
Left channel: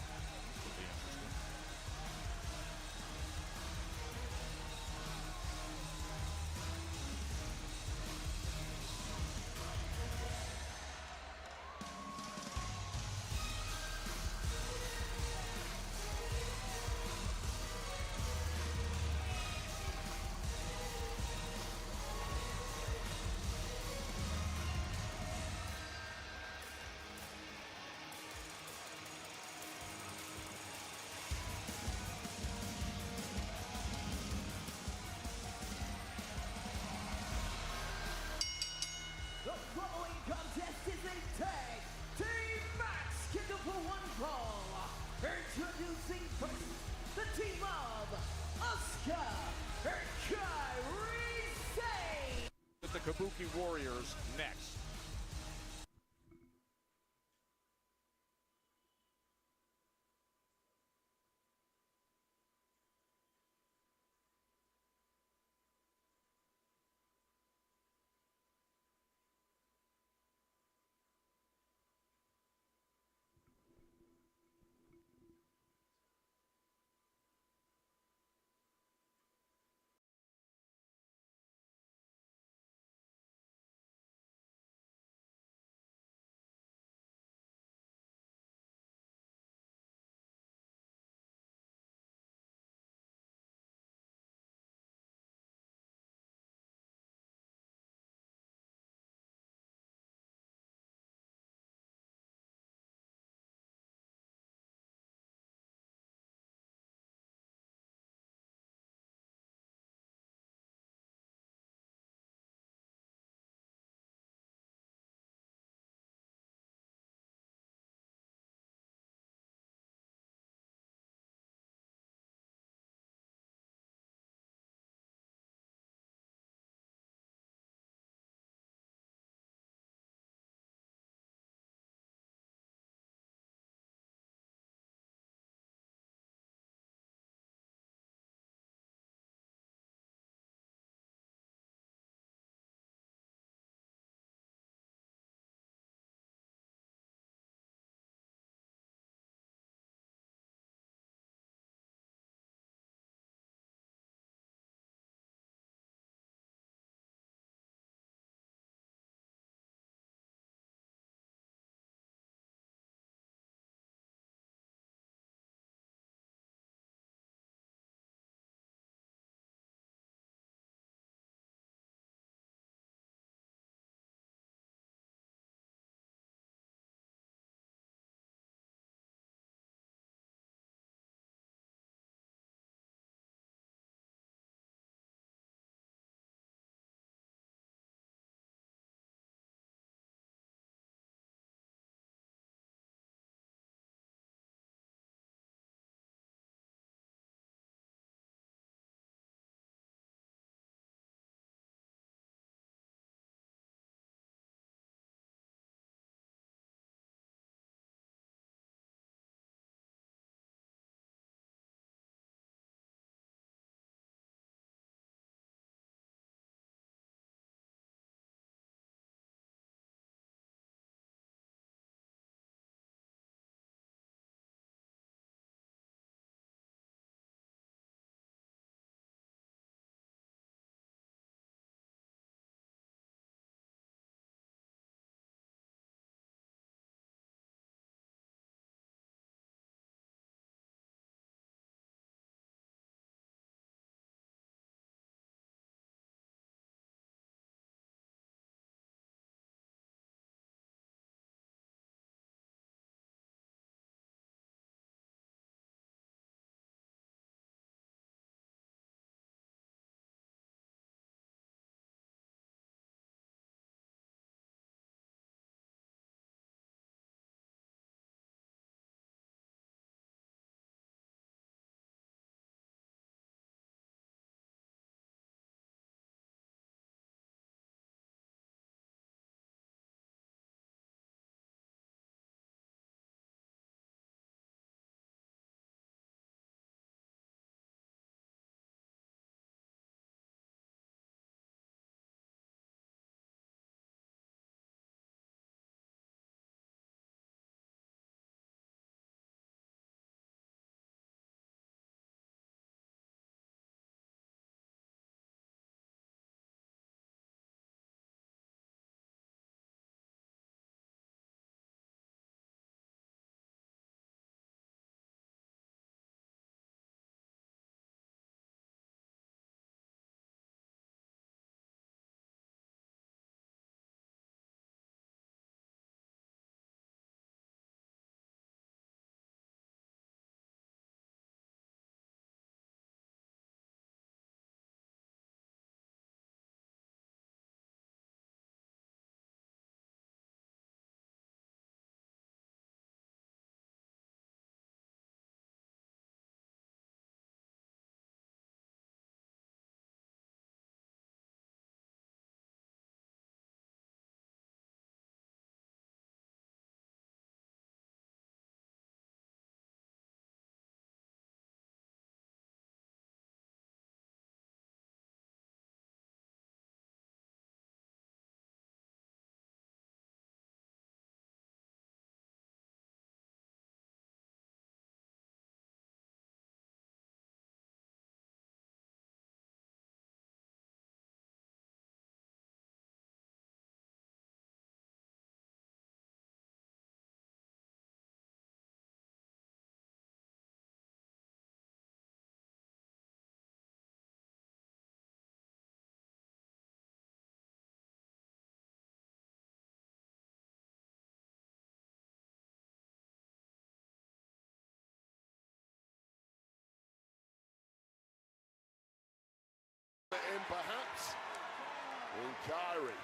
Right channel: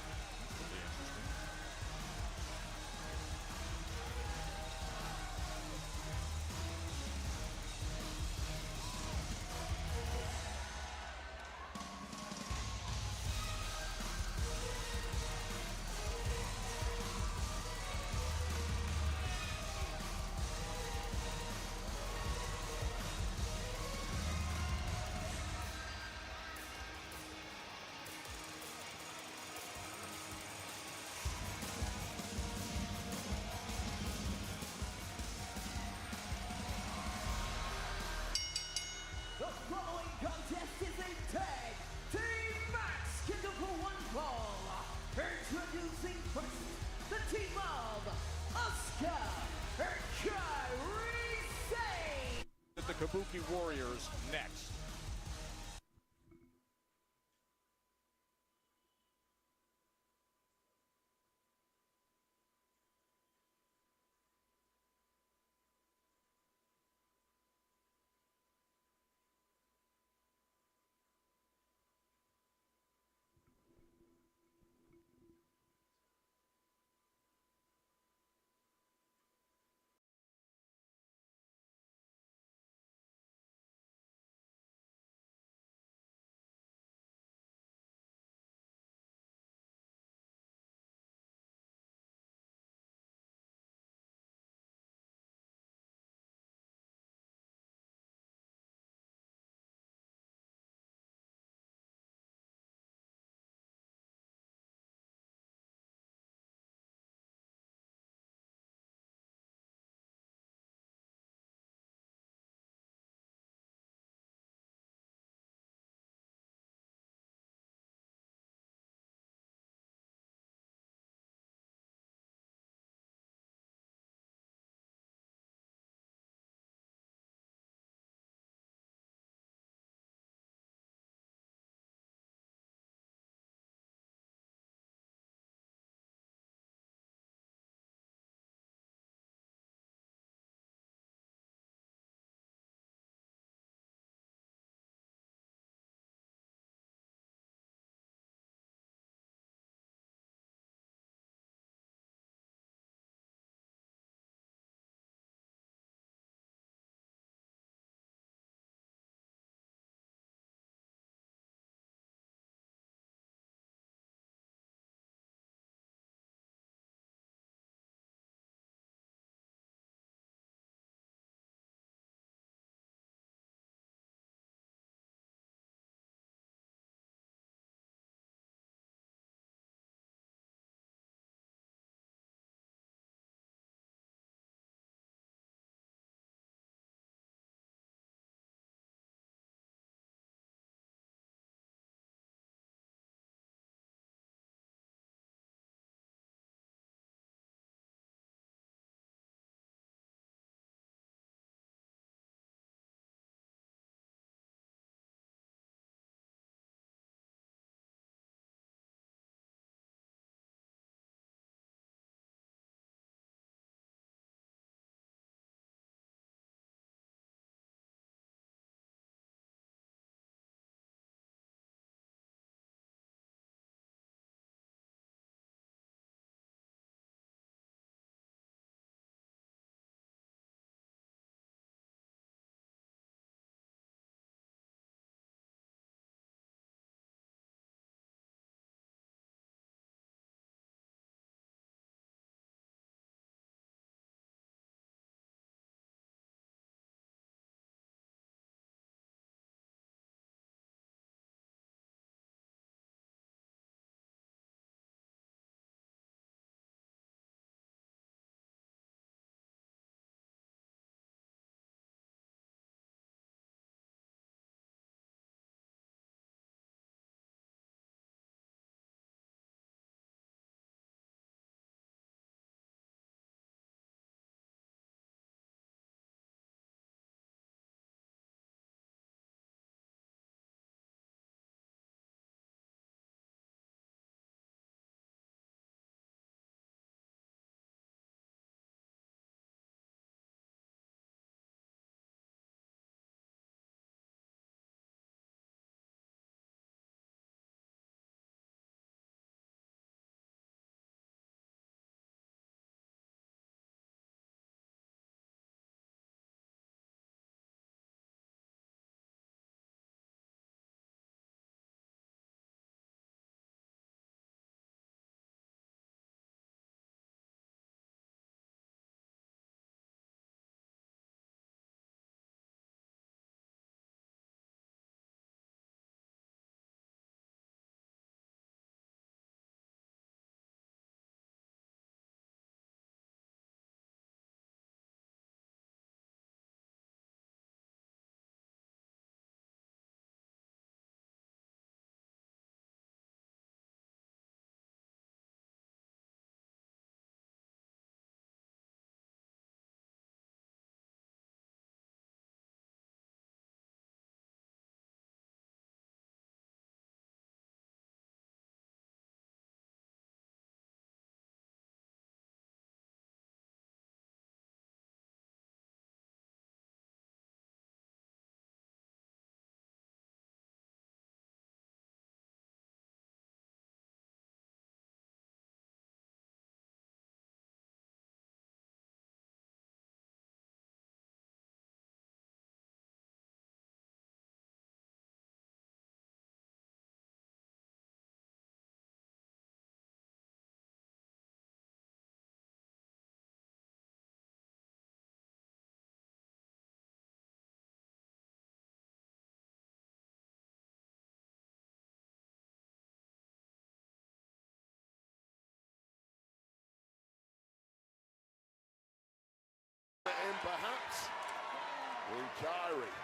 Kyrie.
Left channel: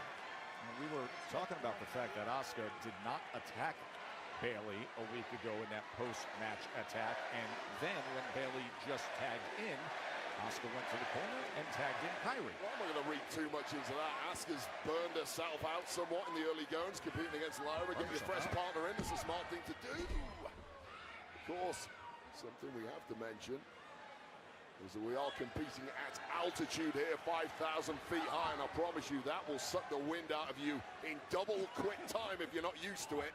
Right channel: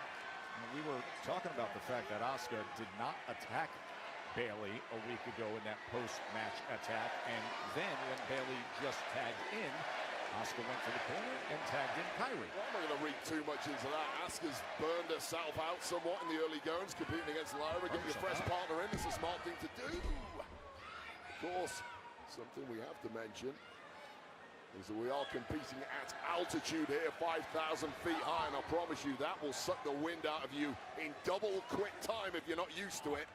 We were talking about the fact that Asuka did not attack Bayley a week ago in that post-match attack, and then when Bayley just tagged in, Asuka went for the corner and tagged in Kyrie. I'm not going to read too much into that. Asuka's burned herself out somewhat in the early goings, competing against Lyra, getting a fresh partner in. This is a smart thing to do. Of course, something we have to mention is that we are competing at altitude here, 5,000 feet high, and I promise you that will suck the wind out of you in double quick time if you're not used to it.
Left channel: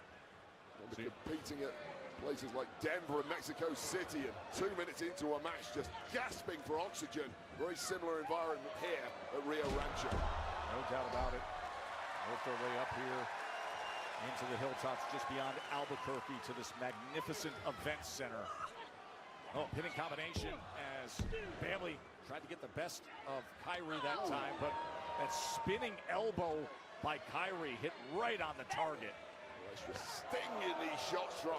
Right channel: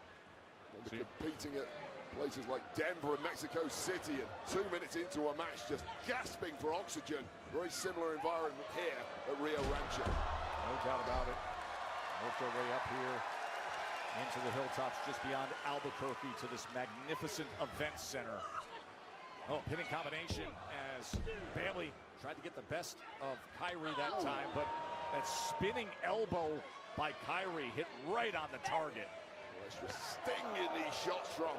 We're competing at places like Denver and Mexico City, 2 minutes into a match just gasping for oxygen. Very similar environment here at Real Action. No doubt about it. Worked our way up here into the hilltops just beyond Albuquerque to this magnificent event center. Oh, hitting combination as Bayley tried to get the best of Kyrie that time, but a spinning elbow by Kyrie hit right on the target. Stinging these shots from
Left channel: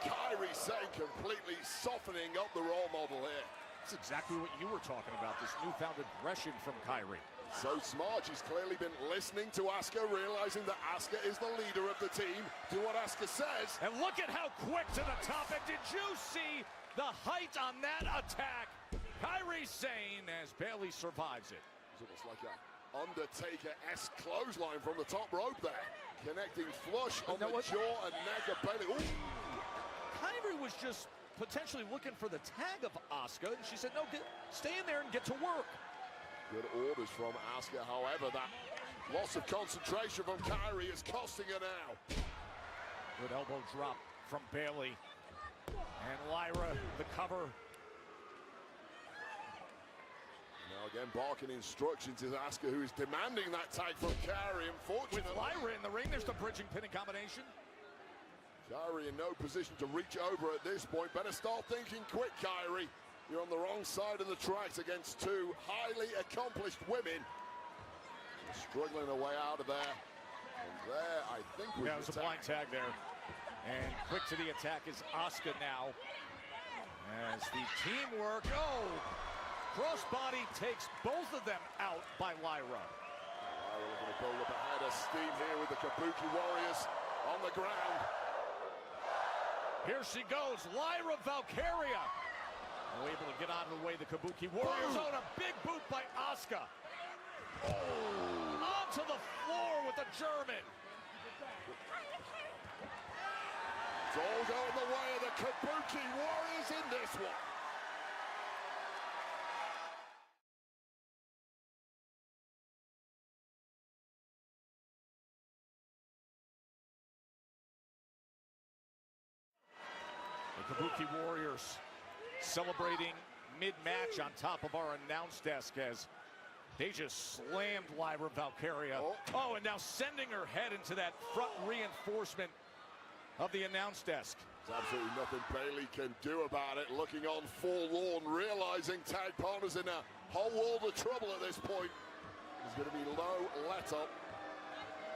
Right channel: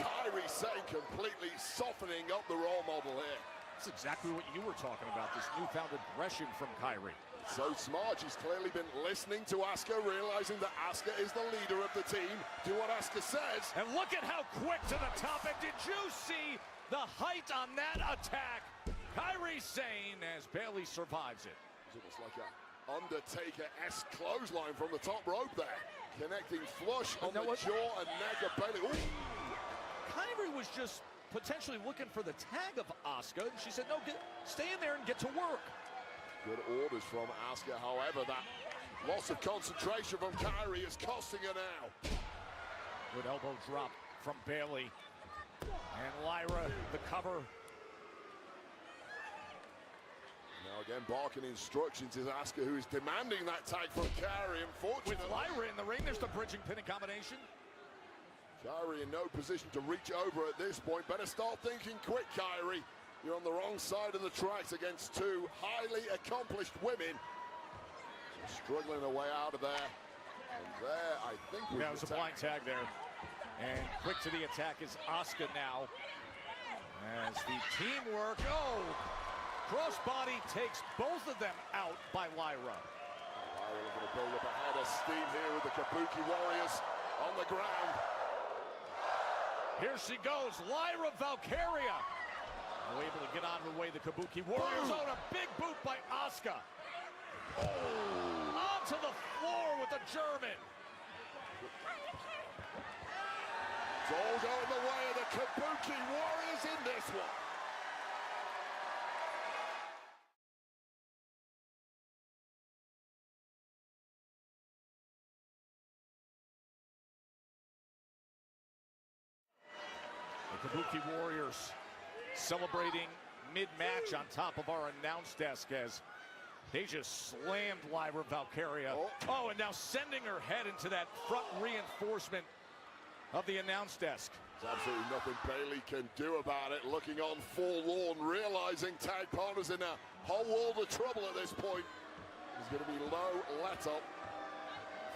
Kyrie Sane, completely softening up the role model here. That's exactly what you were talking about, this newfound aggression from Kyrie. So smart, she's clearly been listening to Asuka, realizing that Asuka is the leader of the team. Do what Asuka says. And look at how quick to the top, and did you see the height on that attack? Kyrie Sane as Bayley survives it. Looks like an Undertaker-esque clothesline from the top rope there. Connecting flush on the jaw and neck of Bayley. Kyrie was just potentially looking for the tag of Asuka. She said, no, stay in there and get to work. Good orders from Asuka, however, that loss of concentration from Kyrie is costing her now. Good elbow drop from Bayley. And Lyra, the cover. Now again, barking instructions to Asuka, who's demanding that tag from Kyrie. Unfortunately, With Lyra in the ring, there's the bridging pin combination. Kyrie in no position to reach over at this point. Better start thinking quick, Kyrie. You're on the wrong side of the tracks against two highly accomplished women. Struggling her way out of there. And there, I think we That's a blind tag there. And quick to the attack is Asuka now. As the teamwork, crossbody takes both of them out by Lyra. Steve here with the Kabuki Warriors on the ground. Here she goes, Lyra Valkyria. Able to get on her way to the Kabuki Warriors on a big boot by Asuka. Onto the floor with the German. It's all going the way of the Kabuki Warriors in this one. The Kabuki Warriors celebrating mid-match on top of our announce desk as they just slammed Lyra Valkyria. Oh, and now sending her head into that front reinforcement of the announce desk. Absolutely nothing Bayley can do about it. Looking on forlorn, realizing tag partners in a whole world of trouble at this point. He's going to be low let up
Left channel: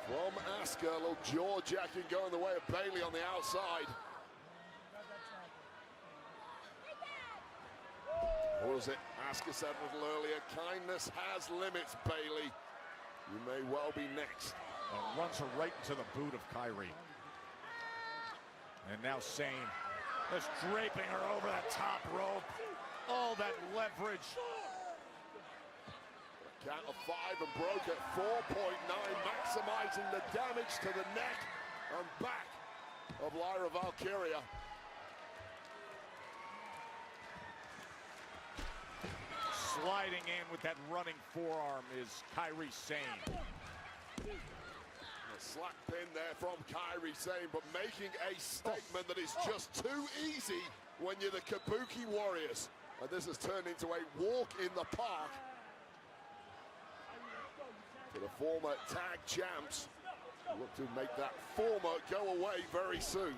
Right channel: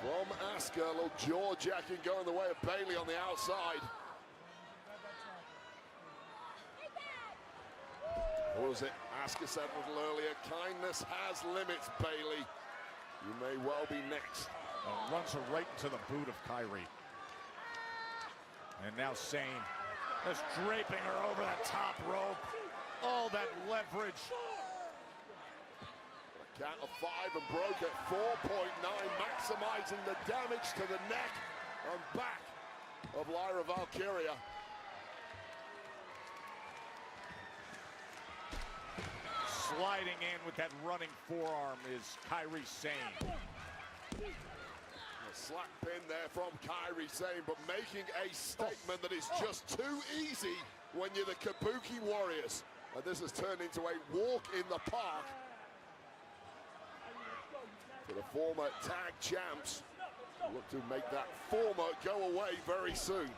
from Asuka. Jaw jacking going the way of Bayley on the outside. Or was it Asuka said a little earlier? Kindness has limits, Bayley. You may well be next. Runs her right to the boot of Kyrie. And now Sane is draping her over the top rope. All that leverage. Count of five and broke at 4.9, maximizing the damage to the neck and back of Lyra Valkyria. Sliding in with that running forearm is Kyrie Sane. A slap pin there from Kyrie Sane, but making a statement that is just too easy when you're the Kabuki Warriors. And this has turned into a walk in the park for the former tag champs. Look to make that former go away very soon.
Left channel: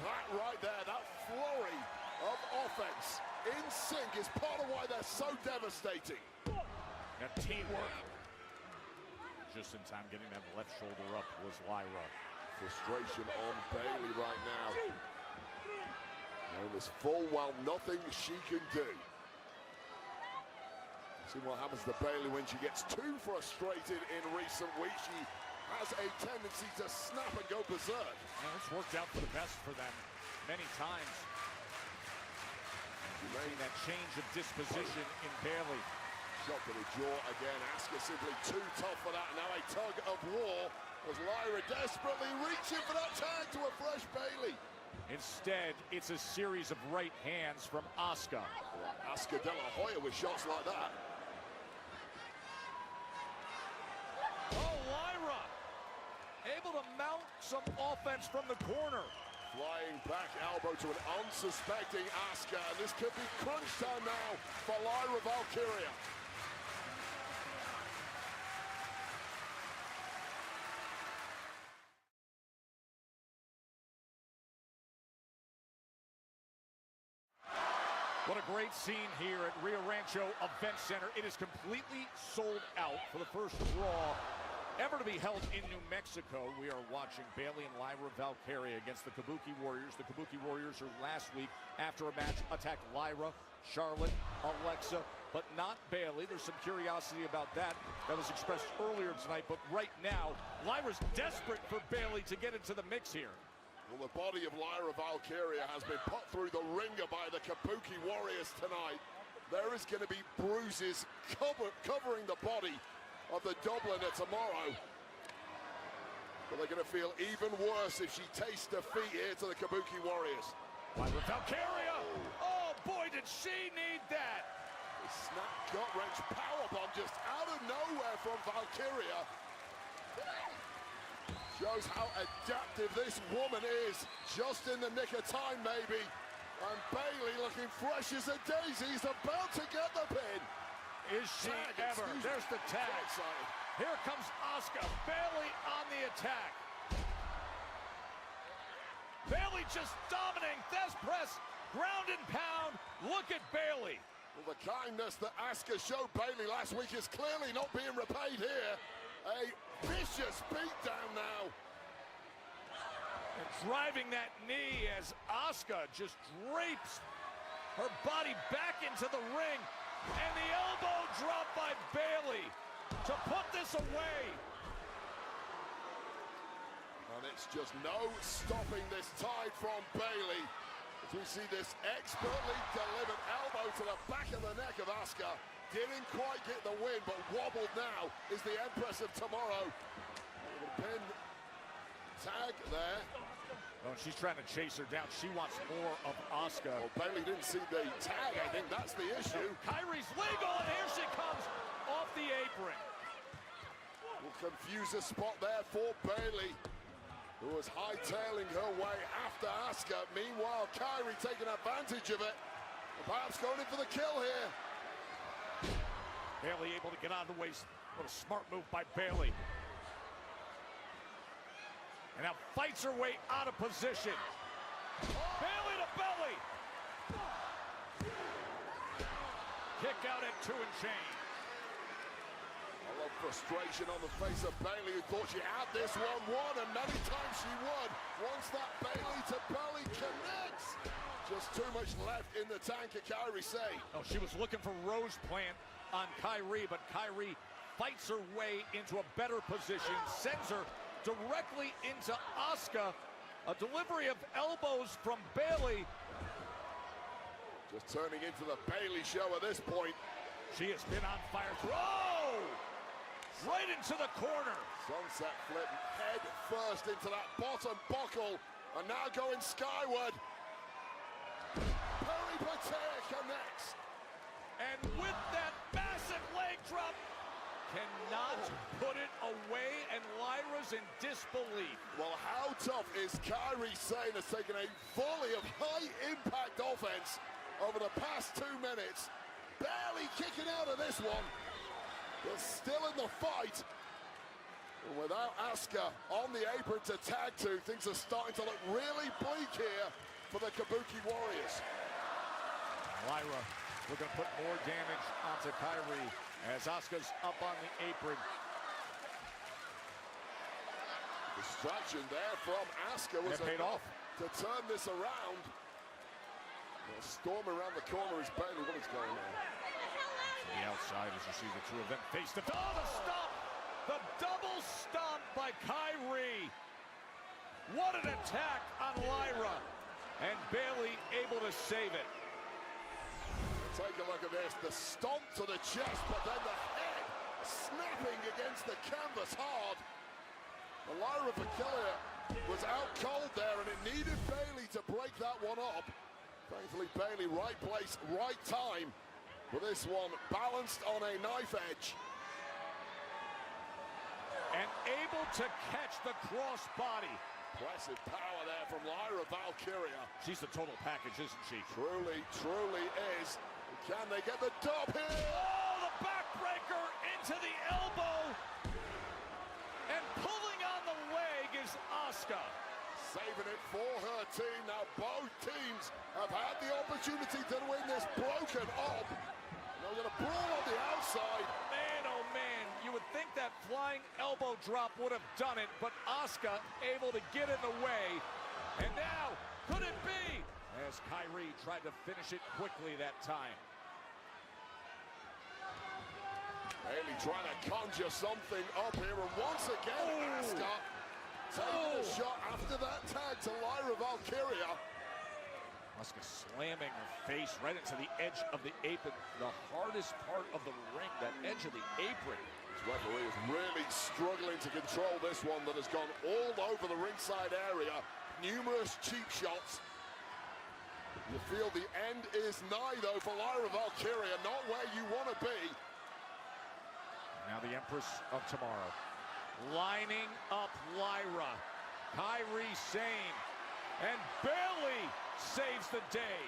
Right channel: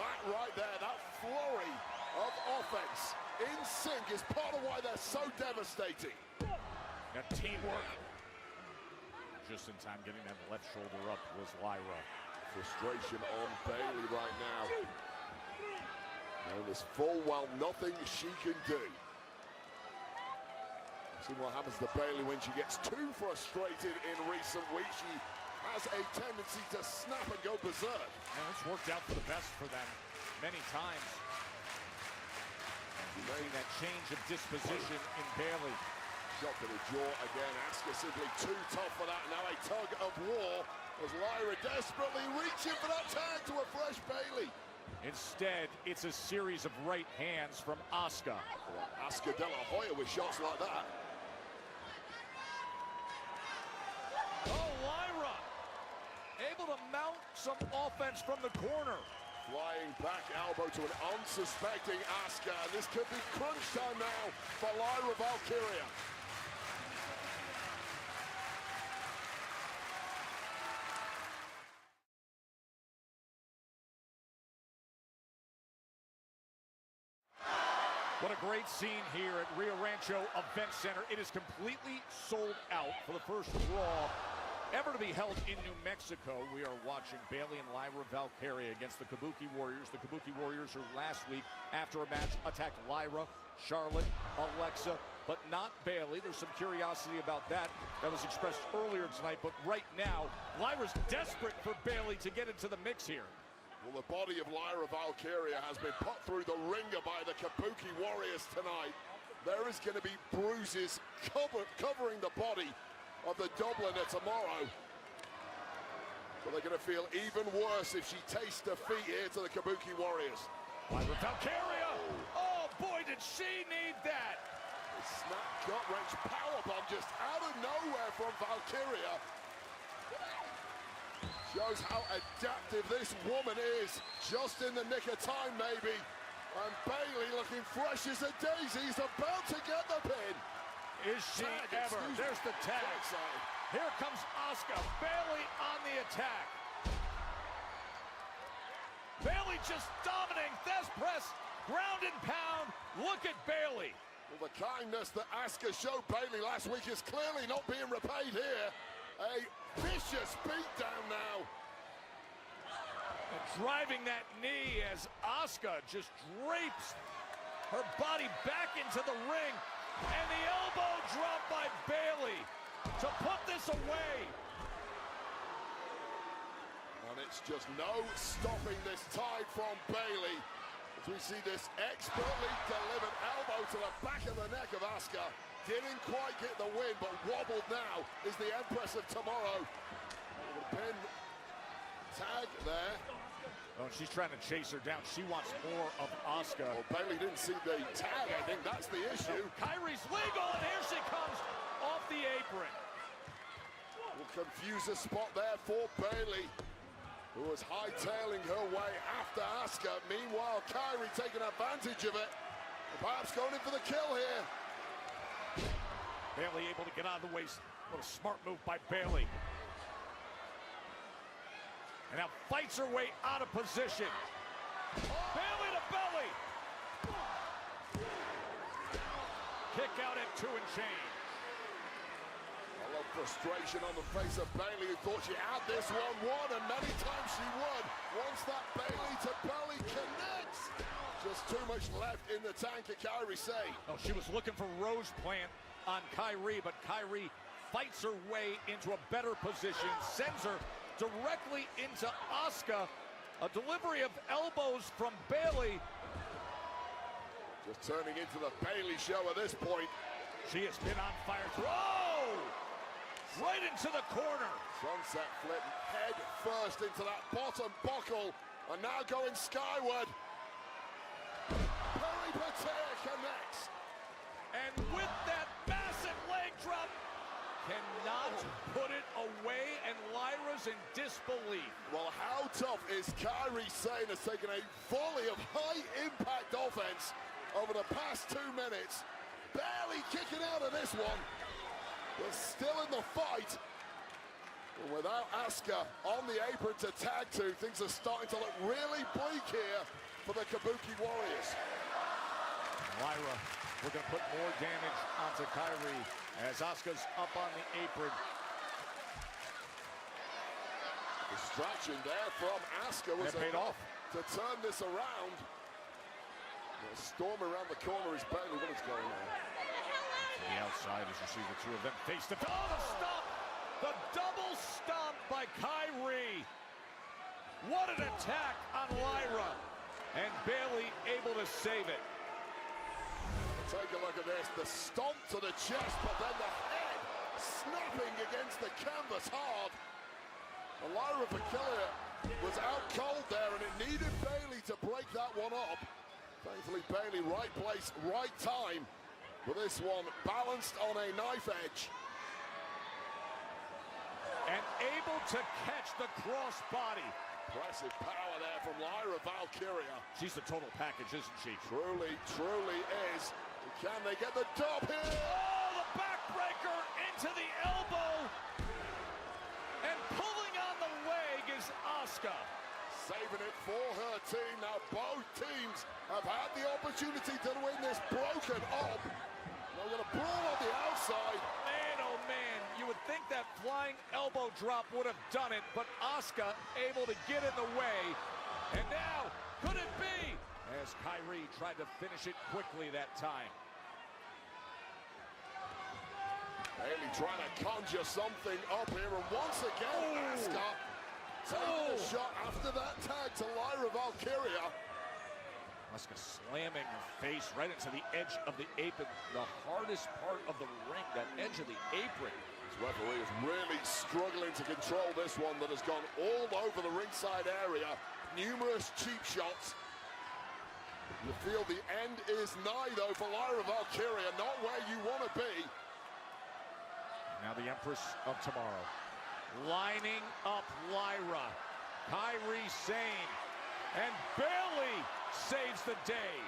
That right there, that flurry of offense in sync is part of why they're so devastating. And teamwork. Just in time getting that left shoulder up was Lyra. Frustration on Bayley right now. There is full well nothing she can do. See what happens to Bayley when she gets too frustrated in recent weeks. She has a tendency to snap and go berserk. And it's worked out for the best for them many times. Letting that change of disposition in Bayley. Drop of the jaw again. Asuka simply too tough for that now. A target of war as Lyra desperately reaching for that turn to a fresh Bayley. Instead, it's a series of right hands from Asuka. Asuka down the hallway with shots like that. Oh, Lyra! Able to mount some offense from the corner. Flying back elbow to an unsuspecting Asuka. This could be crunch time now for Lyra Valkyria. What a great scene here at Rio Rancho Event Center. It is completely sold out for the first Raw ever to be held in New Mexico. We are watching Bayley and Lyra Valkyria against the Kabuki Warriors. The Kabuki Warriors who last week, after a match, attacked Lyra, Charlotte, Alexa, but not Bayley. There's some curiosity about that. That was expressed earlier tonight, but right now, Lyra's desperate for Bayley to get into the mix here. Well, the body of Lyra Valkyria has been put through the ringer by the Kabuki Warriors tonight. There is going to be bruises covering the body of the doubleheader tomorrow. But they're going to feel even worse if she tastes defeat here to the Kabuki Warriors. Valkyria! Oh, boy, did she need that! Snap gut-wrench powerbomb just out of nowhere from Valkyria. Shows how adaptive this woman is. Just in the nick of time, maybe. And Bayley looking fresh as a daisies, about to get the pin. Is she ever? There's the tag. Here comes Asuka. Bayley on the attack. Bayley just dominating. That's press. Ground and pound. Look at Bayley. Well, the kindness that Asuka showed Bayley last week is clearly not being repaid here. A vicious beat down now. Driving that knee as Asuka just drapes her body back into the ring. And the elbow drop by Bayley to put this away. And it's just no stopping this tie from Bayley. We see this expertly delivered elbow to the back of the neck of Asuka. Didn't quite get the win, but wobbled now is the Empress of Tomorrow. Pin tag there. Oh, she's trying to chase her down. She wants more of Asuka. Bayley didn't see the tag. I think that's the issue. Kairi's legal, and here she comes off the apron. Confuser spot there for Bayley, who was hightailing her way after Asuka. Meanwhile, Kairi taking advantage of it. Perhaps going for the kill here. Bayley able to get out of the way. What a smart move by Bayley. And now fights her way out of position. Bayley to belly. Kick out into a chain. A lot of frustration on the face of Bayley, who thought she had this one won, and many times she would. Once that Bayley to belly connects. Just too much left in the tank, can Kairi say. Oh, she was looking for Rose Plant on Kairi, but Kairi fights her way into a better position, sends her directly into Asuka. A delivery of elbows from Bayley. Just turning into the Bayley show at this point. She has been on fire. Whoa! Right into the corner. Sunset flip head first into that bottom buckle. And now going skyward. Belly Pater connects. And with that massive leg drop, cannot put it away, and Lyra's in disbelief. Well, how tough is Kairi Sane has taken a volley of high-impact offense over the past 2 minutes. Barely kicking out of this one, but still in the fight. Without Asuka on the apron to tag to, things are starting to look really bleak here for the Kabuki Warriors. Lyra, we're going to put more damage onto Kairi as Asuka's up on the apron. Distraction there from Asuka was paid off to turn this around. The storm around the corner is Bayley. What is going on? The outside is see the two of them face the double stop. The double stop by Kyrie. What an attack on Lyra. And Bailey able to save it. Take a look at this. The stomp to the chest, but then the head slipping against the canvas hard. Lyra Valkyria was out cold there and it needed Bailey to break that one up. Thankfully Bailey, right place, right time. With this one balanced on a knife edge. And able to catch the crossbody. Impressive power there from Lyra Valkyria. She's a total package, isn't she? Truly, truly is. Can they get the top here? Oh, the backbreaker into the elbow. And pulling out the leg is Asuka. Saving it for her team. Now both teams have had the opportunity to win this broken up. And the brawl on the outside. Man, oh man, you would think that flying elbow drop would have done it, but Asuka able to get in the way. And now, could it be? As Kyrie tried to finish it quickly that time. Hey, trying to conjure something up here once again. Asuka. Terrible shot after that tag to Lyra Valkyria. Asuka slamming her face right into the edge of the apron. The hardest part of the ring, that edge of the apron. Referee is really struggling to control this one that has gone all over the ringside area. Numerous cheap shots. You feel the end is nigh though for Lyra Valkyria, not where you want to be. Now the Empress of Tomorrow. Lining up Lyra. Kyrie Sane. And Bailey saves the day.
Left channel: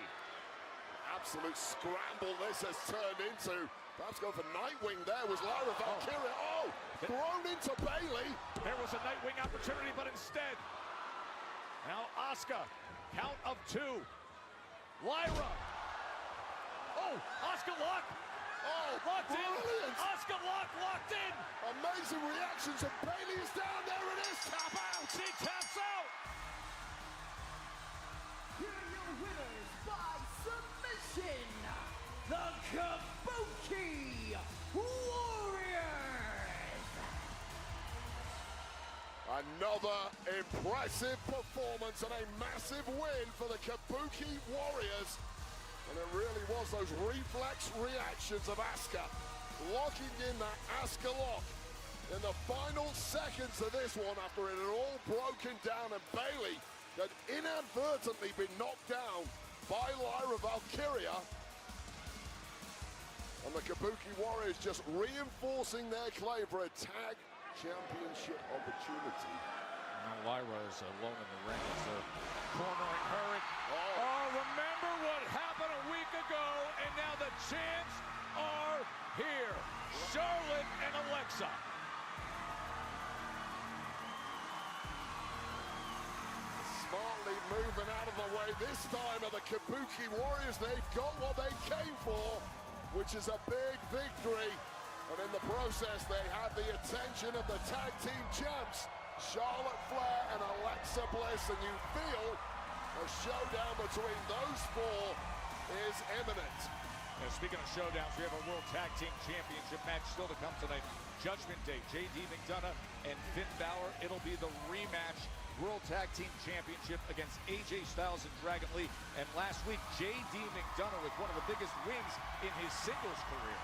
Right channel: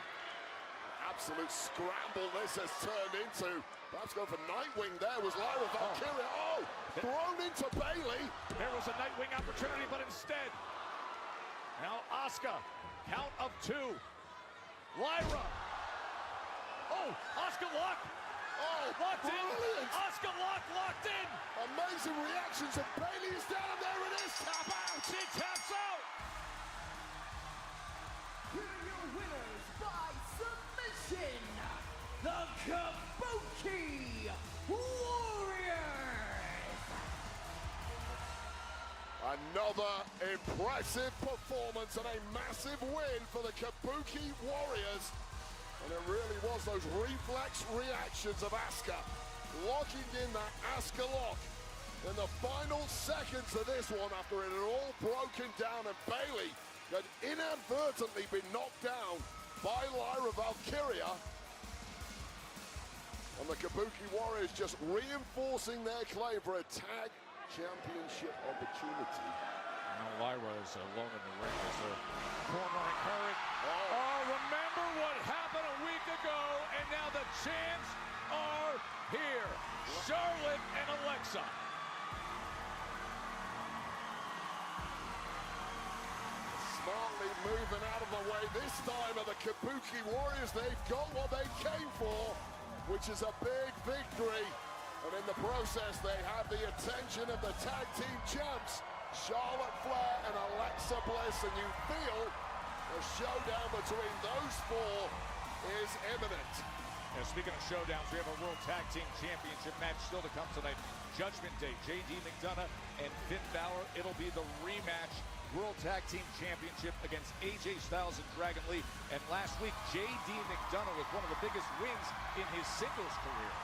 Absolute scramble this has turned into. That's going for Nightwing there was Lyra Valkyria. Oh! Thrown into Bailey. There was a Nightwing opportunity, but instead. Now Asuka. Count of two. Lyra. Oh! Asuka locked. Oh! Locked in. Brilliant. Asuka locked in. Amazing reaction to Bailey's down. There it is. Tap out. She taps out. By submission, the Kabuki Warriors! Another impressive performance, a massive win for the Kabuki Warriors. And it really was those reflex reactions of Asuka, locking in that Asuka lock. In the final seconds of this one, after it had all broken down, and Bailey had inadvertently been knocked down by Lyra Valkyria. And the Kabuki Warriors just reinforcing their claim for a tag championship opportunity. Now Lyra is alone in the ring. So cornering her. Oh, remember what happened a week ago, and now the chants are here. Charlotte and Alexa. Smartly moving out of the way this time, and the Kabuki Warriors, they got what they came for, which is a big victory. And in the process, they had the attention of the tag team champs, Charlotte Flair and Alexa Bliss, and you feel the showdown between those four is imminent. And speaking of showdown, we have a World Tag Team Championship match still to come today. Judgment Day, JD McDonough and Finn Balor. It'll be the rematch World Tag Team Championship against AJ Styles and Dragon Lee. And last week, JD McDonough with one of the biggest wins in his singles career.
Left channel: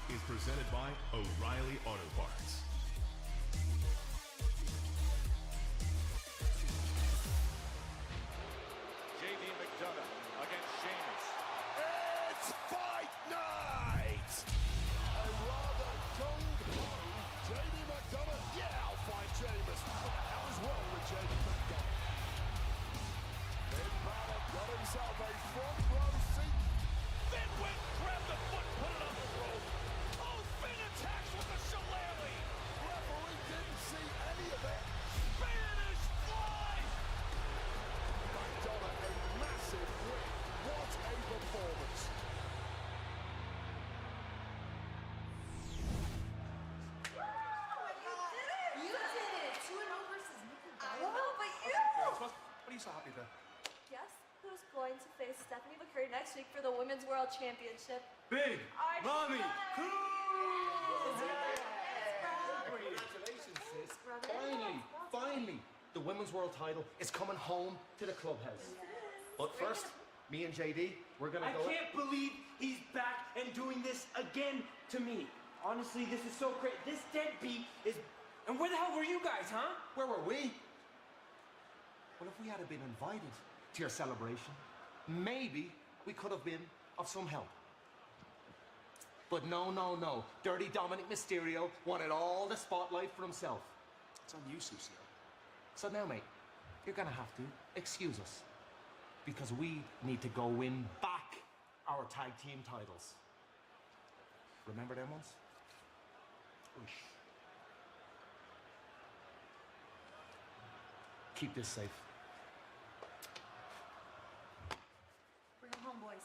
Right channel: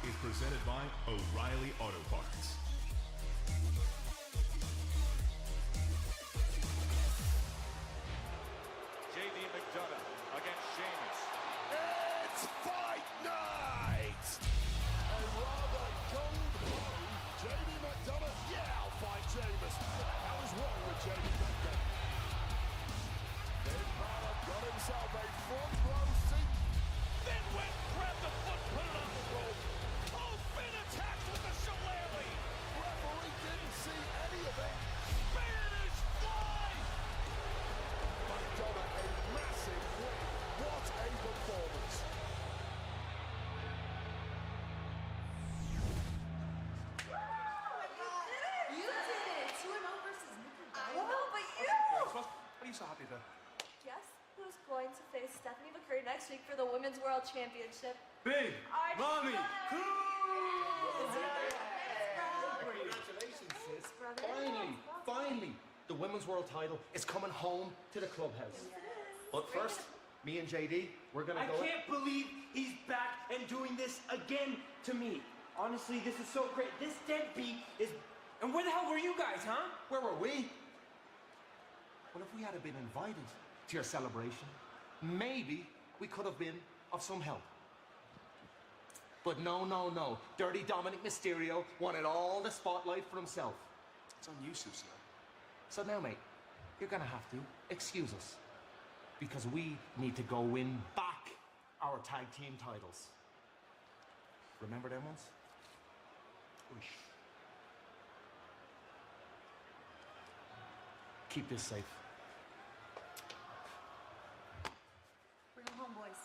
Is presented by O'Reilly Auto Parts. JD McDonough against Sheamus. It's fight night! I rather don't JD McDonough, yeah, I'll fight Sheamus. I was wrong with JD McDonough. Then Balor goes up a front row seat. Then with grab the foot put on the rope. Oh, Finn attacks with a shillelagh. the Women's World Championship. Big Mommy Finally, the Women's World title is coming home to the clubhouse. But first, me and JD, we're gonna I go. can't believe he's back and doing this again to me. Honestly, this is so great. This deadbeat is. And where the hell were you guys, huh? Where were we? Well, if we had been invited to your celebration, maybe we could have been of some help. But no. Dirty Dominic Mysterio wanted all the spotlight for himself. It's on you, Susan. So now, mate, you're gonna have to excuse us. Because we need to go win back our tag team titles. Remember that ones? Keep this safe. Bring them home, boys.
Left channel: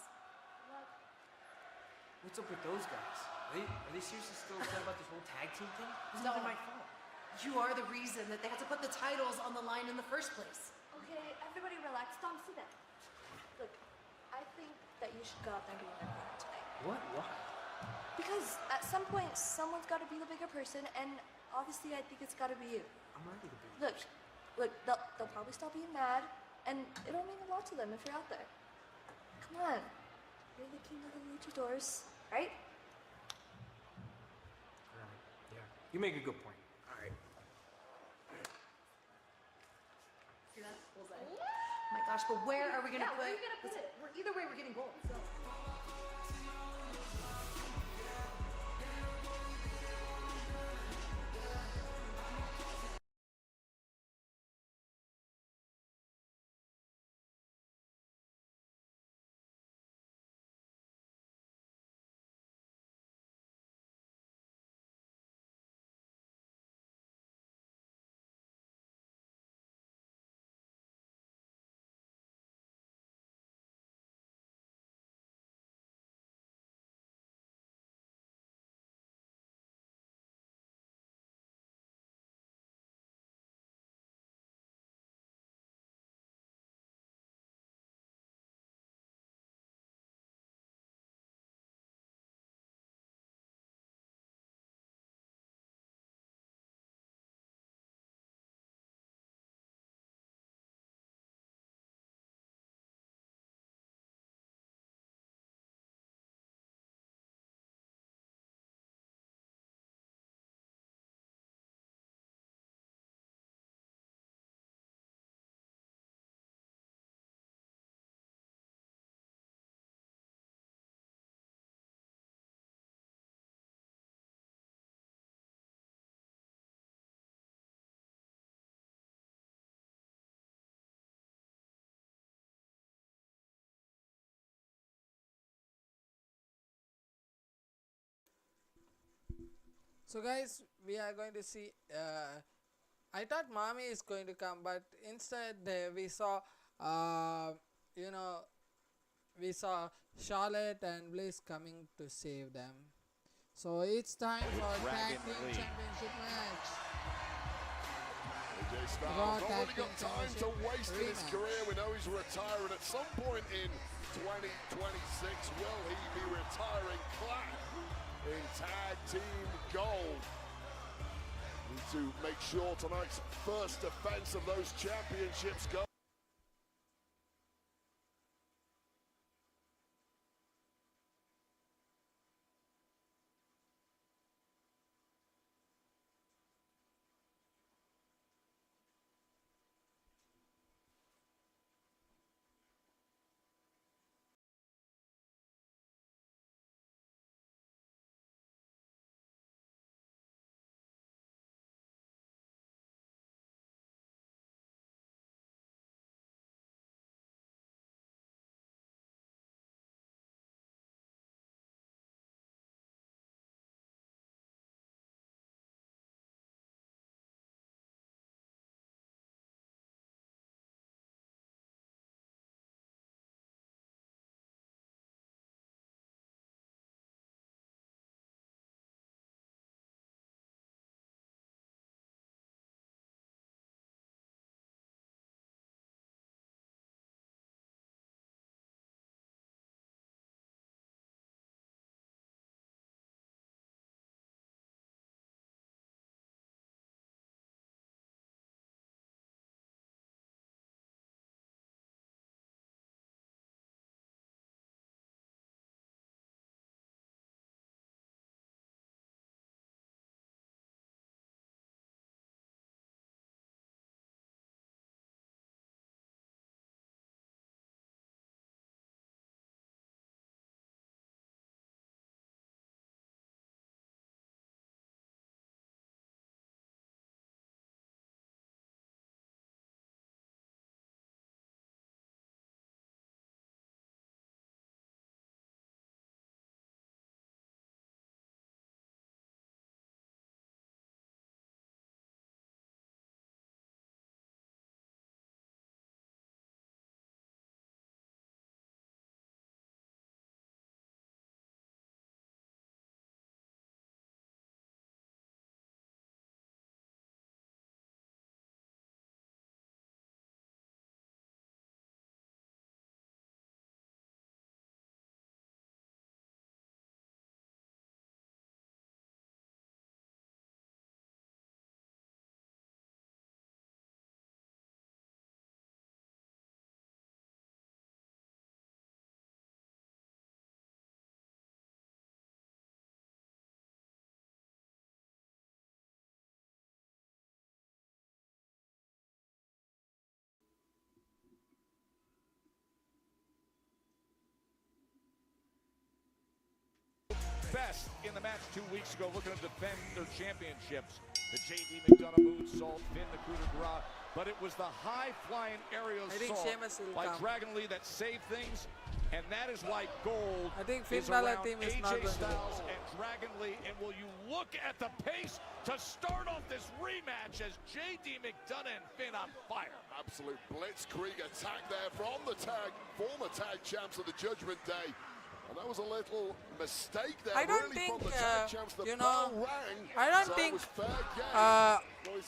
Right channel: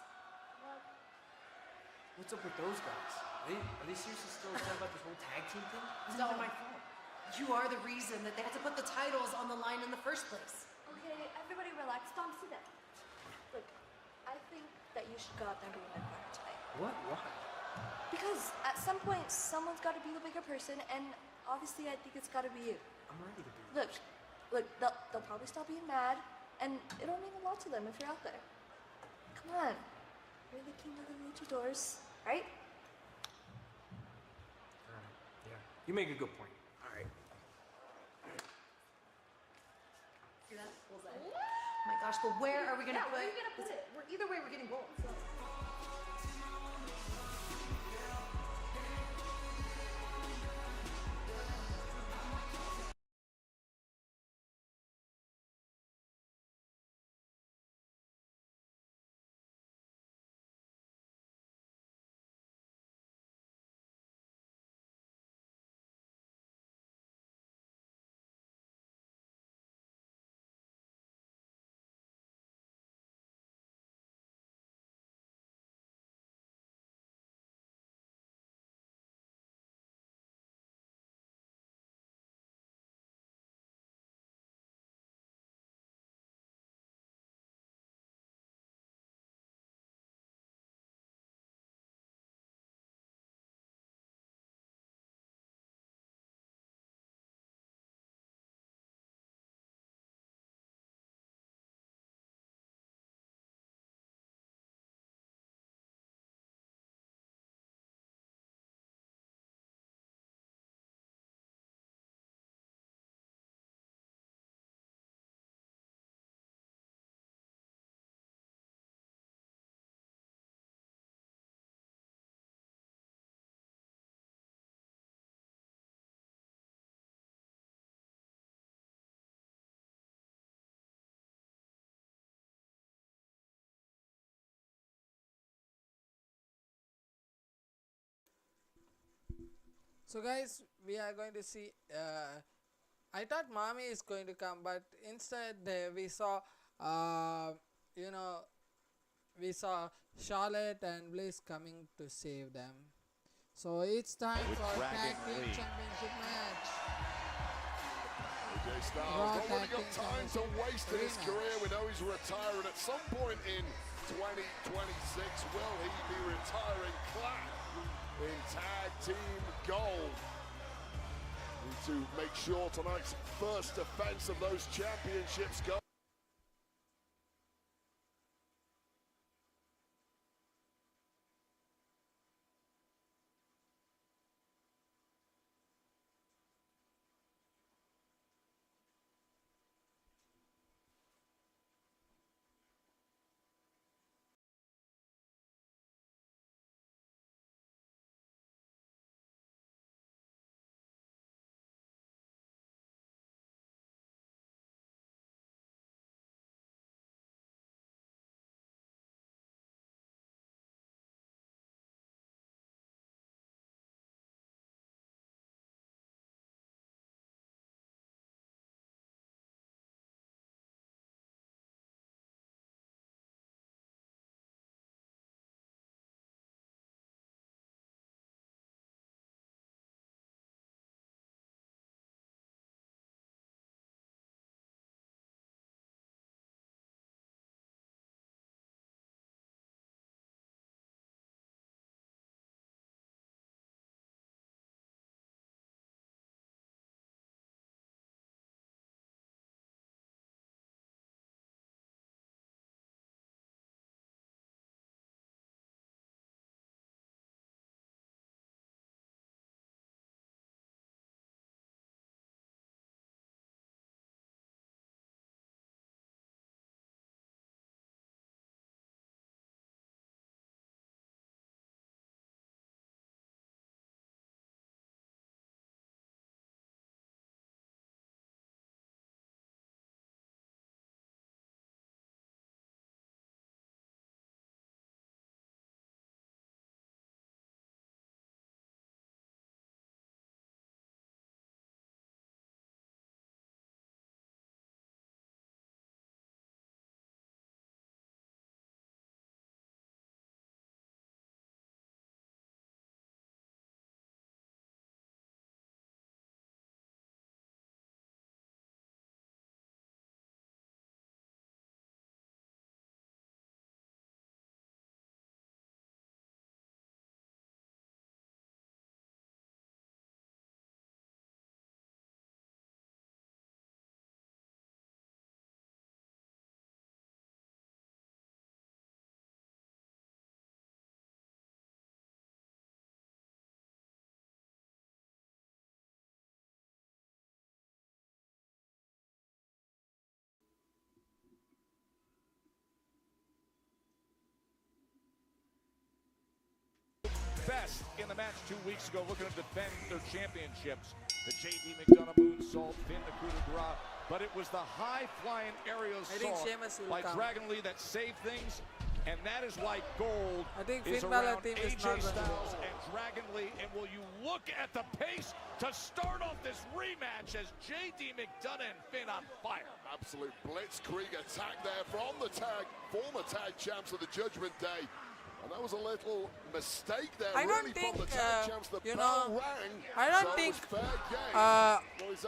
What's up with those guys? Are they seriously still talking about this whole tag team thing? It's not my fault. You are the reason that they had to put the titles on the line in the first place. Okay, everybody relax. Tom, sit down. Look, I think that you should go out there and win that today. What? Because at some point, someone's got to be the bigger person, and obviously I think it's got to be you. Look, they'll probably still be mad, and it'll mean a lot to them if you're out there. Come on. You're the king of the doors, right? You make a good point. See that? Oh my gosh, but where are we gonna put? Either way, we're getting both. So guys, we are going to see. I thought Mommy is going to come, but instead we saw, we saw Charlotte and Bliss coming to save them. So it's time for Tag Team Championship match. Raw Tag Team Championship rematch. We know he's retiring at some point in 2026. Will he be retiring clap in tag team gold? Need to make sure tonight's first defense of those championships go. Uso looking to defend their championships. The JD McDonough moonsault, Finn the coup de grace, but it was the high-flying aerial I think assault Sheamus will by come. Dragon Lee that saved things, and that is like gold. I think is Finn Balor around team is AJ not going to win. Styles and Dragon Lee, and will you look at the pace to start off this rematch as JD McDonough and Finn on fire. Absolute blitzkrieg attack there from the former tag champs of the Judgment Day. And that was a little mistake there. I don't really, think, from the tag champs. The you know, bell rang. I don't So think it was fair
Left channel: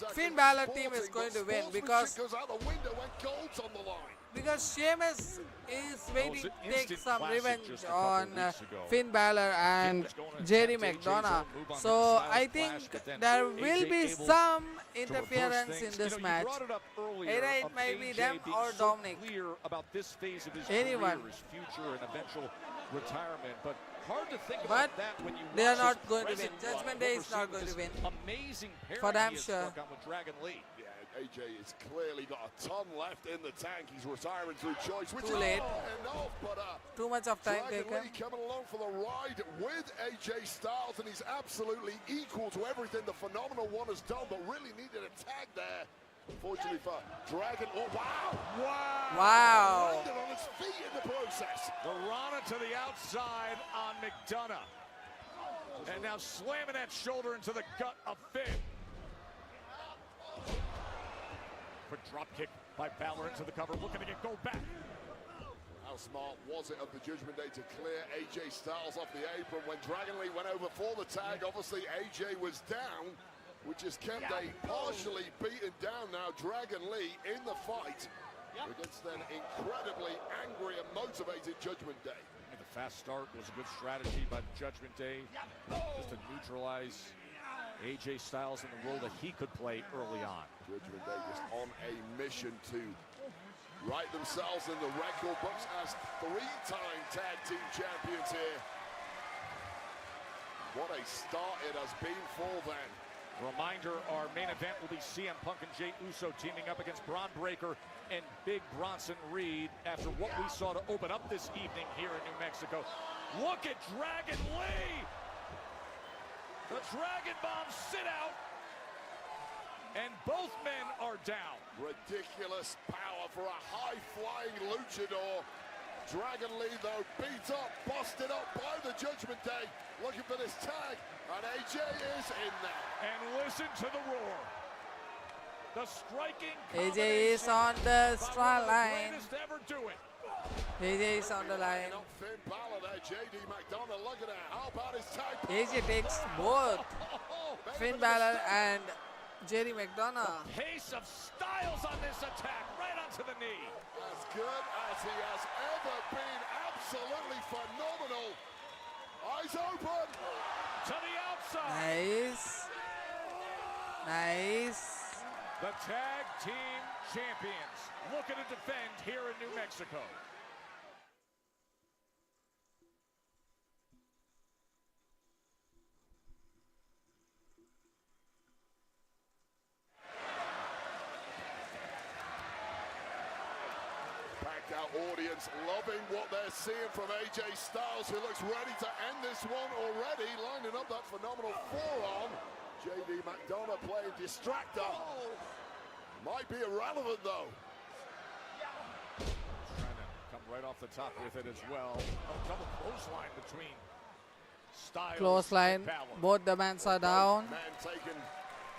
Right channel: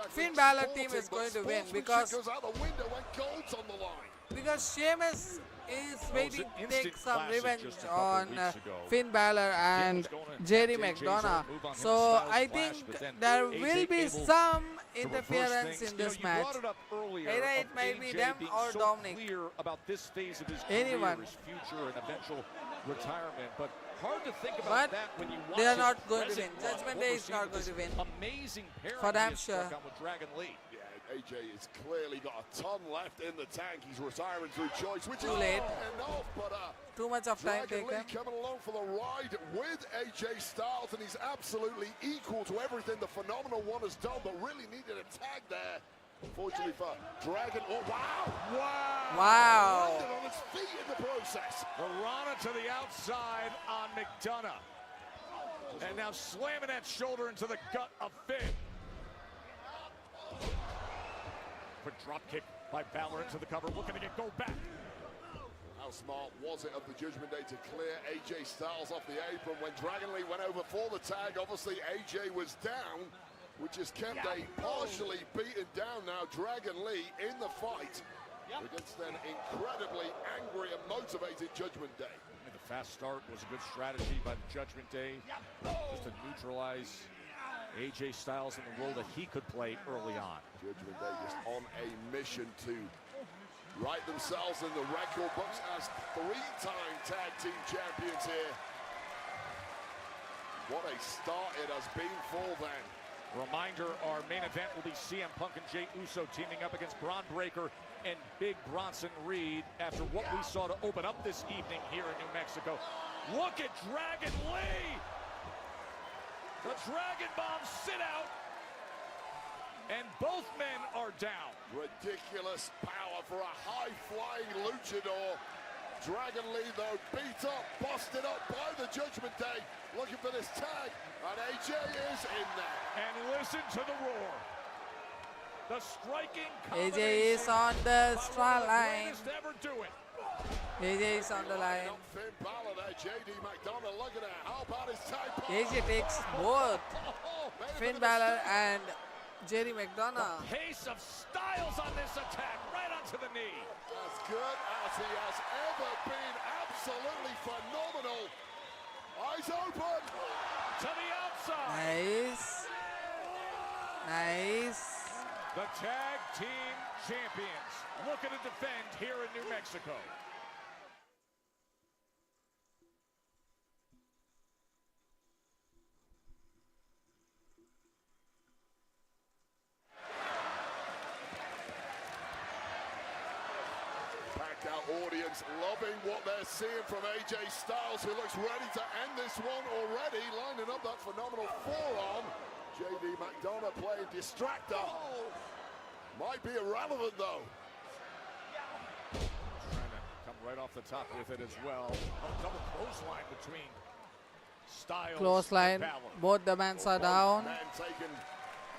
game. Finn Balor team is going to win because Goes out the window and goes on the line. because Sheamus is waiting to take some revenge on Finn Balor and JD McDonough. So I think there will be some interference in this match. Either it might be them or Dominic. Anyone. But they are not going to win. Judgment Day is not going to win. For damn sure. AJ is clearly got a ton left in the tank. He's retiring through choice. Which Too is late. paying off, but, Too much of time taken. Coming along for the ride with AJ Styles, and he's absolutely equal to everything the Phenomenal One has done, but really needed a tag there. Unfortunately for Dragon. Oh, wow! Wow. On his feet in the process. Arana to the outside on McDonough. And now slamming that shoulder into the gut of Finn. Quick drop kick by Balor into the cover. Looking to go back. How smart was it of the Judgment Day to clear AJ Styles off the apron when Dragon Lee went over for the tag? Obviously, AJ was down, which is Kente partially beaten down now. Dragon Lee in the fight against an incredibly angry and motivated Judgment Day. The fast start was good strategy by Judgment Day to neutralize AJ Styles in the role that he could play early on. Judgment Day is on a mission to right themselves in the record books as three-time tag team champions here. What a start it has been for them. Reminder, our main event will be CM Punk and Jey Uso teaming up against Bron Breakker and Big Bronson Reed after what we saw to open up this evening here in New Mexico. Look at Dragon Lee! The Dragon Ball sit out, and both men are down. Ridiculous power for a high-flying luchador. Dragon Lee, though, beat up, busted up by the Judgment Day. Looking for this tag, and AJ is in there. And listen to the roar. The striking AJ is on the straw line. never do it. AJ is on the line. Finn Balor there, JD McDonough looking at how about his tag. AJ takes both Finn Balor and JD McDonough. Pace of Styles on this attack, right onto the knee. As good as he has ever been, absolutely phenomenal. Eyes open. To the outside. Nice. Nice. The tag team champions looking to defend here in New Mexico. Packed out audience loving what they're seeing from AJ Styles, who looks ready to end this one already, lining up that phenomenal forearm. JD McDonough playing distractor. Might be irrelevant though. Come right off the top with it as well. A double clothesline between Styles Clothesline. and Balor. Both the men are down. And taking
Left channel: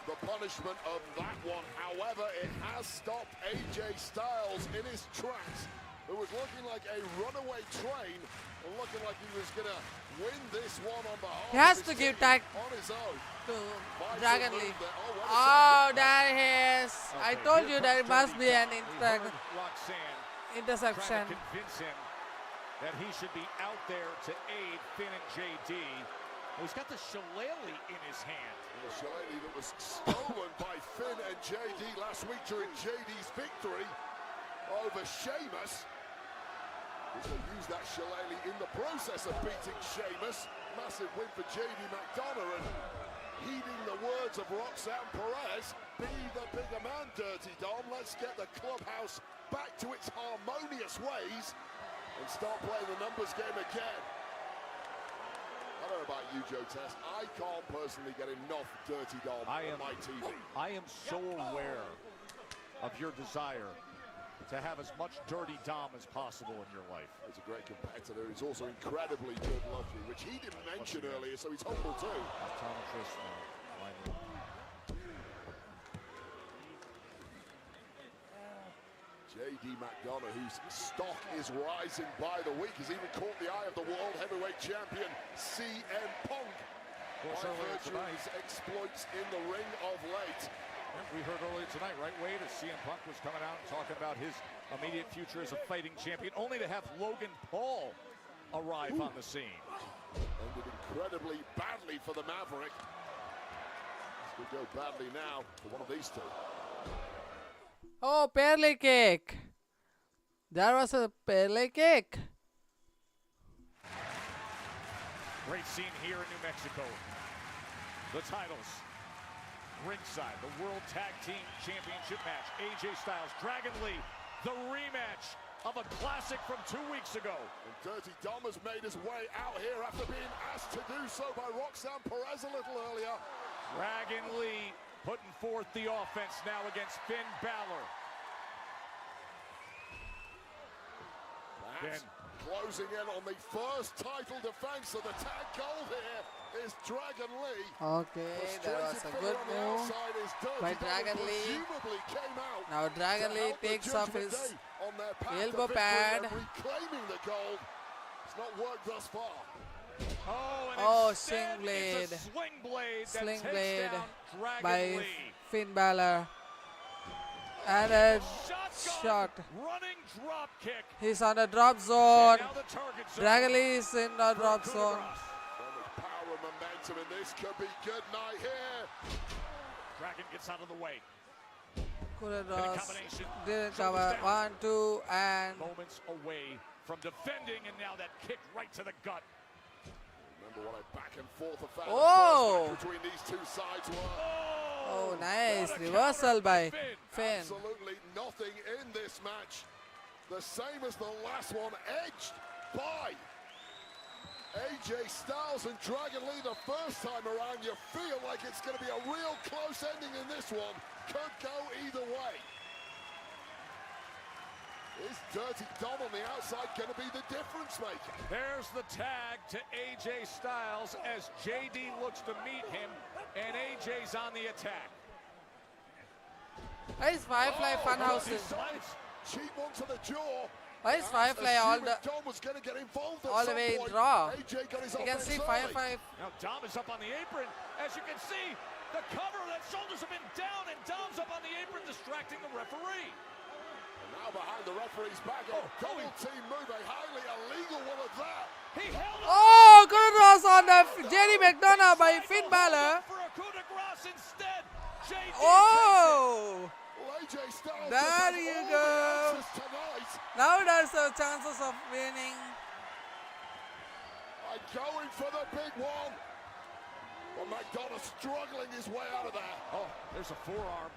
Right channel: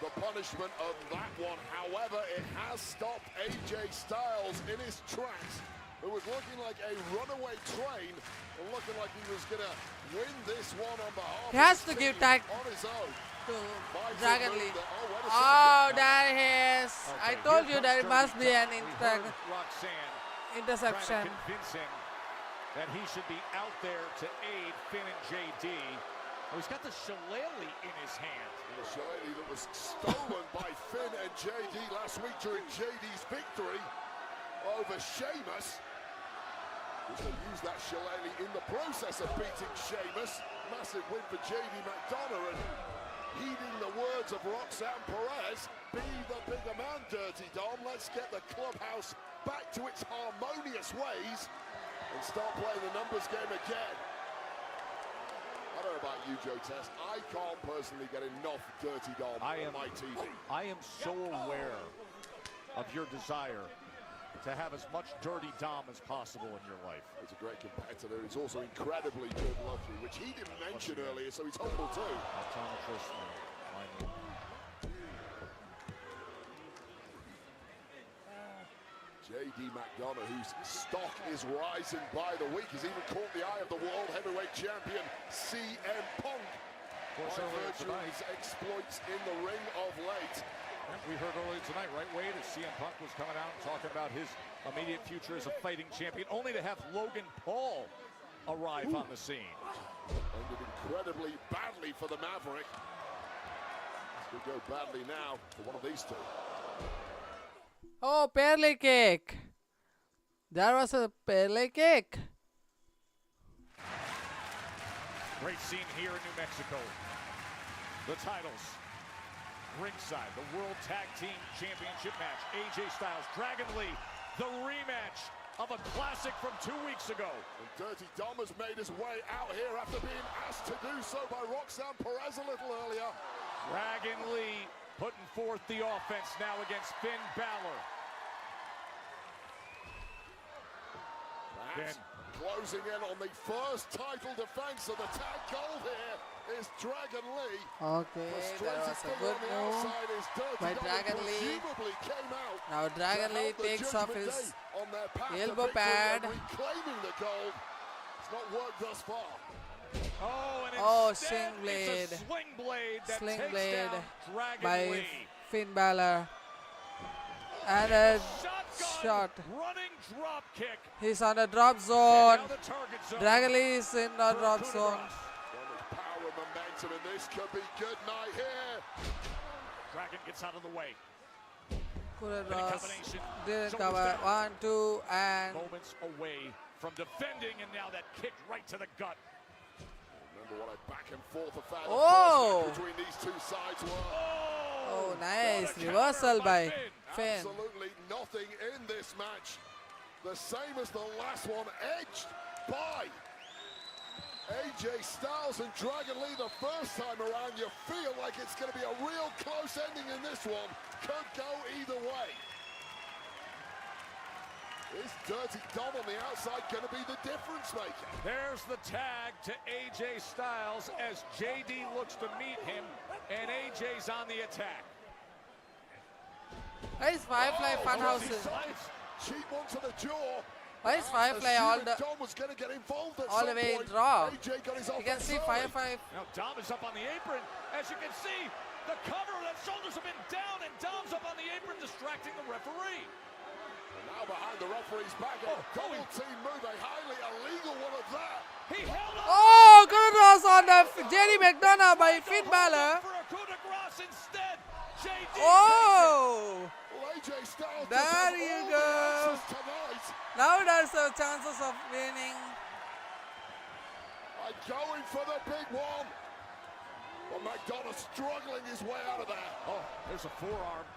the punishment of that one. However, it has stopped AJ Styles in his tracks. It was looking like a runaway train. Looking like he was going to win this one on the He has to give tag on his own. to Dragon Lee. Oh, there he is. I told you there must be an Roxanne interception. convince him that he should be out there to aid Finn and JD. He's got the shillelagh in his hand. The shillelagh was stolen by Finn and JD last week during JD's victory over Sheamus. He used that shillelagh in the process of beating Sheamus. Massive win for JD McDonough. Heeding the words of Roxanne Perez, be the bigger man, Dirty Dom. Let's get the clubhouse back to its harmonious ways and start playing the numbers game again. I don't know about you, Joe Test. I can't personally get enough Dirty Dom on my TV. I am so aware of your desire to have as much Dirty Dom as possible in your life. He's a great competitor. He's also incredibly good at hockey, which he didn't mention earlier, so he's humble too. J.D. McDonough, whose stock is rising by the week. He's even caught the eye of the world heavyweight champion, CM Punk. One of his exploits in the ring of late. We heard earlier tonight, right, Wade, CM Punk was coming out and talking about his immediate future as a fighting champion, only to have Logan Paul arrive on the scene. Incredibly badly for the Maverick. Should go badly now for one of these two. Oh, Perley cake. There was a Perley cake. Great scene here in Mexico. The titles. Ringside, the World Tag Team Championship match. AJ Styles, Dragon Lee, the rematch of a classic from 2 weeks ago. Dirty Dom has made his way out here after being asked to do so by Roxanne Perez a little earlier. Dragon Lee putting forth the offense now against Finn Balor. And closing in on the first title defense of the tag goal here is Dragon Lee. Okay, that was a good move by Dragon Lee. Now Dragon Lee takes off his elbow pad. Oh, sling blade. Sling blade by Finn Balor. And a shot. He's on a drop zone. Dragon Lee is in the drop zone. Kudos didn't cover. 1, 2, and Moments away from defending, and now that kick right to the gut. oh, oh, nice reversal by Finn. Absolutely nothing in this match. The same as the last one, edged by AJ Styles and Dragon Lee the first time around. You feel like it's going to be a real close ending in this one. Could go either way. Is Dirty Dom on the outside going to be the difference maker? There's the tag to AJ Styles as JD looks to meet him, and AJ's on the attack. Why is Firefly Funhouses? She wants to the jaw. Why is Firefly all the way in Raw? You can see Firefly. Now Dom is up on the apron. As you can see, the cover that shoulders been down, and Dom's up on the apron, distracting the referee. Now behind the referee's back. Oh, going to move a highly illegal one of that. Oh, good cross on the JD McDonough by Finn Balor. Oh, there you go. Now there's a chances of winning. Going for the big one. Well, McDonough struggling his way out of there. Oh, there's a forearm.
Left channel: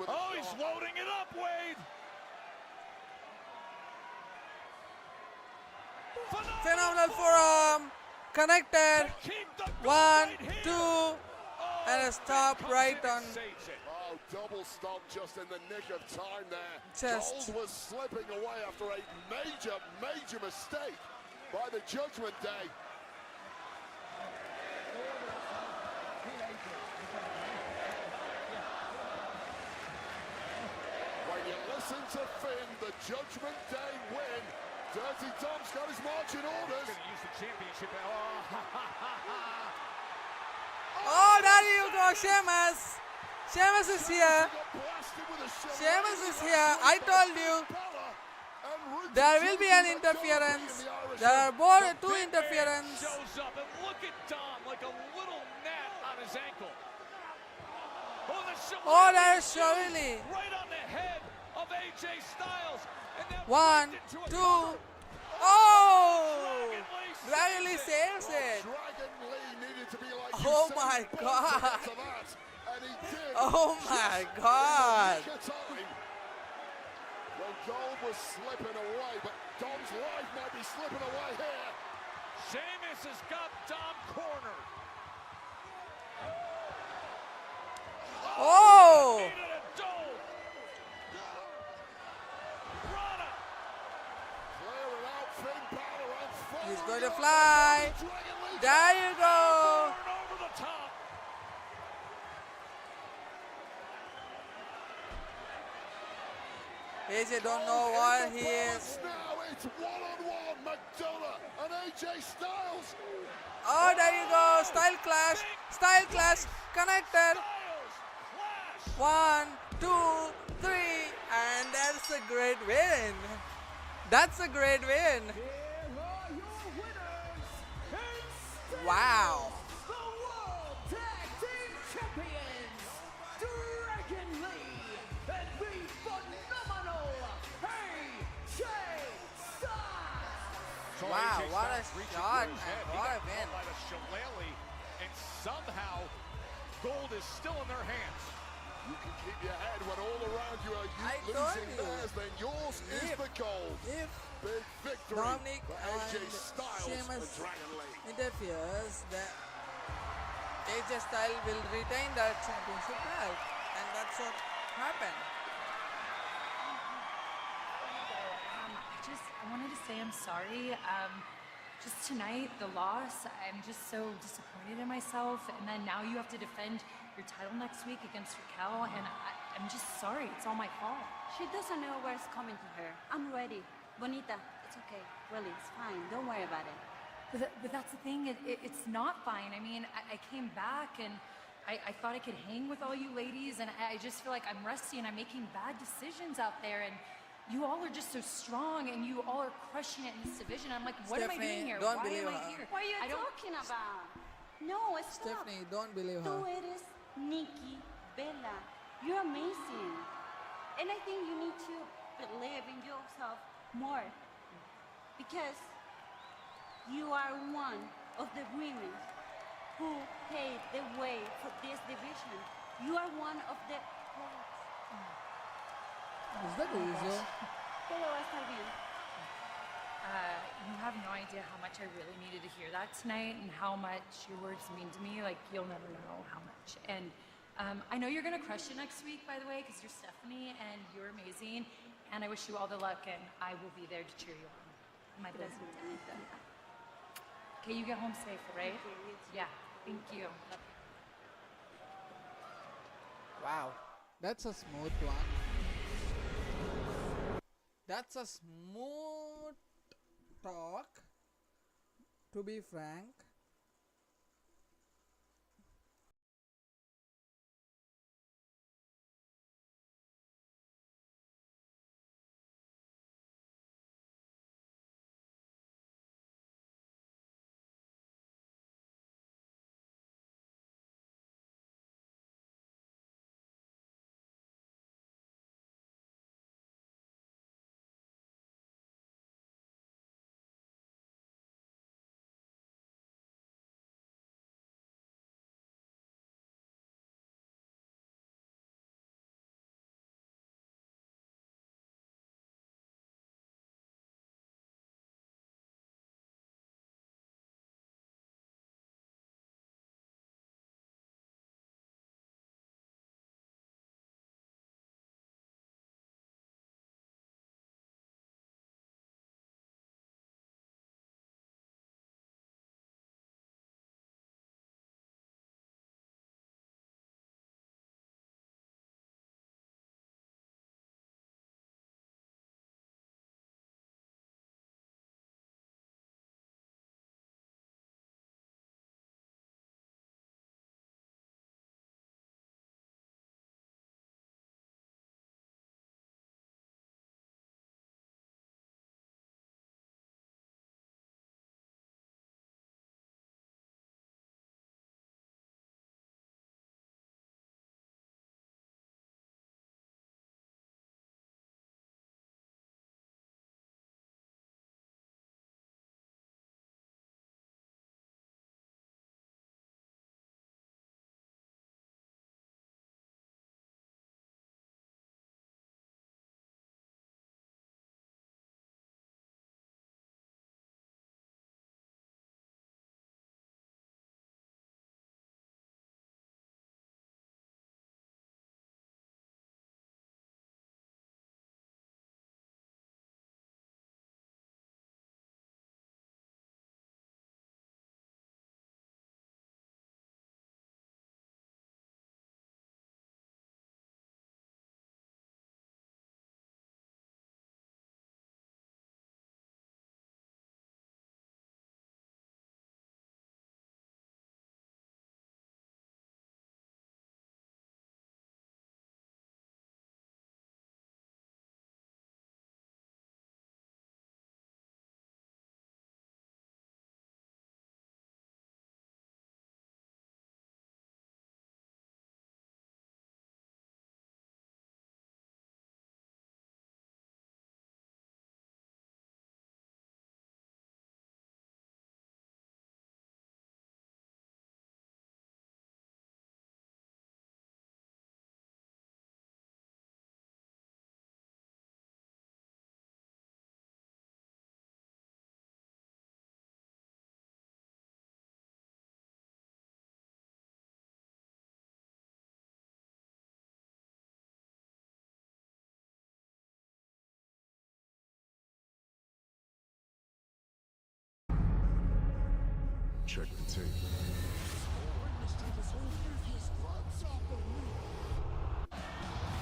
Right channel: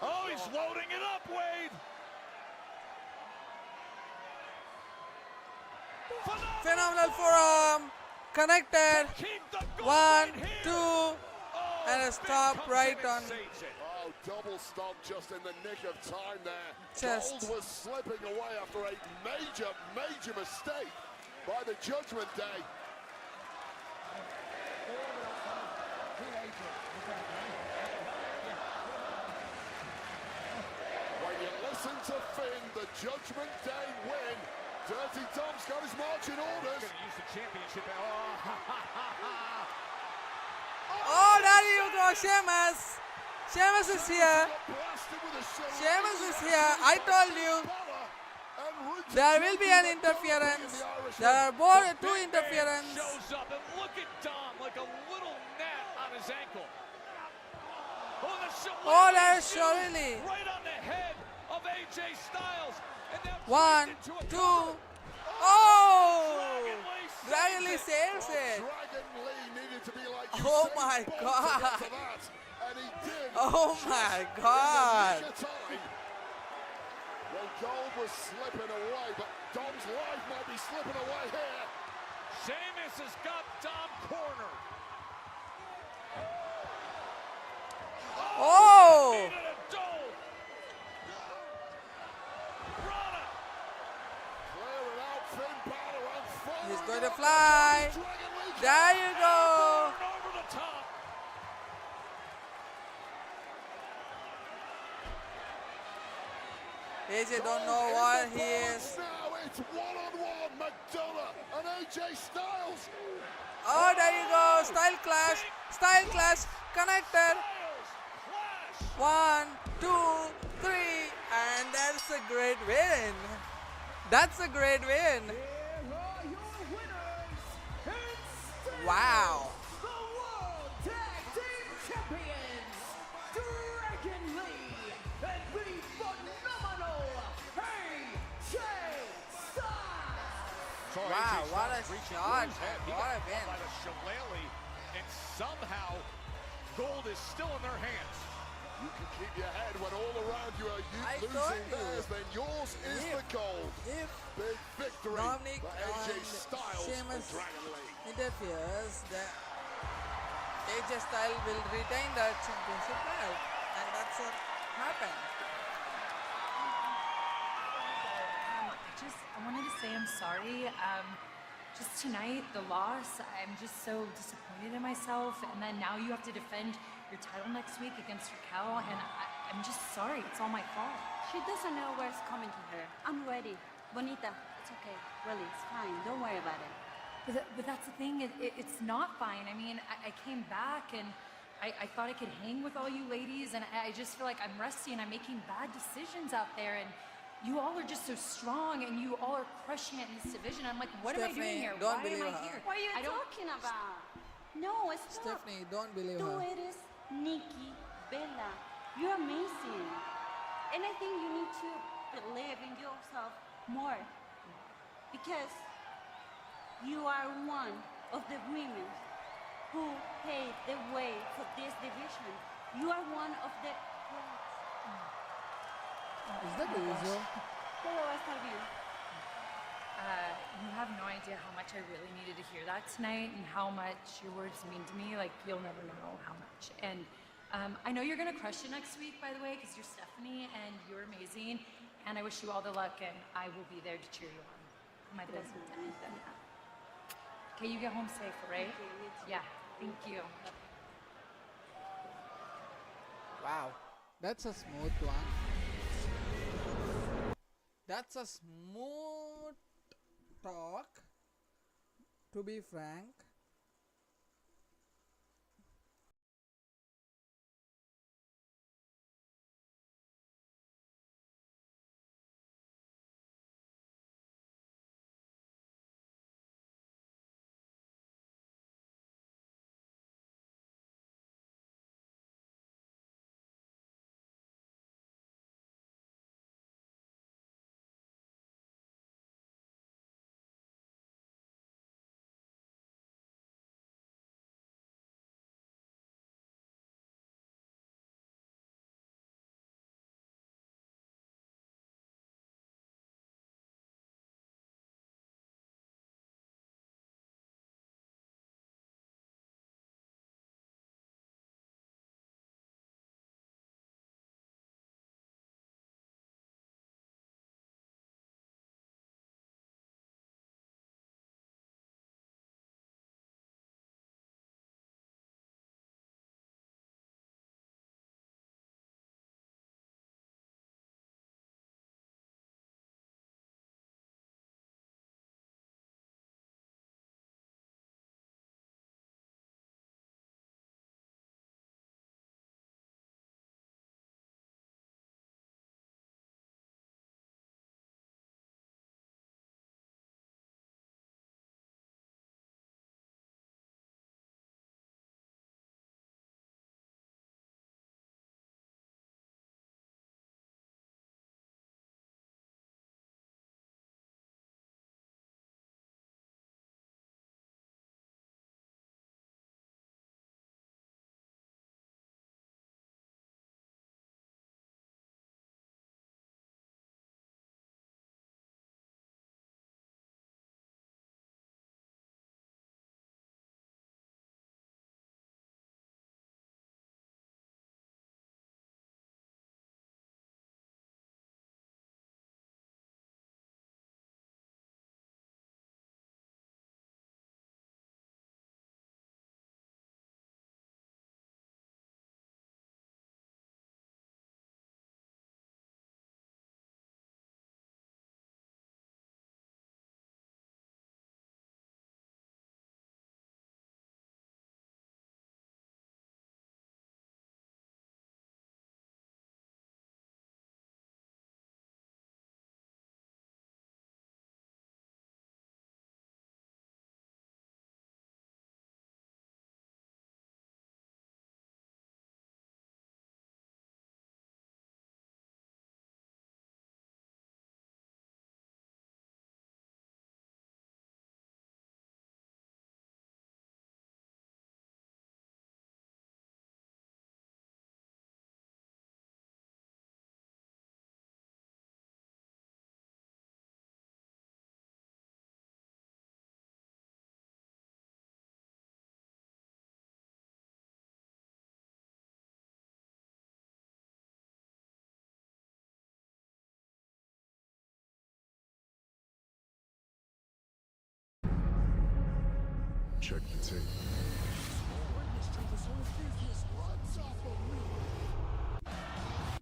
Oh, he's loading it up, Wade. Phenomenal forearm. Connected. 1, 2, and a stop right on Oh, double stop just in the nick of time there. chest. Gold was slipping away after a major, major mistake by the Judgment Day. When you listen to Finn, the Judgment Day win. Dirty Dom's got his marching orders. Oh, there you go, Sheamus. Sheamus is here. Sheamus is here. I told you there will be an interference. There are both 2 interference. Oh, there's Shirley. 1, 2. Oh, Dragon Lee saves it. Oh my God. Oh my God. Sheamus has got Dom cornered. He's going to fly. There you go. AJ don't know what he is. Oh, there you go. Style clash. Style clash. Connected. 1, 2, 3. And that's a great win. That's a great win. Wow. Wow, what a shot and what a win. And somehow, gold is still in our hands. I told you, if Dominic and Sheamus interferes, the AJ Styles will retain that championship belt, and that's what happened. I want to say I'm sorry. Just tonight, the loss, I'm just so disappointed in myself. And then now you have to defend your title next week against Raquel, and I'm just sorry. It's all my fault. She doesn't know where it's coming from her. I'm ready. Bonita, it's okay. Really, it's fine. Don't worry about it. But that's the thing. It's not fine. I mean, I came back and I thought I could hang with all you ladies, and I just feel like I'm rusty and I'm making bad decisions out there. And you all are just so strong, and you all are crushing it in this division. I'm like, what am I doing here? Don't Why believe am I her. here? What are you talking about? No, it's Stephanie, don't believe not. her. Tú eres Nikki Bella. You're amazing. Anything you need to believe in yourself more. Because you are one of the women who paved the way for this division. You are one of the... Is that Uzo? You have no idea how much I really needed to hear that tonight, and how much your words mean to me. Like, you'll never know how much. And I know you're going to crush it next week, by the way, because you're Stephanie and you're amazing. And I wish you all the luck, and I will be there to cheer you on. My best. Okay, you get home safe, right? Yeah, thank you. Wow, that's a smooth one. That's a smooth talk, to be frank.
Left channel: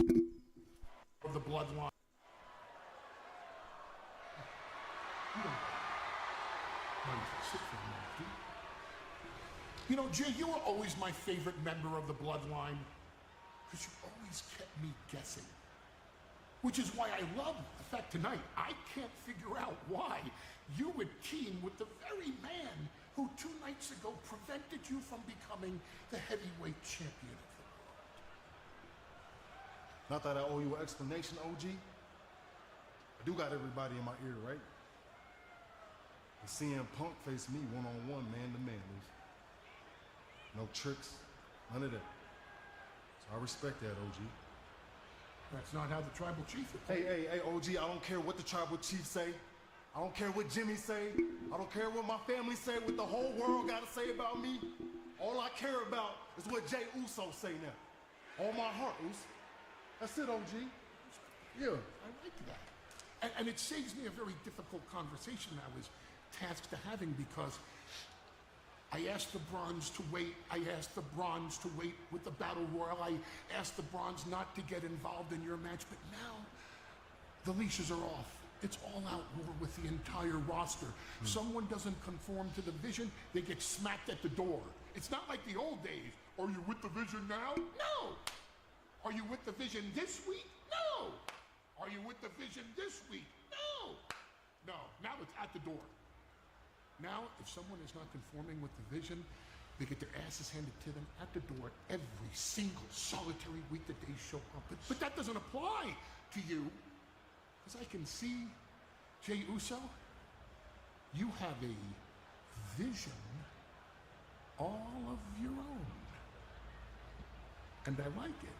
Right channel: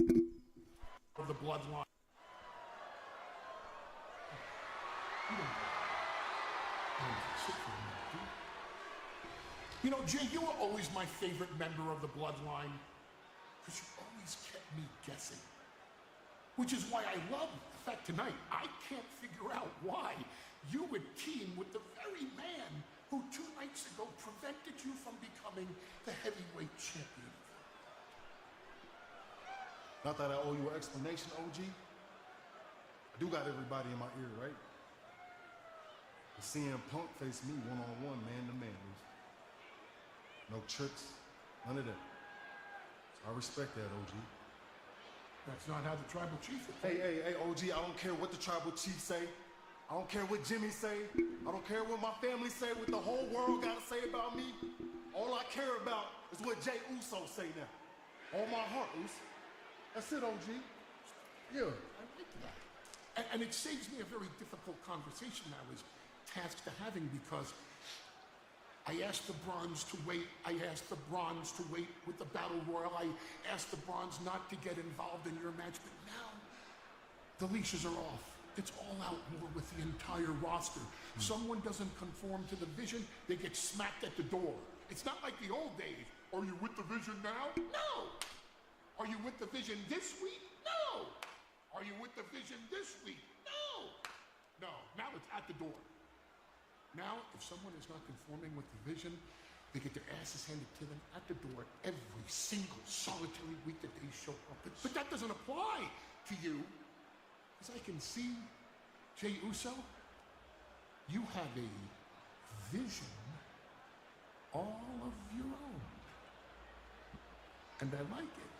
For the bloodline. You know, Jay, you were always my favorite member of the bloodline. Because you always kept me guessing. Which is why I love the fact tonight I can't figure out why you would team with the very man who 2 nights ago prevented you from becoming the heavyweight champion. Not that I owe you an explanation, OG. I do got everybody in my ear, right? Seeing a Punk face me one-on-one, man-to-man. No tricks, none of that. I respect that, OG. That's not how the tribal chief is. Hey, OG, I don't care what the tribal chief say. I don't care what Jimmy say. I don't care what my family say, what the whole world got to say about me. All I care about is what Jey Uso say now. All my heart is. That's it, OG. Yeah. And it seems to be a very difficult conversation I was tasked to having because I asked the Bronze to wait. I asked the Bronze to wait with the Battle Royal. I asked the Bronze not to get involved in your match, but now the leashes are off. It's all out war with the entire roster. Someone doesn't conform to the division, they get smacked at the door. It's not like the old days. Are you with the Vision now? No! Are you with the Vision this week? No! Are you with the Vision this week? No! No, now it's at the door. Now, if someone is not conforming with the Vision, they get their asses handed to them at the door every single solitary week that they show up. But that doesn't apply to you. As I can see, Jey Uso, you have a vision all of your own. And I like it.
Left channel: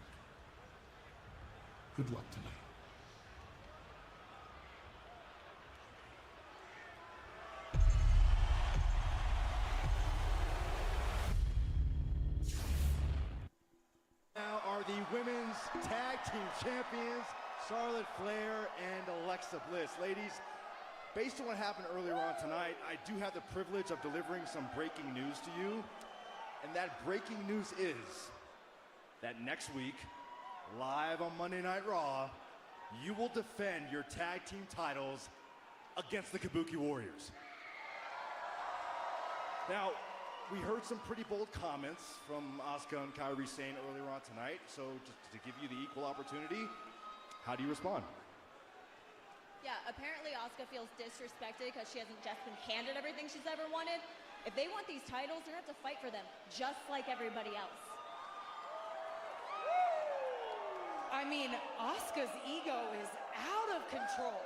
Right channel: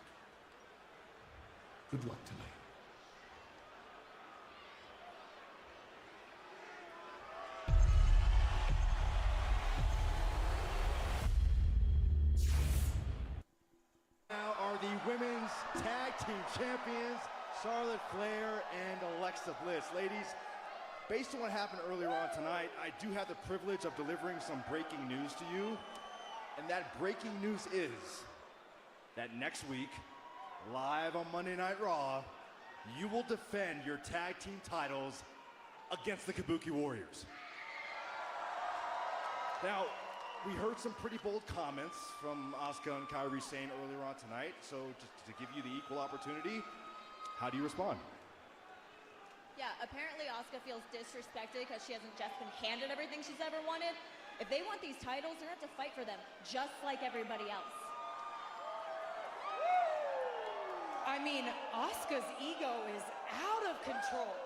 Good luck tonight. Now are the women's tag team champions, Charlotte Flair and Alexa Bliss. Ladies, based on what happened earlier on tonight, I do have the privilege of delivering some breaking news to you. And that breaking news is that next week, live on Monday Night Raw, you will defend your tag team titles against the Kabuki Warriors. Now, we heard some pretty bold comments from Asuka and Kairi Sane earlier on tonight, so just to give you the equal opportunity, how do you respond? Yeah, apparently Asuka feels disrespected because she hasn't just been handed everything she's ever wanted. If they want these titles, they're going to have to fight for them, just like everybody else. I mean, Asuka's ego is out of control.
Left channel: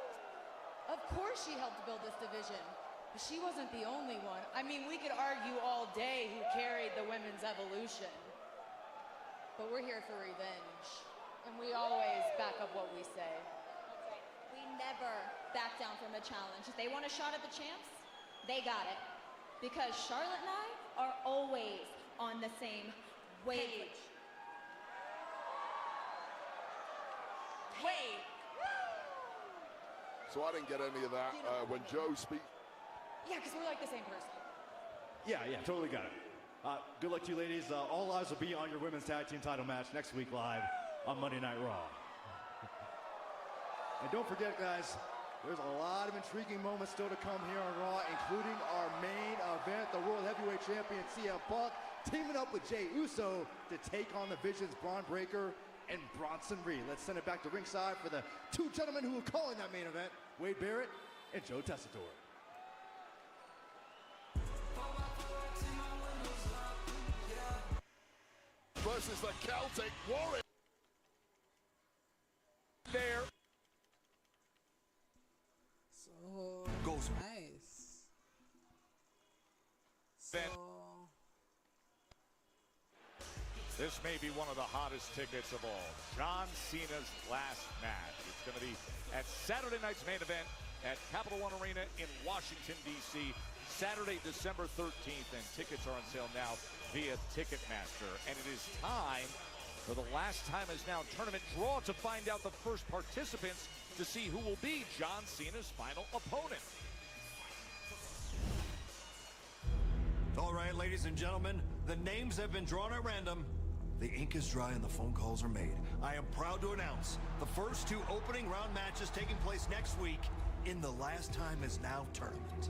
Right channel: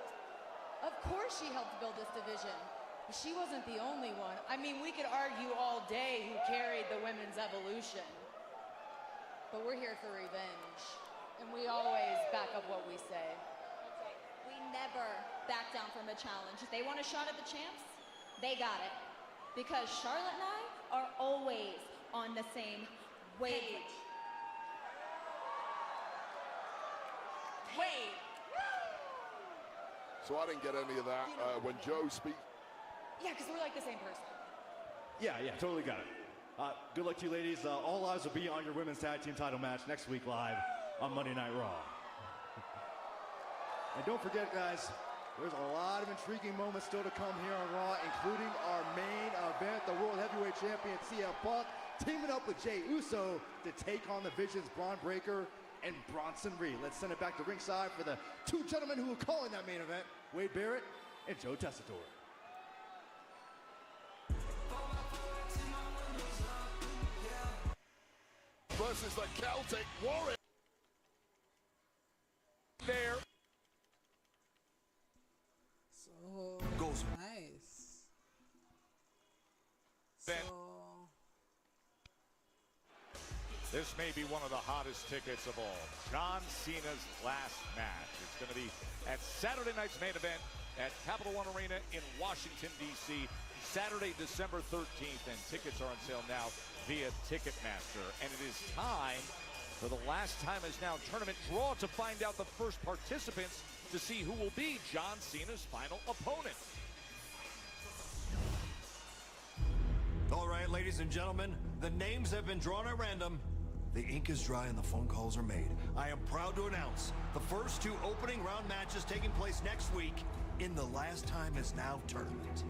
Of course she helped build this division. But she wasn't the only one. I mean, we could argue all day who carried the women's evolution. But we're here for revenge. And we always back up what we say. We never back down from a challenge. They want a shot at the chance? They got it. Because Charlotte and I are always on the same wave. Hey! So I didn't get any of that when Joe speaks. Yeah, because we're like the same person. Yeah, totally got it. Good luck to you ladies. All eyes will be on your women's tag team title match next week live on Monday Night Raw. And don't forget, guys, there's a lot of intriguing moments still to come here on Raw, including our main event, the World Heavyweight Champion CM Punk teaming up with Jey Uso to take on the Vision's Braun Breaker and Bronson Reed. Let's send it back to ringside for the two gentlemen who are calling that main event, Wade Barrett and Joe Tessitore. Versus the Celtic Warrior. There. So nice. So this may be one of the hottest tickets of all. John Cena's last match is going to be at Saturday night's main event at Capital One Arena in Washington, D.C. Saturday, December 13th, and tickets are on sale now via Ticketmaster. And it is time for the last time in this now tournament draw to find out the first participants to see who will be John Cena's final opponent. All right, ladies and gentlemen, the names have been drawn at random. The ink is dry and the phone calls are made. I am proud to announce the first two opening round matches taking place next week in the Last Time Is Now tournament.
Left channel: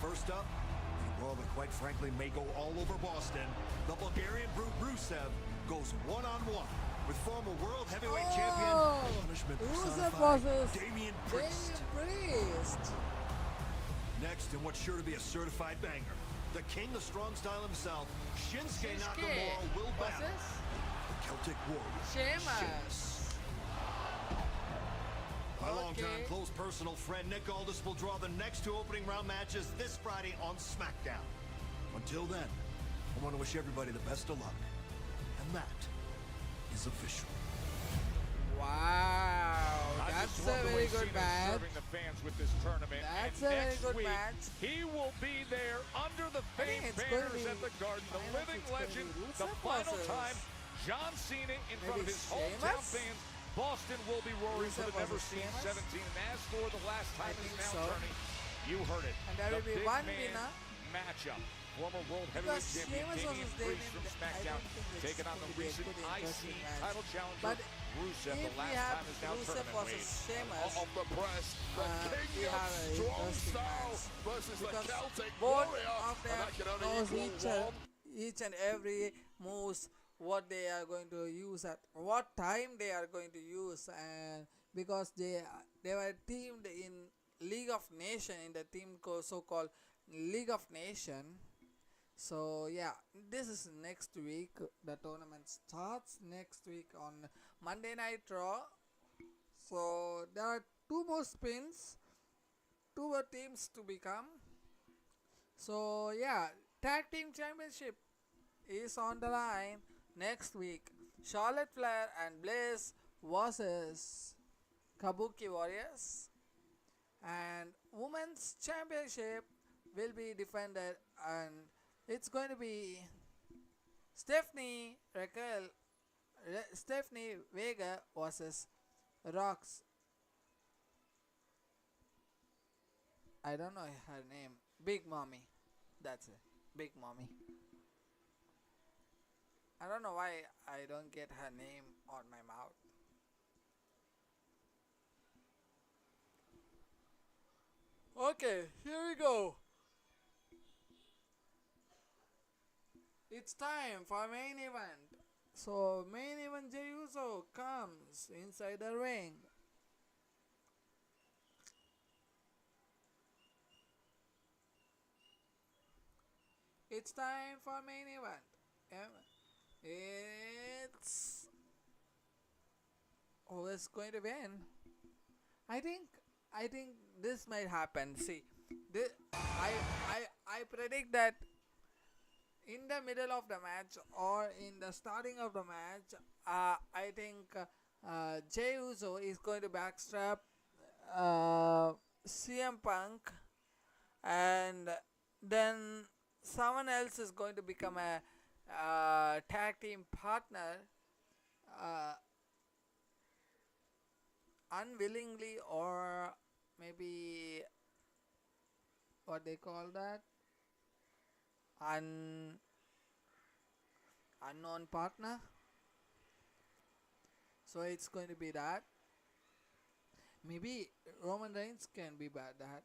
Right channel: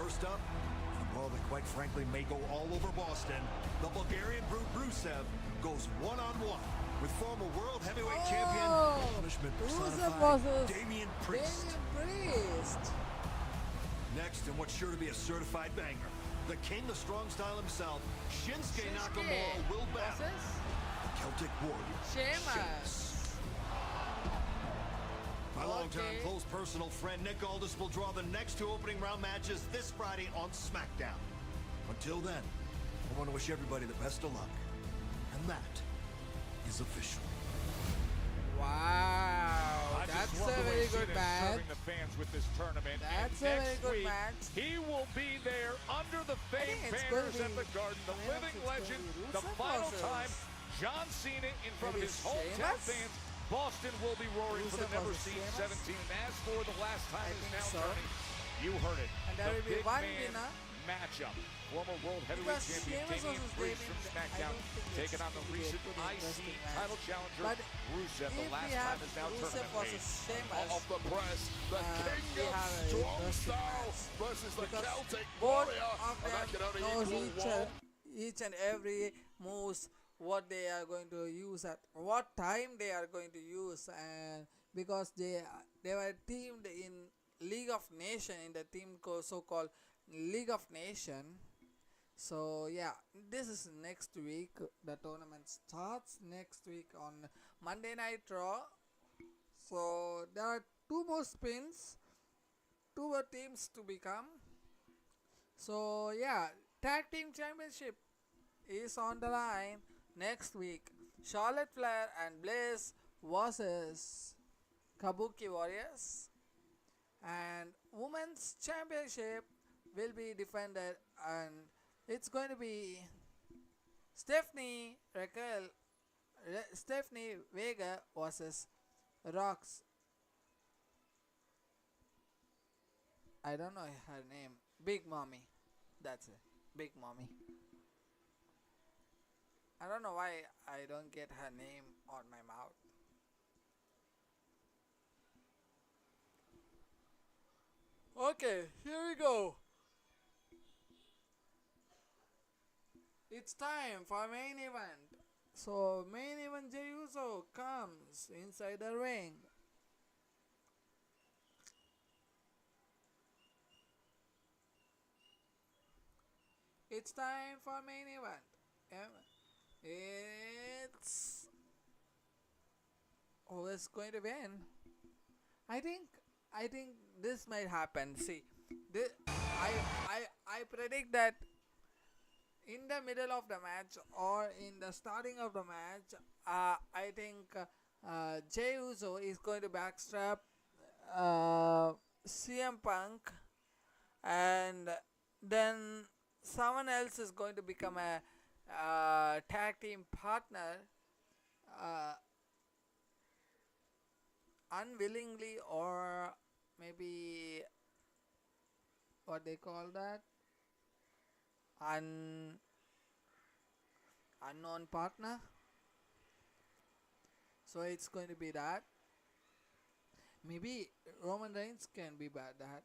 First up, well, quite frankly, may go all over Boston. The Bulgarian group Rusev goes one-on-one with former world heavyweight champion Rusev versus Damian Damian Priest. Next, in what sure to be a certified banger, the king of strong style himself, Shinsuke Nakamura will battle versus Celtic Warrior Sheamus. Okay. Close personal friend Nick Aldis will draw the next two opening round matches this Friday on SmackDown. Until then, I want to wish everybody the best of luck. And that is official. Wow, that's a very good match. That's a very good match. He will be there under the I think it's going to be Rusev versus John Cena in front maybe of his hometown Sheamus. fans. Boston will be roaring Rusev for the versus Sheamus. 17 as for the last time. I think so. You heard it. And there will be The one big winner. matchup. World Because Heavyweight Sheamus Champion versus Dean Damien, Priest I don't think it's taking on going to be a recent good, interesting IC match. title challenger But Rusev, if the we last have time is now Rusev tournament. versus Sheamus, All the press, the we have an interesting match. Because both of them knows each and every moves, what they are going to use at what time they are going to use, and because they were teamed in League of Nation, in the team so-called League of Nation. So yeah, this is next week. The tournament starts next week on Monday Night Raw. So there are two more spins, two more teams to become. So yeah, Tag Team Championship is on the line next week. Charlotte Flair and Bliss versus Kabuki Warriors. And Women's Championship will be defended, and it's going to be Stephanie Vega versus Rox. I don't know her name. Big Mommy. That's it. Big Mommy. I don't know why I don't get her name on my mouth. Okay, here we go. It's time for main event. So main event Jey Uso comes inside the ring. It's time for main event. It's who is going to win? I think this might happen. See, I predict that in the middle of the match or in the starting of the match, I think Jey Uso is going to backstrap CM Punk, and then someone else is going to become a tag team partner, unwillingly, or maybe what they call that, unknown partner. So it's going to be that. Maybe Roman Reigns can be bad that.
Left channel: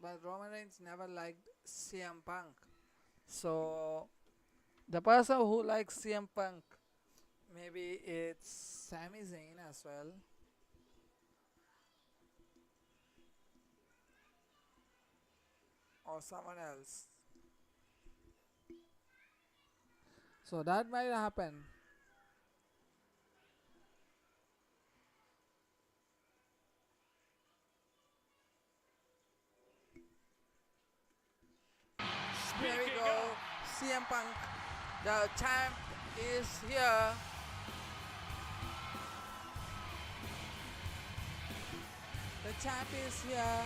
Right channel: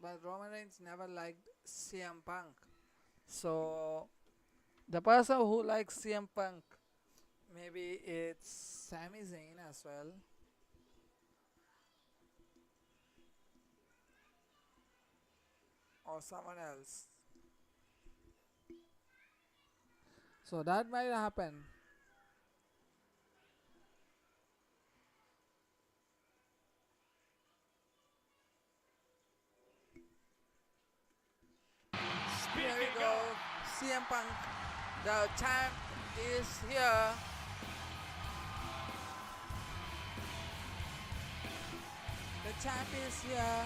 But Roman Reigns never liked CM Punk. So the person who likes CM Punk, maybe it's Sami Zayn as well. Or someone else. So that might happen. Here we go. CM Punk, the champ, is here. The champ is here.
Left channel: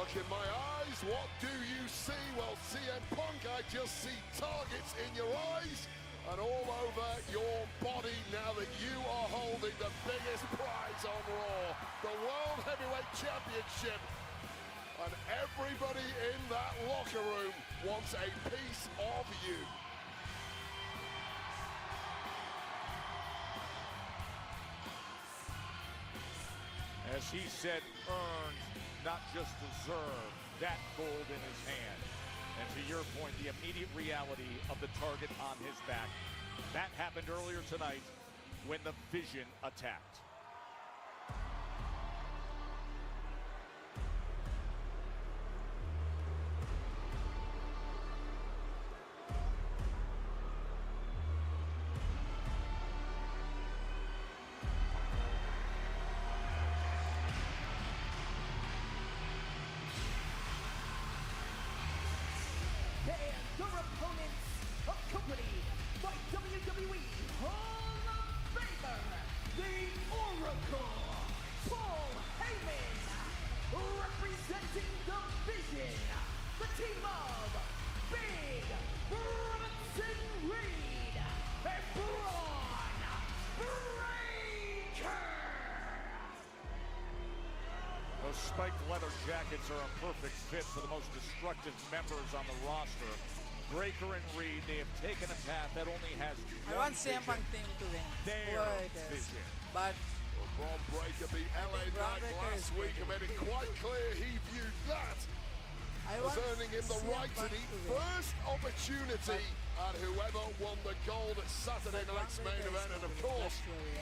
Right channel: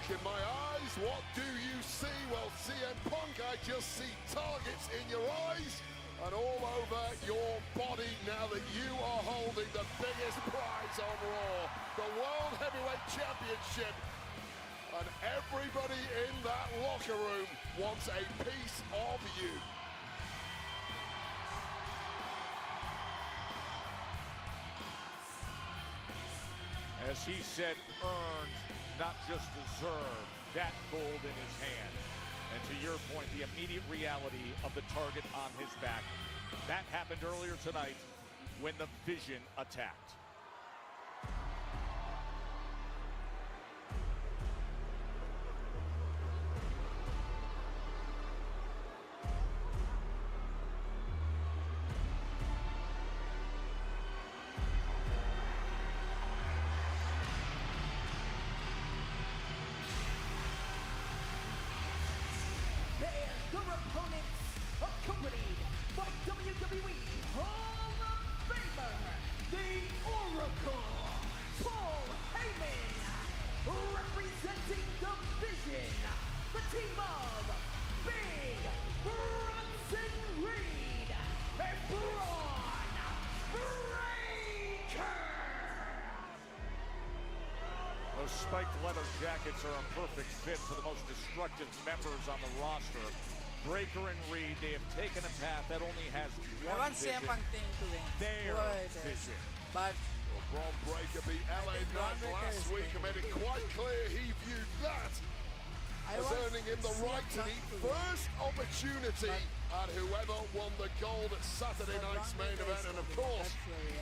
Look in my eyes, what do you see? Well, CM Punk, I just see targets in your eyes and all over your body now that you are holding the biggest prize on Raw, the World Heavyweight Championship. And everybody in that locker room wants a piece of you. As he said, earned, not just deserved, that gold in his hand. And to your point, the immediate reality of the target on his back. That happened earlier tonight when the Vision attacked. Spiked leather jackets are a perfect fit for the most destructive members on the roster. Breaker and Reed, they have taken a path that only has I want CM Punk team to win, whoever it is. But I think Braun Breaker is going to win. I want CM Punk to win. But whoever won the gold at Saturday Night Mania, and of course,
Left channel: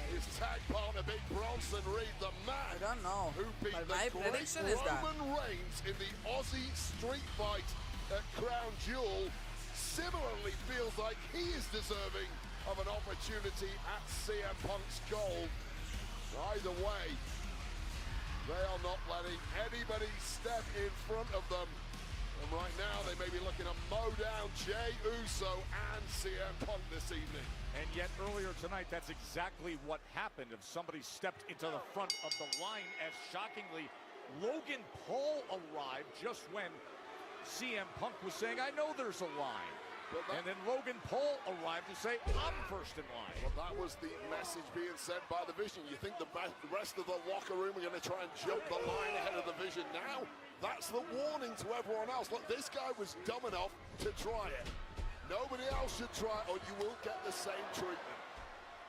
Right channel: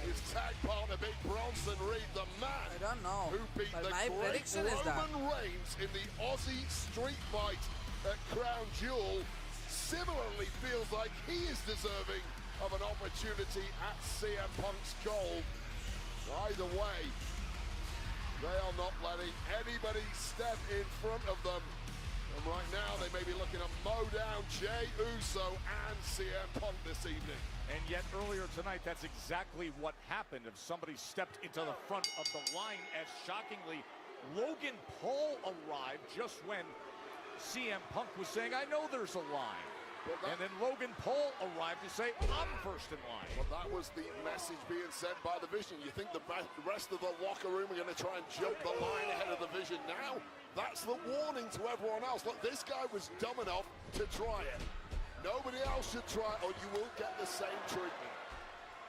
his tag partner, Big Bronson Reed, the man. I don't know, but my prediction is that Roman Reigns in the Aussie Street Fight at Crown Jewel similarly feels like he is deserving of an opportunity at CM Punk's gold. Either way, they are not letting anybody step in front of them. And right now they may be looking at Mo Down, Jey Uso, and CM Punk this evening. And yet earlier tonight, that's exactly what happened. If somebody stepped into the front of the line, as shockingly, Logan Paul arrived just when CM Punk was saying, I know there's a line. And then Logan Paul arrived to say, I'm first in line. Well, that was the message being sent by the Vision. You think the rest of the locker room are going to try and jump the line ahead of the Vision now? That's the warning to everyone else. Look, this guy was dumb enough to try it. Nobody else should try, or you will get the same treatment.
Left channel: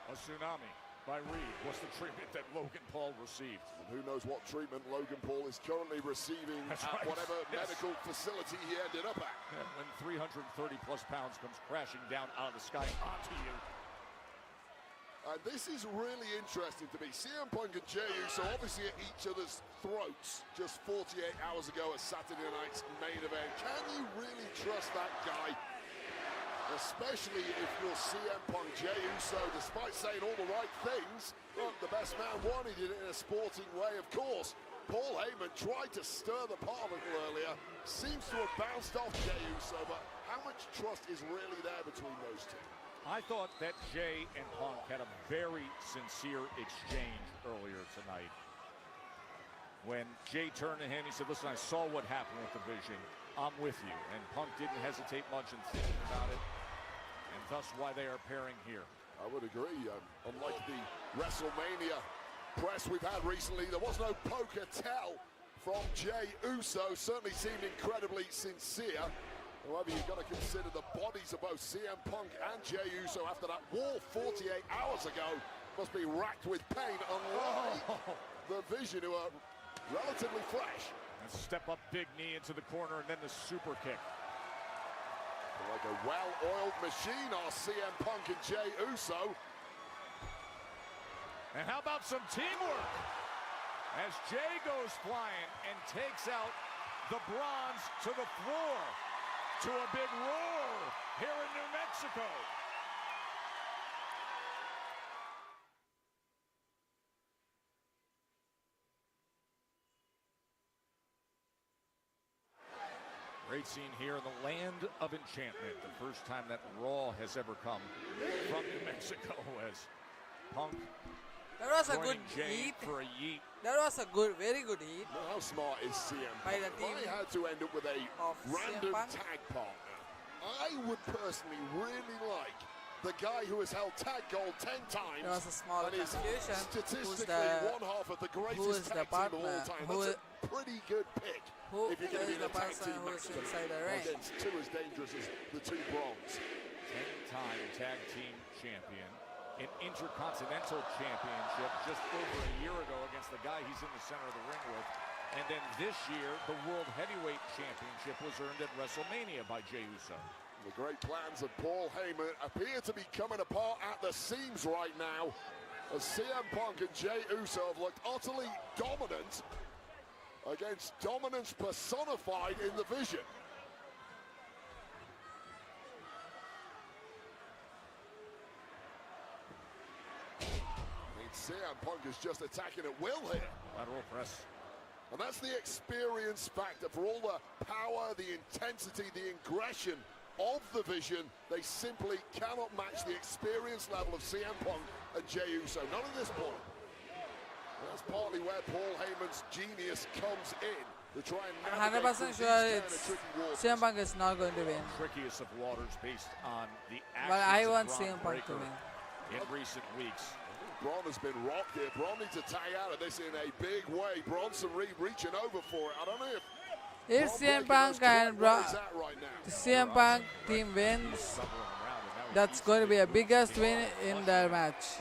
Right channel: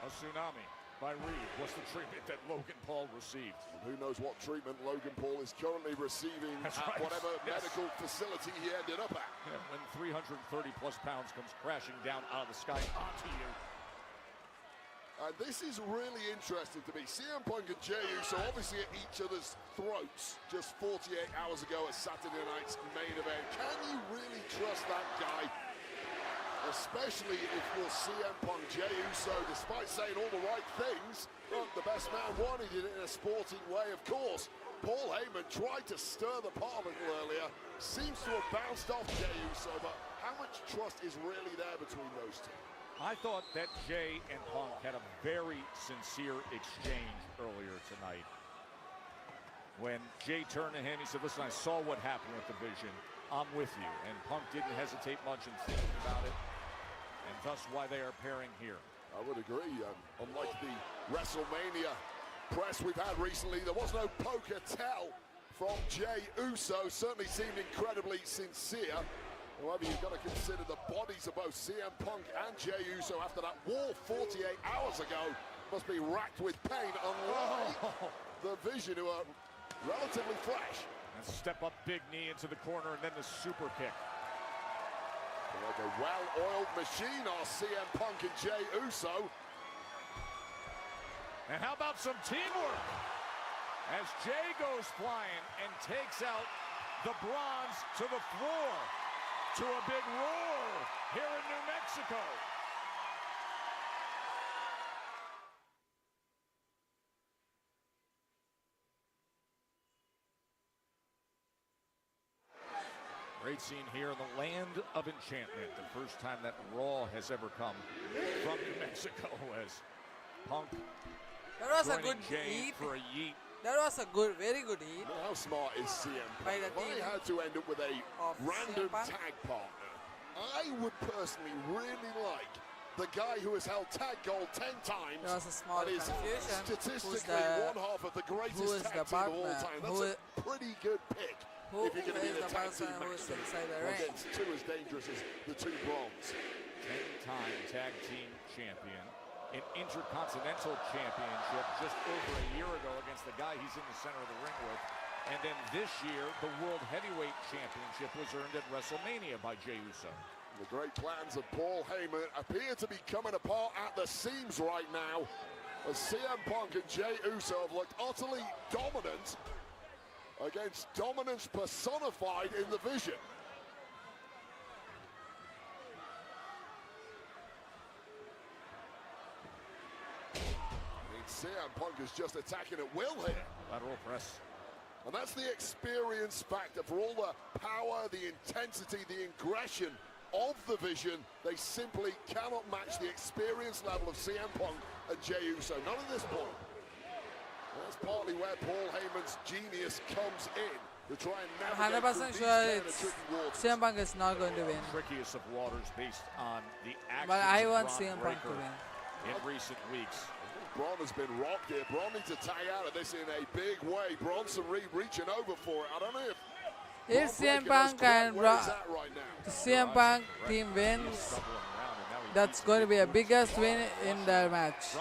A tsunami by Reed was the treatment that Logan Paul received. Who knows what treatment Logan Paul is currently receiving, whatever medical facility he ended up at. And 330 plus pounds comes crashing down out of the sky. This is really interesting to me. CM Punk and Jey Uso obviously at each other's throats just 48 hours ago at Saturday night's main event. Can you really trust that guy? Especially if you're CM Punk, Jey Uso, despite saying all the right things. Well, the best man wanted it in a sporting way, of course. Paul Heyman tried to stir the pot a little earlier. Seems to have bounced off Jey Uso, but how much trust is really there between those two? I thought that Jey and Punk had a very sincere exchange earlier tonight. When Jey turned to him and said, listen, I saw what happened at the Vision. I'm with you. And Punk didn't hesitate much in thinking about it. And thus why they are pairing here. I would agree. Unlike the WrestleMania press we've had recently, there was no poker tell from Jey Uso. Certainly seemed incredibly sincere. Well, you've got to consider the bodies of both CM Punk and Jey Uso after that war 48 hours ago must be racked with pain, unlike the Vision who are relatively fresh. And step up big knee into the corner and then a super kick. A well-oiled machine on CM Punk and Jey Uso. And how about some teamwork? As Jey goes flying and takes out the bronze to the floor. To a big roar here in New Mexico. Racing here in the land of enchantment. The first time that Raw has ever come from New Mexico as Punk. that was a good yeet. For a yeet. That was a very good hit How smart is CM by the Punk? If team I had to end up with a of random CM Punk. tag partner, I would personally really like the guy who has held tag gold 10 times. There was a small and is confusion. Who's statistically one half of the who is greatest the tag team of all partner? time. Who That's a pretty good pick. Who is the person who is inside the ring? Still as dangerous as the two Bronx. 10-time tag team champion, an intercontinental championship just over a year ago against the guy he's in the center of the ring with. And then this year, the World Heavyweight Championship was earned at WrestleMania by Jey Uso. The great plans of Paul Heyman appear to be coming apart at the seams right now, as CM Punk and Jey Uso look utterly dominant against dominance personified in the Vision. CM Punk is just attacking at will here. And that's the experience factor for all the power, the intensity, the aggression of the Vision. They simply cannot match the experience level of CM Punk and Jey Uso. None of this one. That's partly where Paul Heyman's genius comes in. I'm 100% sure it's CM Punk is not going to win. But I want CM Punk to win. In recent weeks, Braun has been rocked here. Braun needs to take out of this in a big way. Bronson reaching over for it. I don't know if If CM Punk and the CM Punk team wins, that's going to be a biggest win in their match.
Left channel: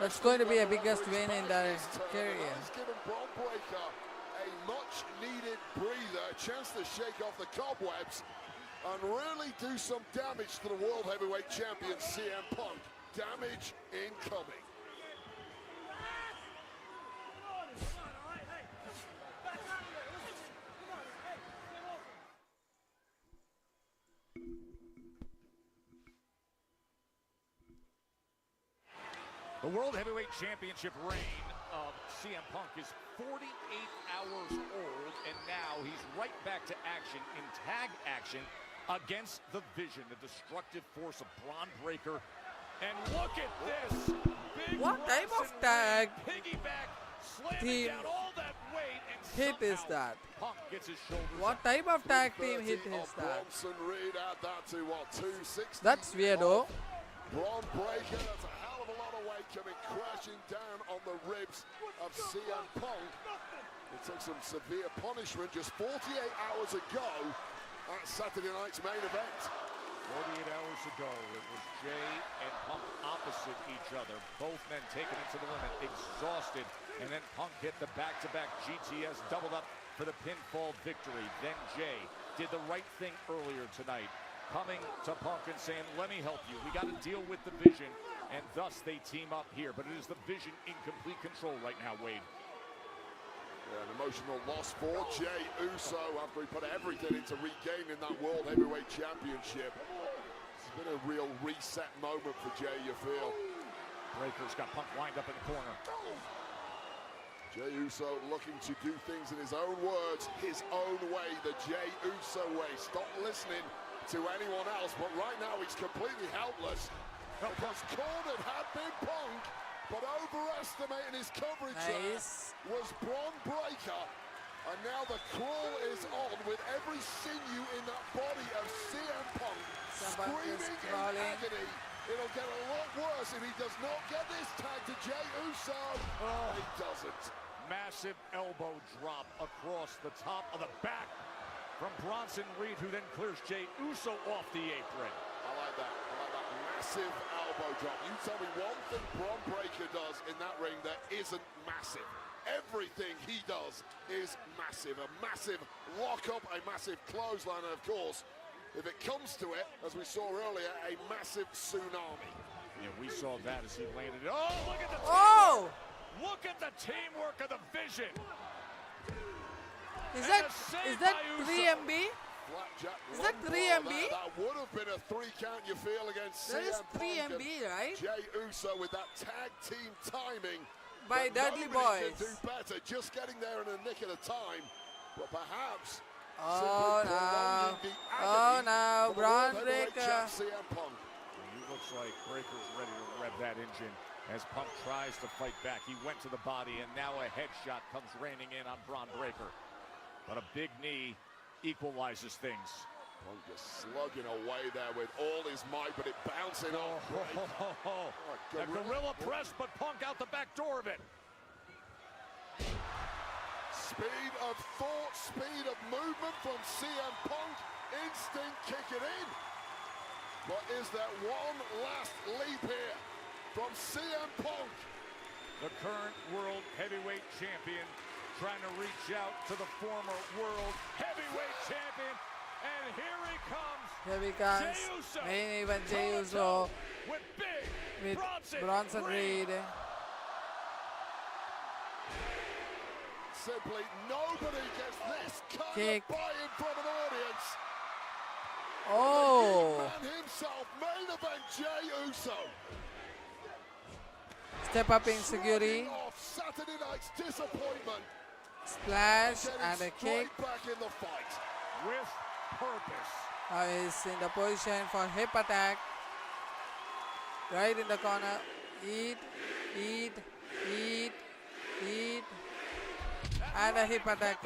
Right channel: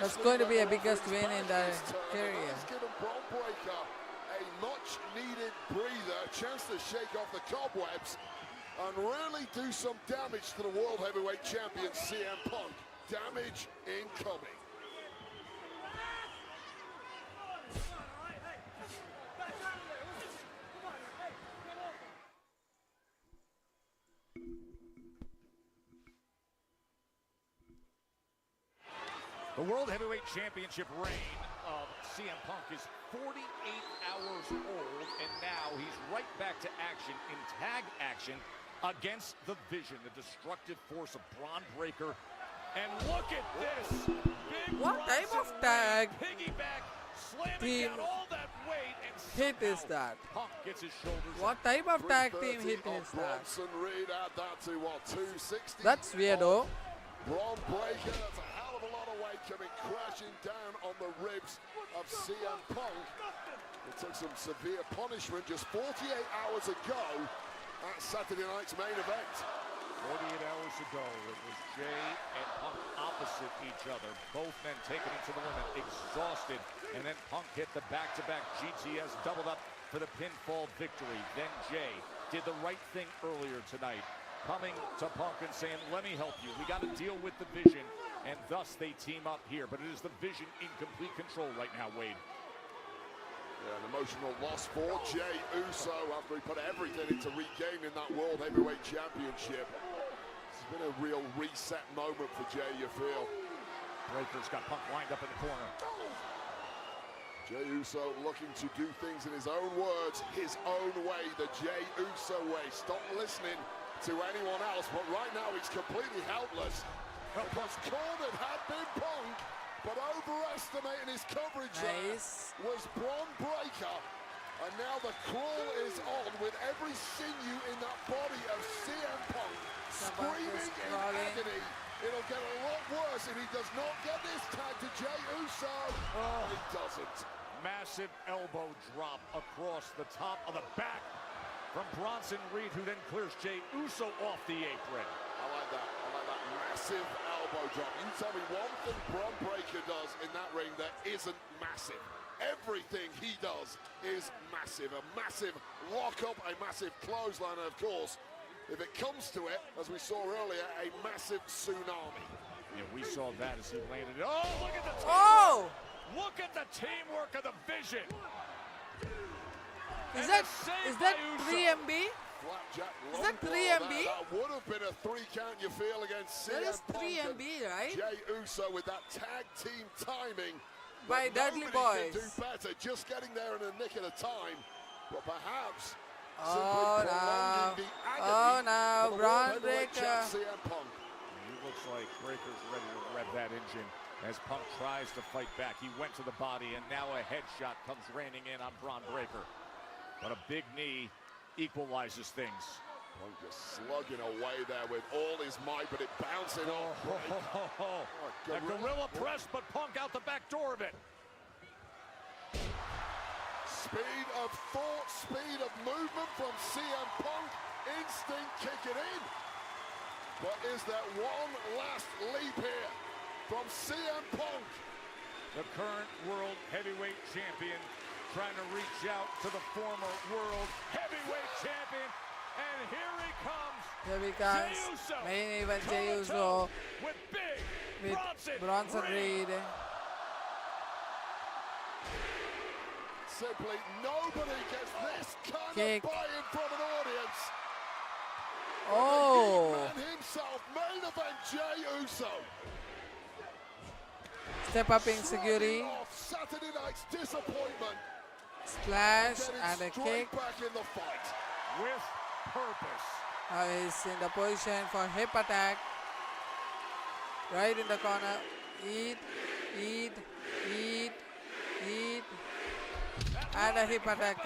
That's going to be a biggest win in their career. a much needed breather, a chance to shake off the cobwebs and really do some damage to the World Heavyweight Champion CM Punk. Damage incoming. the World Heavyweight Championship reign of CM Punk is 48 hours old, and now he's right back to action in tag action against the Vision, the destructive force of Bron Breakker. And look at this! What type of tag team hit is that? What type of tag team hit is that? That's weirdo. Bron Breakker, that's a hell of a lot of weight coming crashing down on the ribs of CM Punk. It took some severe punishment just 48 hours ago at Saturday night's main event. 48 hours ago, it was Jey and Punk opposite each other. Both men taken to the limit, exhausted, and then Punk hit the back-to-back GTS double up for the pinfall victory. Then Jey did the right thing earlier tonight, coming to Punk and saying, let me help you. We got to deal with the Vision, and thus they team up here. But it is the Vision in complete control right now, Wade. Emotional loss for Jey Uso after he put everything into regaining that World Heavyweight Championship. It's been a real reset moment for Jey, you feel. Broder's got Punk lined up in the corner. Jey Uso looking to do things in his own words, his own way, the Jey Uso way. Stop listening to anyone else, but right now he's completely helpless. Because cornered had been Punk, but overestimating his coverage Nice. was Bron Breakker. And now the claw is on with every sinew in that body of CM Punk. CM Punk is crawling. It'll get a lot worse if he does not get his tag to Jey Uso. Oh, he doesn't. Massive elbow drop across the top of the back from Bronson Reed, who then clears Jey Uso off the apron. Massive elbow drop. You tell me one thing Bron Breakker does in that ring that isn't massive. Everything he does is massive. A massive lock-up, a massive clothesline, and of course, if it comes to it, as we saw earlier, a massive tsunami. Yeah, we saw that. Oh! Look at the teamwork of the Vision. Is that 3MB? Is that 3MB? That is 3MB, right? Jey Uso with that tag team timing. By Dudley Boys. Just getting there in the nick of the time. But perhaps. Oh no. Oh no. Bron Breakker. He looks like Breakker's ready to rev that engine as Punk tries tries to fight back. He went to the body, and now a headshot comes raining in on Bron Breakker. But a big knee equalizes things. Oh, just slugging away there with all his might, but it bouncing off. The gorilla press, but Punk out the back door of it. Speed of thought, speed of movement from CM Punk. Instinct kicking in. But is that one last leap here from CM Punk? The current world heavyweight champion trying to reach out to the former world heavyweight champion. And here he comes. Main event Jey Uso with Bronson Reed. Simply nobody gets this kind Kick. of body in front of an audience. Oh! Himself, main event Jey Uso. Step up in security. Saturday night's disappointment. Splash and a kick. Back in the fight. with purpose. Now he's in the position for hip attack. Right in the corner. Eat, eat, eat, eat. And a hip attack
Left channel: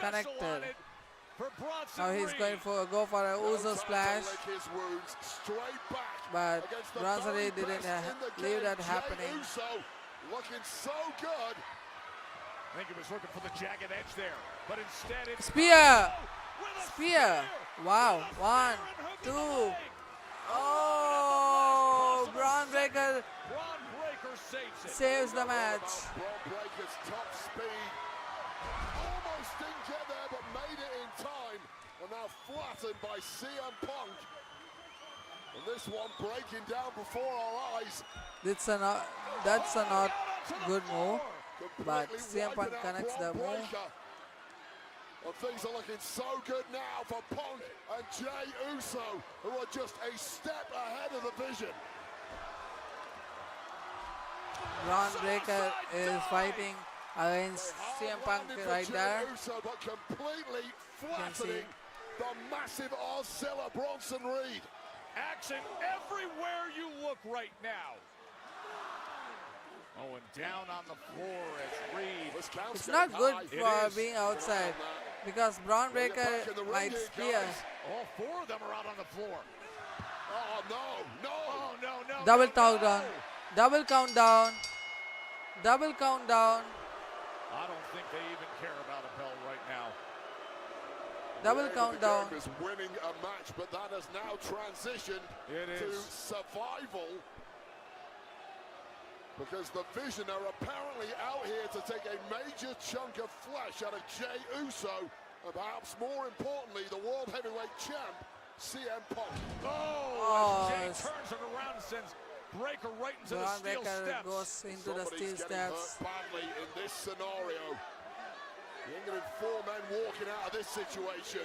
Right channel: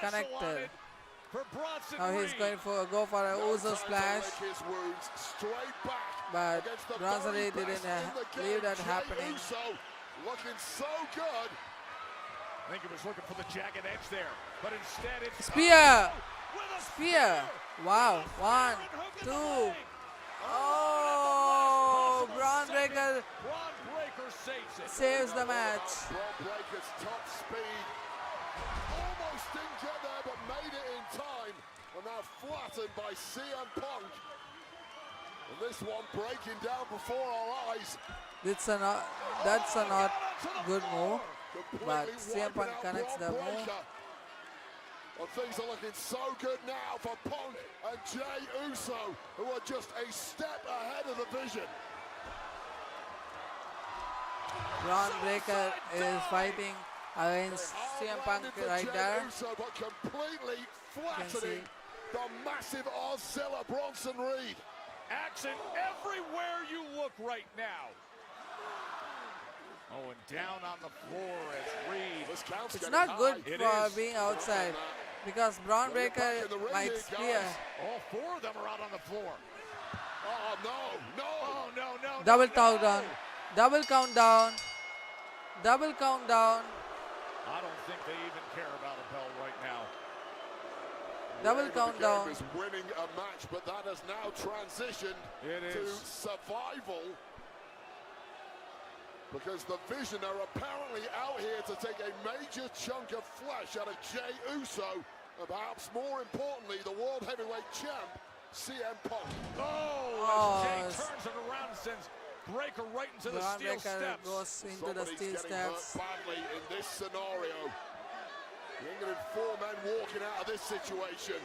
connected. Now he's going for go for a Uso splash. But Bronson Reed didn't leave that happening. Looking so good. I think he was looking for the jagged edge there, but instead it's Spear! Spear! Wow. 1, 2. Oh! Braun Breaker saves the match. That's a not good move, but CM Punk connects the move. Things are looking so good now for Punk and Jey Uso, who are just a step ahead of the vision. Braun Breaker is fighting against CM Punk right there. You can see. The massive Ozilla Bronson Reed. action everywhere you look right now. Oh, and down on the floor as Reed. It's not good for being outside because Braun Breaker might spear. All four of them are out on the floor. Oh, no. Double countdown. Double countdown. Double countdown. I don't think they even care about the bell right now. Double countdown. Winning a match, but that has now transitioned to survival. Because the Vision are apparently out here to take a major chunk of flesh out of Jey Uso, and perhaps more importantly, the World Heavyweight Champ, CM Punk. Oh, Breaker right into Braun the steel Breaker steps. goes into the steel steps. Badly in this scenario. With 4 men walking out of this situation.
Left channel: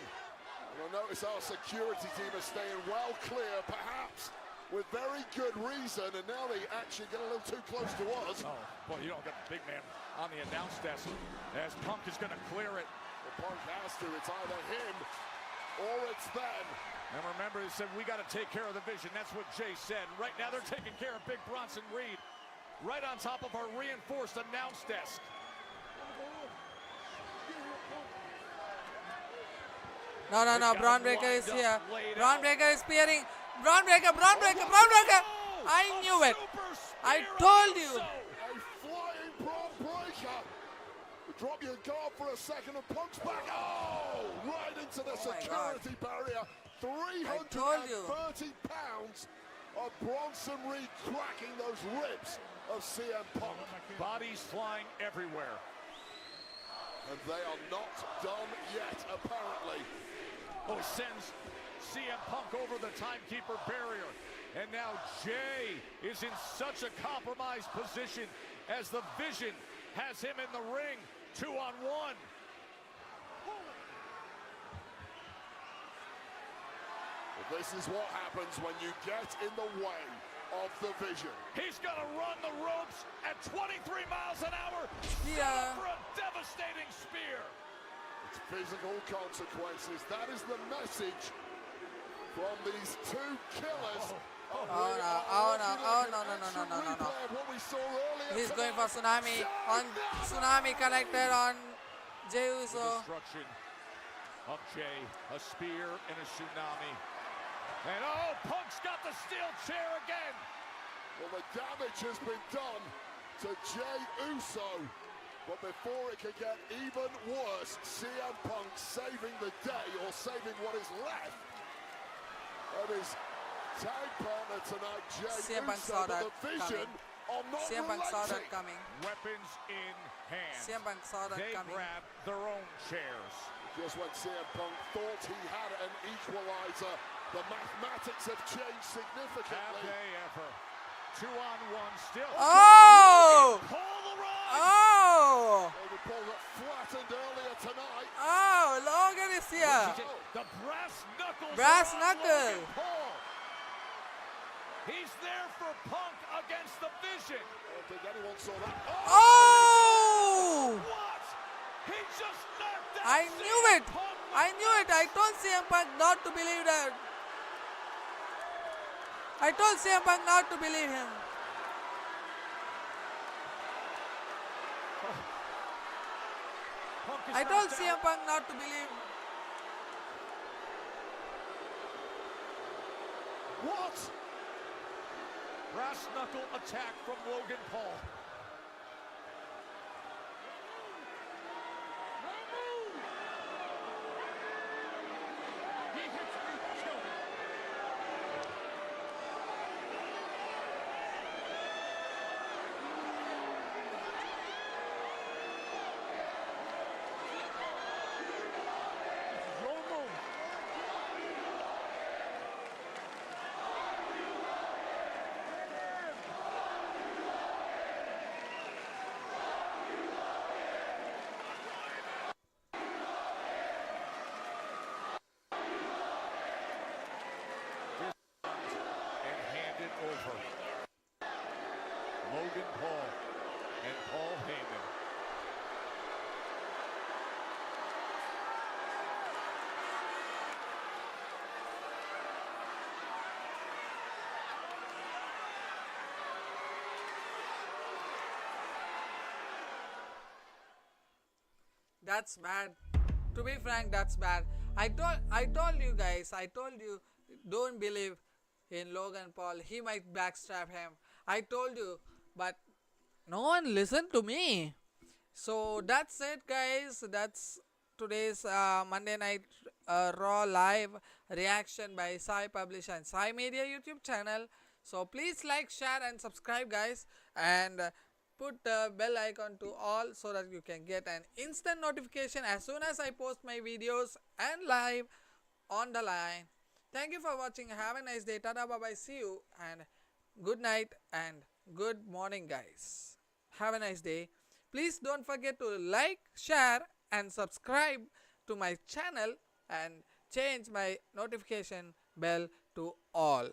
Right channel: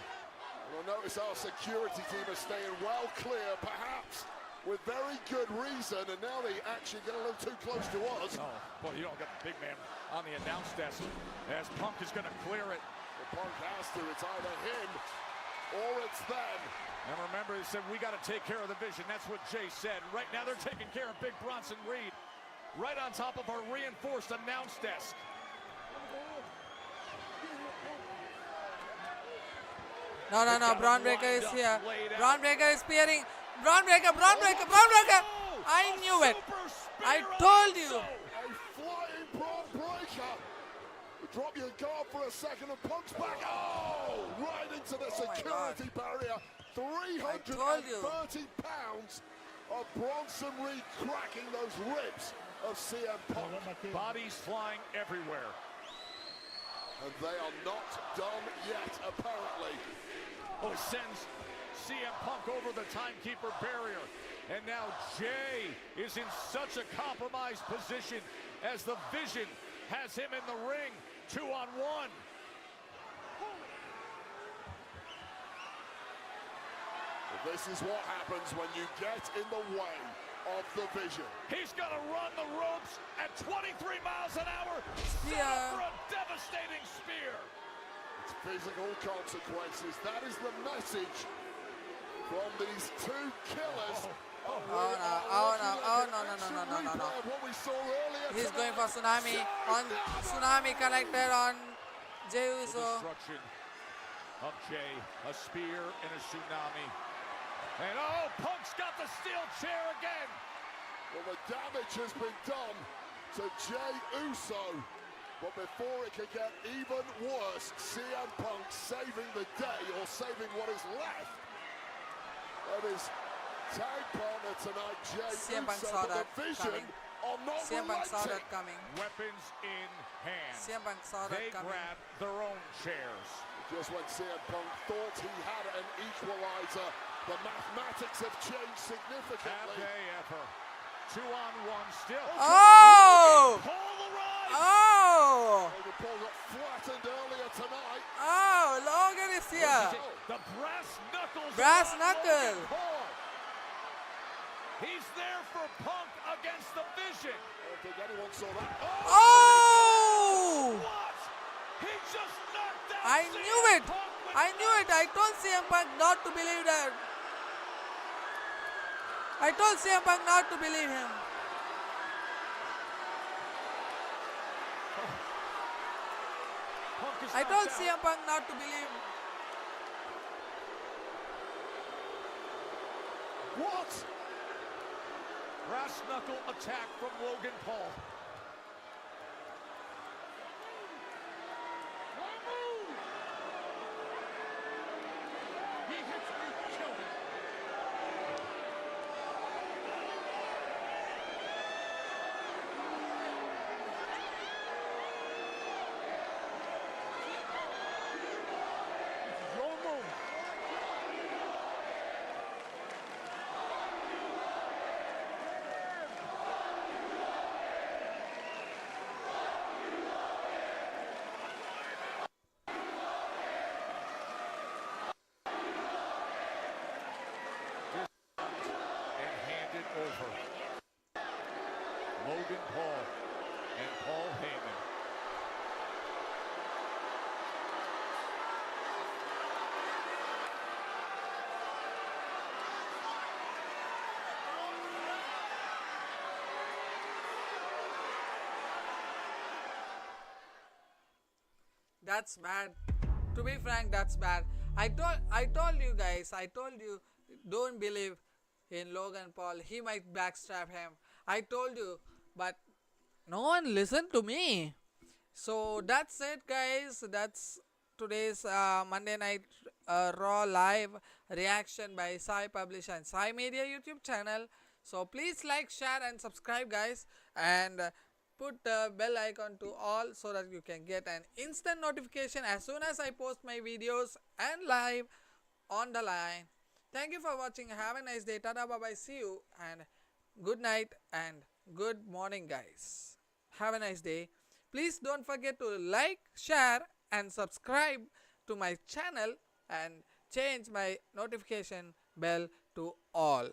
We'll notice our security team is staying well clear, perhaps with very good reason, and Nelly actually got a little too close to us. Well, you don't get a big man on the announce desk as Punk is going to clear it. Punk has to, it's either him or it's them. And remember, he said, we got to take care of the Vision. That's what Jay said. Right now, they're taking care of Big Bronson Reed right on top of our reinforced announce desk. No. Braun Breaker is here. Braun Breaker is spearing. Braun Breaker. I knew it. I told you. Flying Braun Breaker. Drop your guard for a second and Punk's back. Oh, right into the security barrier. I told you. 330 pounds of Bronson Reed cracking those ribs of CM Punk. Bodies flying everywhere. And they are not done yet, apparently. Oh, sends CM Punk over the timekeeper barrier. And now Jay is in such a compromised position as the Vision has him in the ring, 2-on-1. This is what happens when you get in the way of the Vision. He's going to run the ropes at 23 miles an hour. Spear. For a devastating spear. Physical consequences. That is the message from these two killers. Oh no. He's going for Tsunami. On Tsunami connected on Jey Uso. Okay, a spear and a Tsunami. And oh, Punk's got the steel chair again. Well, the damage has been done to Jey Uso. But before it can get even worse, CM Punk saving the day, or saving what is left of his tag partner tonight, Jey CM Punk Uso, saw that with a vision coming. on not CM Punk saw that relaxing. coming. Weapons in hand. CM Punk saw that They coming. grab their own chairs. Just when CM Punk thought he had an equalizer, the mathematics have changed Have significantly. they ever? 2-on-1 still. Oh! Oh! Flattened earlier tonight. Oh, Logan is here. The Brass knuckle. He's there for Punk against the Vision. Oh! He just knocked out I knew it. I knew it. I told CM Punk not to believe that. I told CM Punk not to believe him. I told CM Punk not to believe. What? Brass knuckle attack from Logan Paul. Logan Paul and Paul Heyman. That's bad. To be frank, that's bad. I told you guys, I told you, don't believe in Logan Paul. He might backstab him. I told you, but no one listened to me. So that's it, guys. That's today's Monday Night Raw live reaction by Sai Publish and Sai Media YouTube channel. So please like, share and subscribe, guys, and put the bell icon to all so that you can get an instant notification as soon as I post my videos and live on the line. Thank you for watching. Have a nice day. Tada, bye bye. See you and good night and good morning, guys. Have a nice day. Please don't forget to like, share and subscribe to my channel and change my notification bell to all.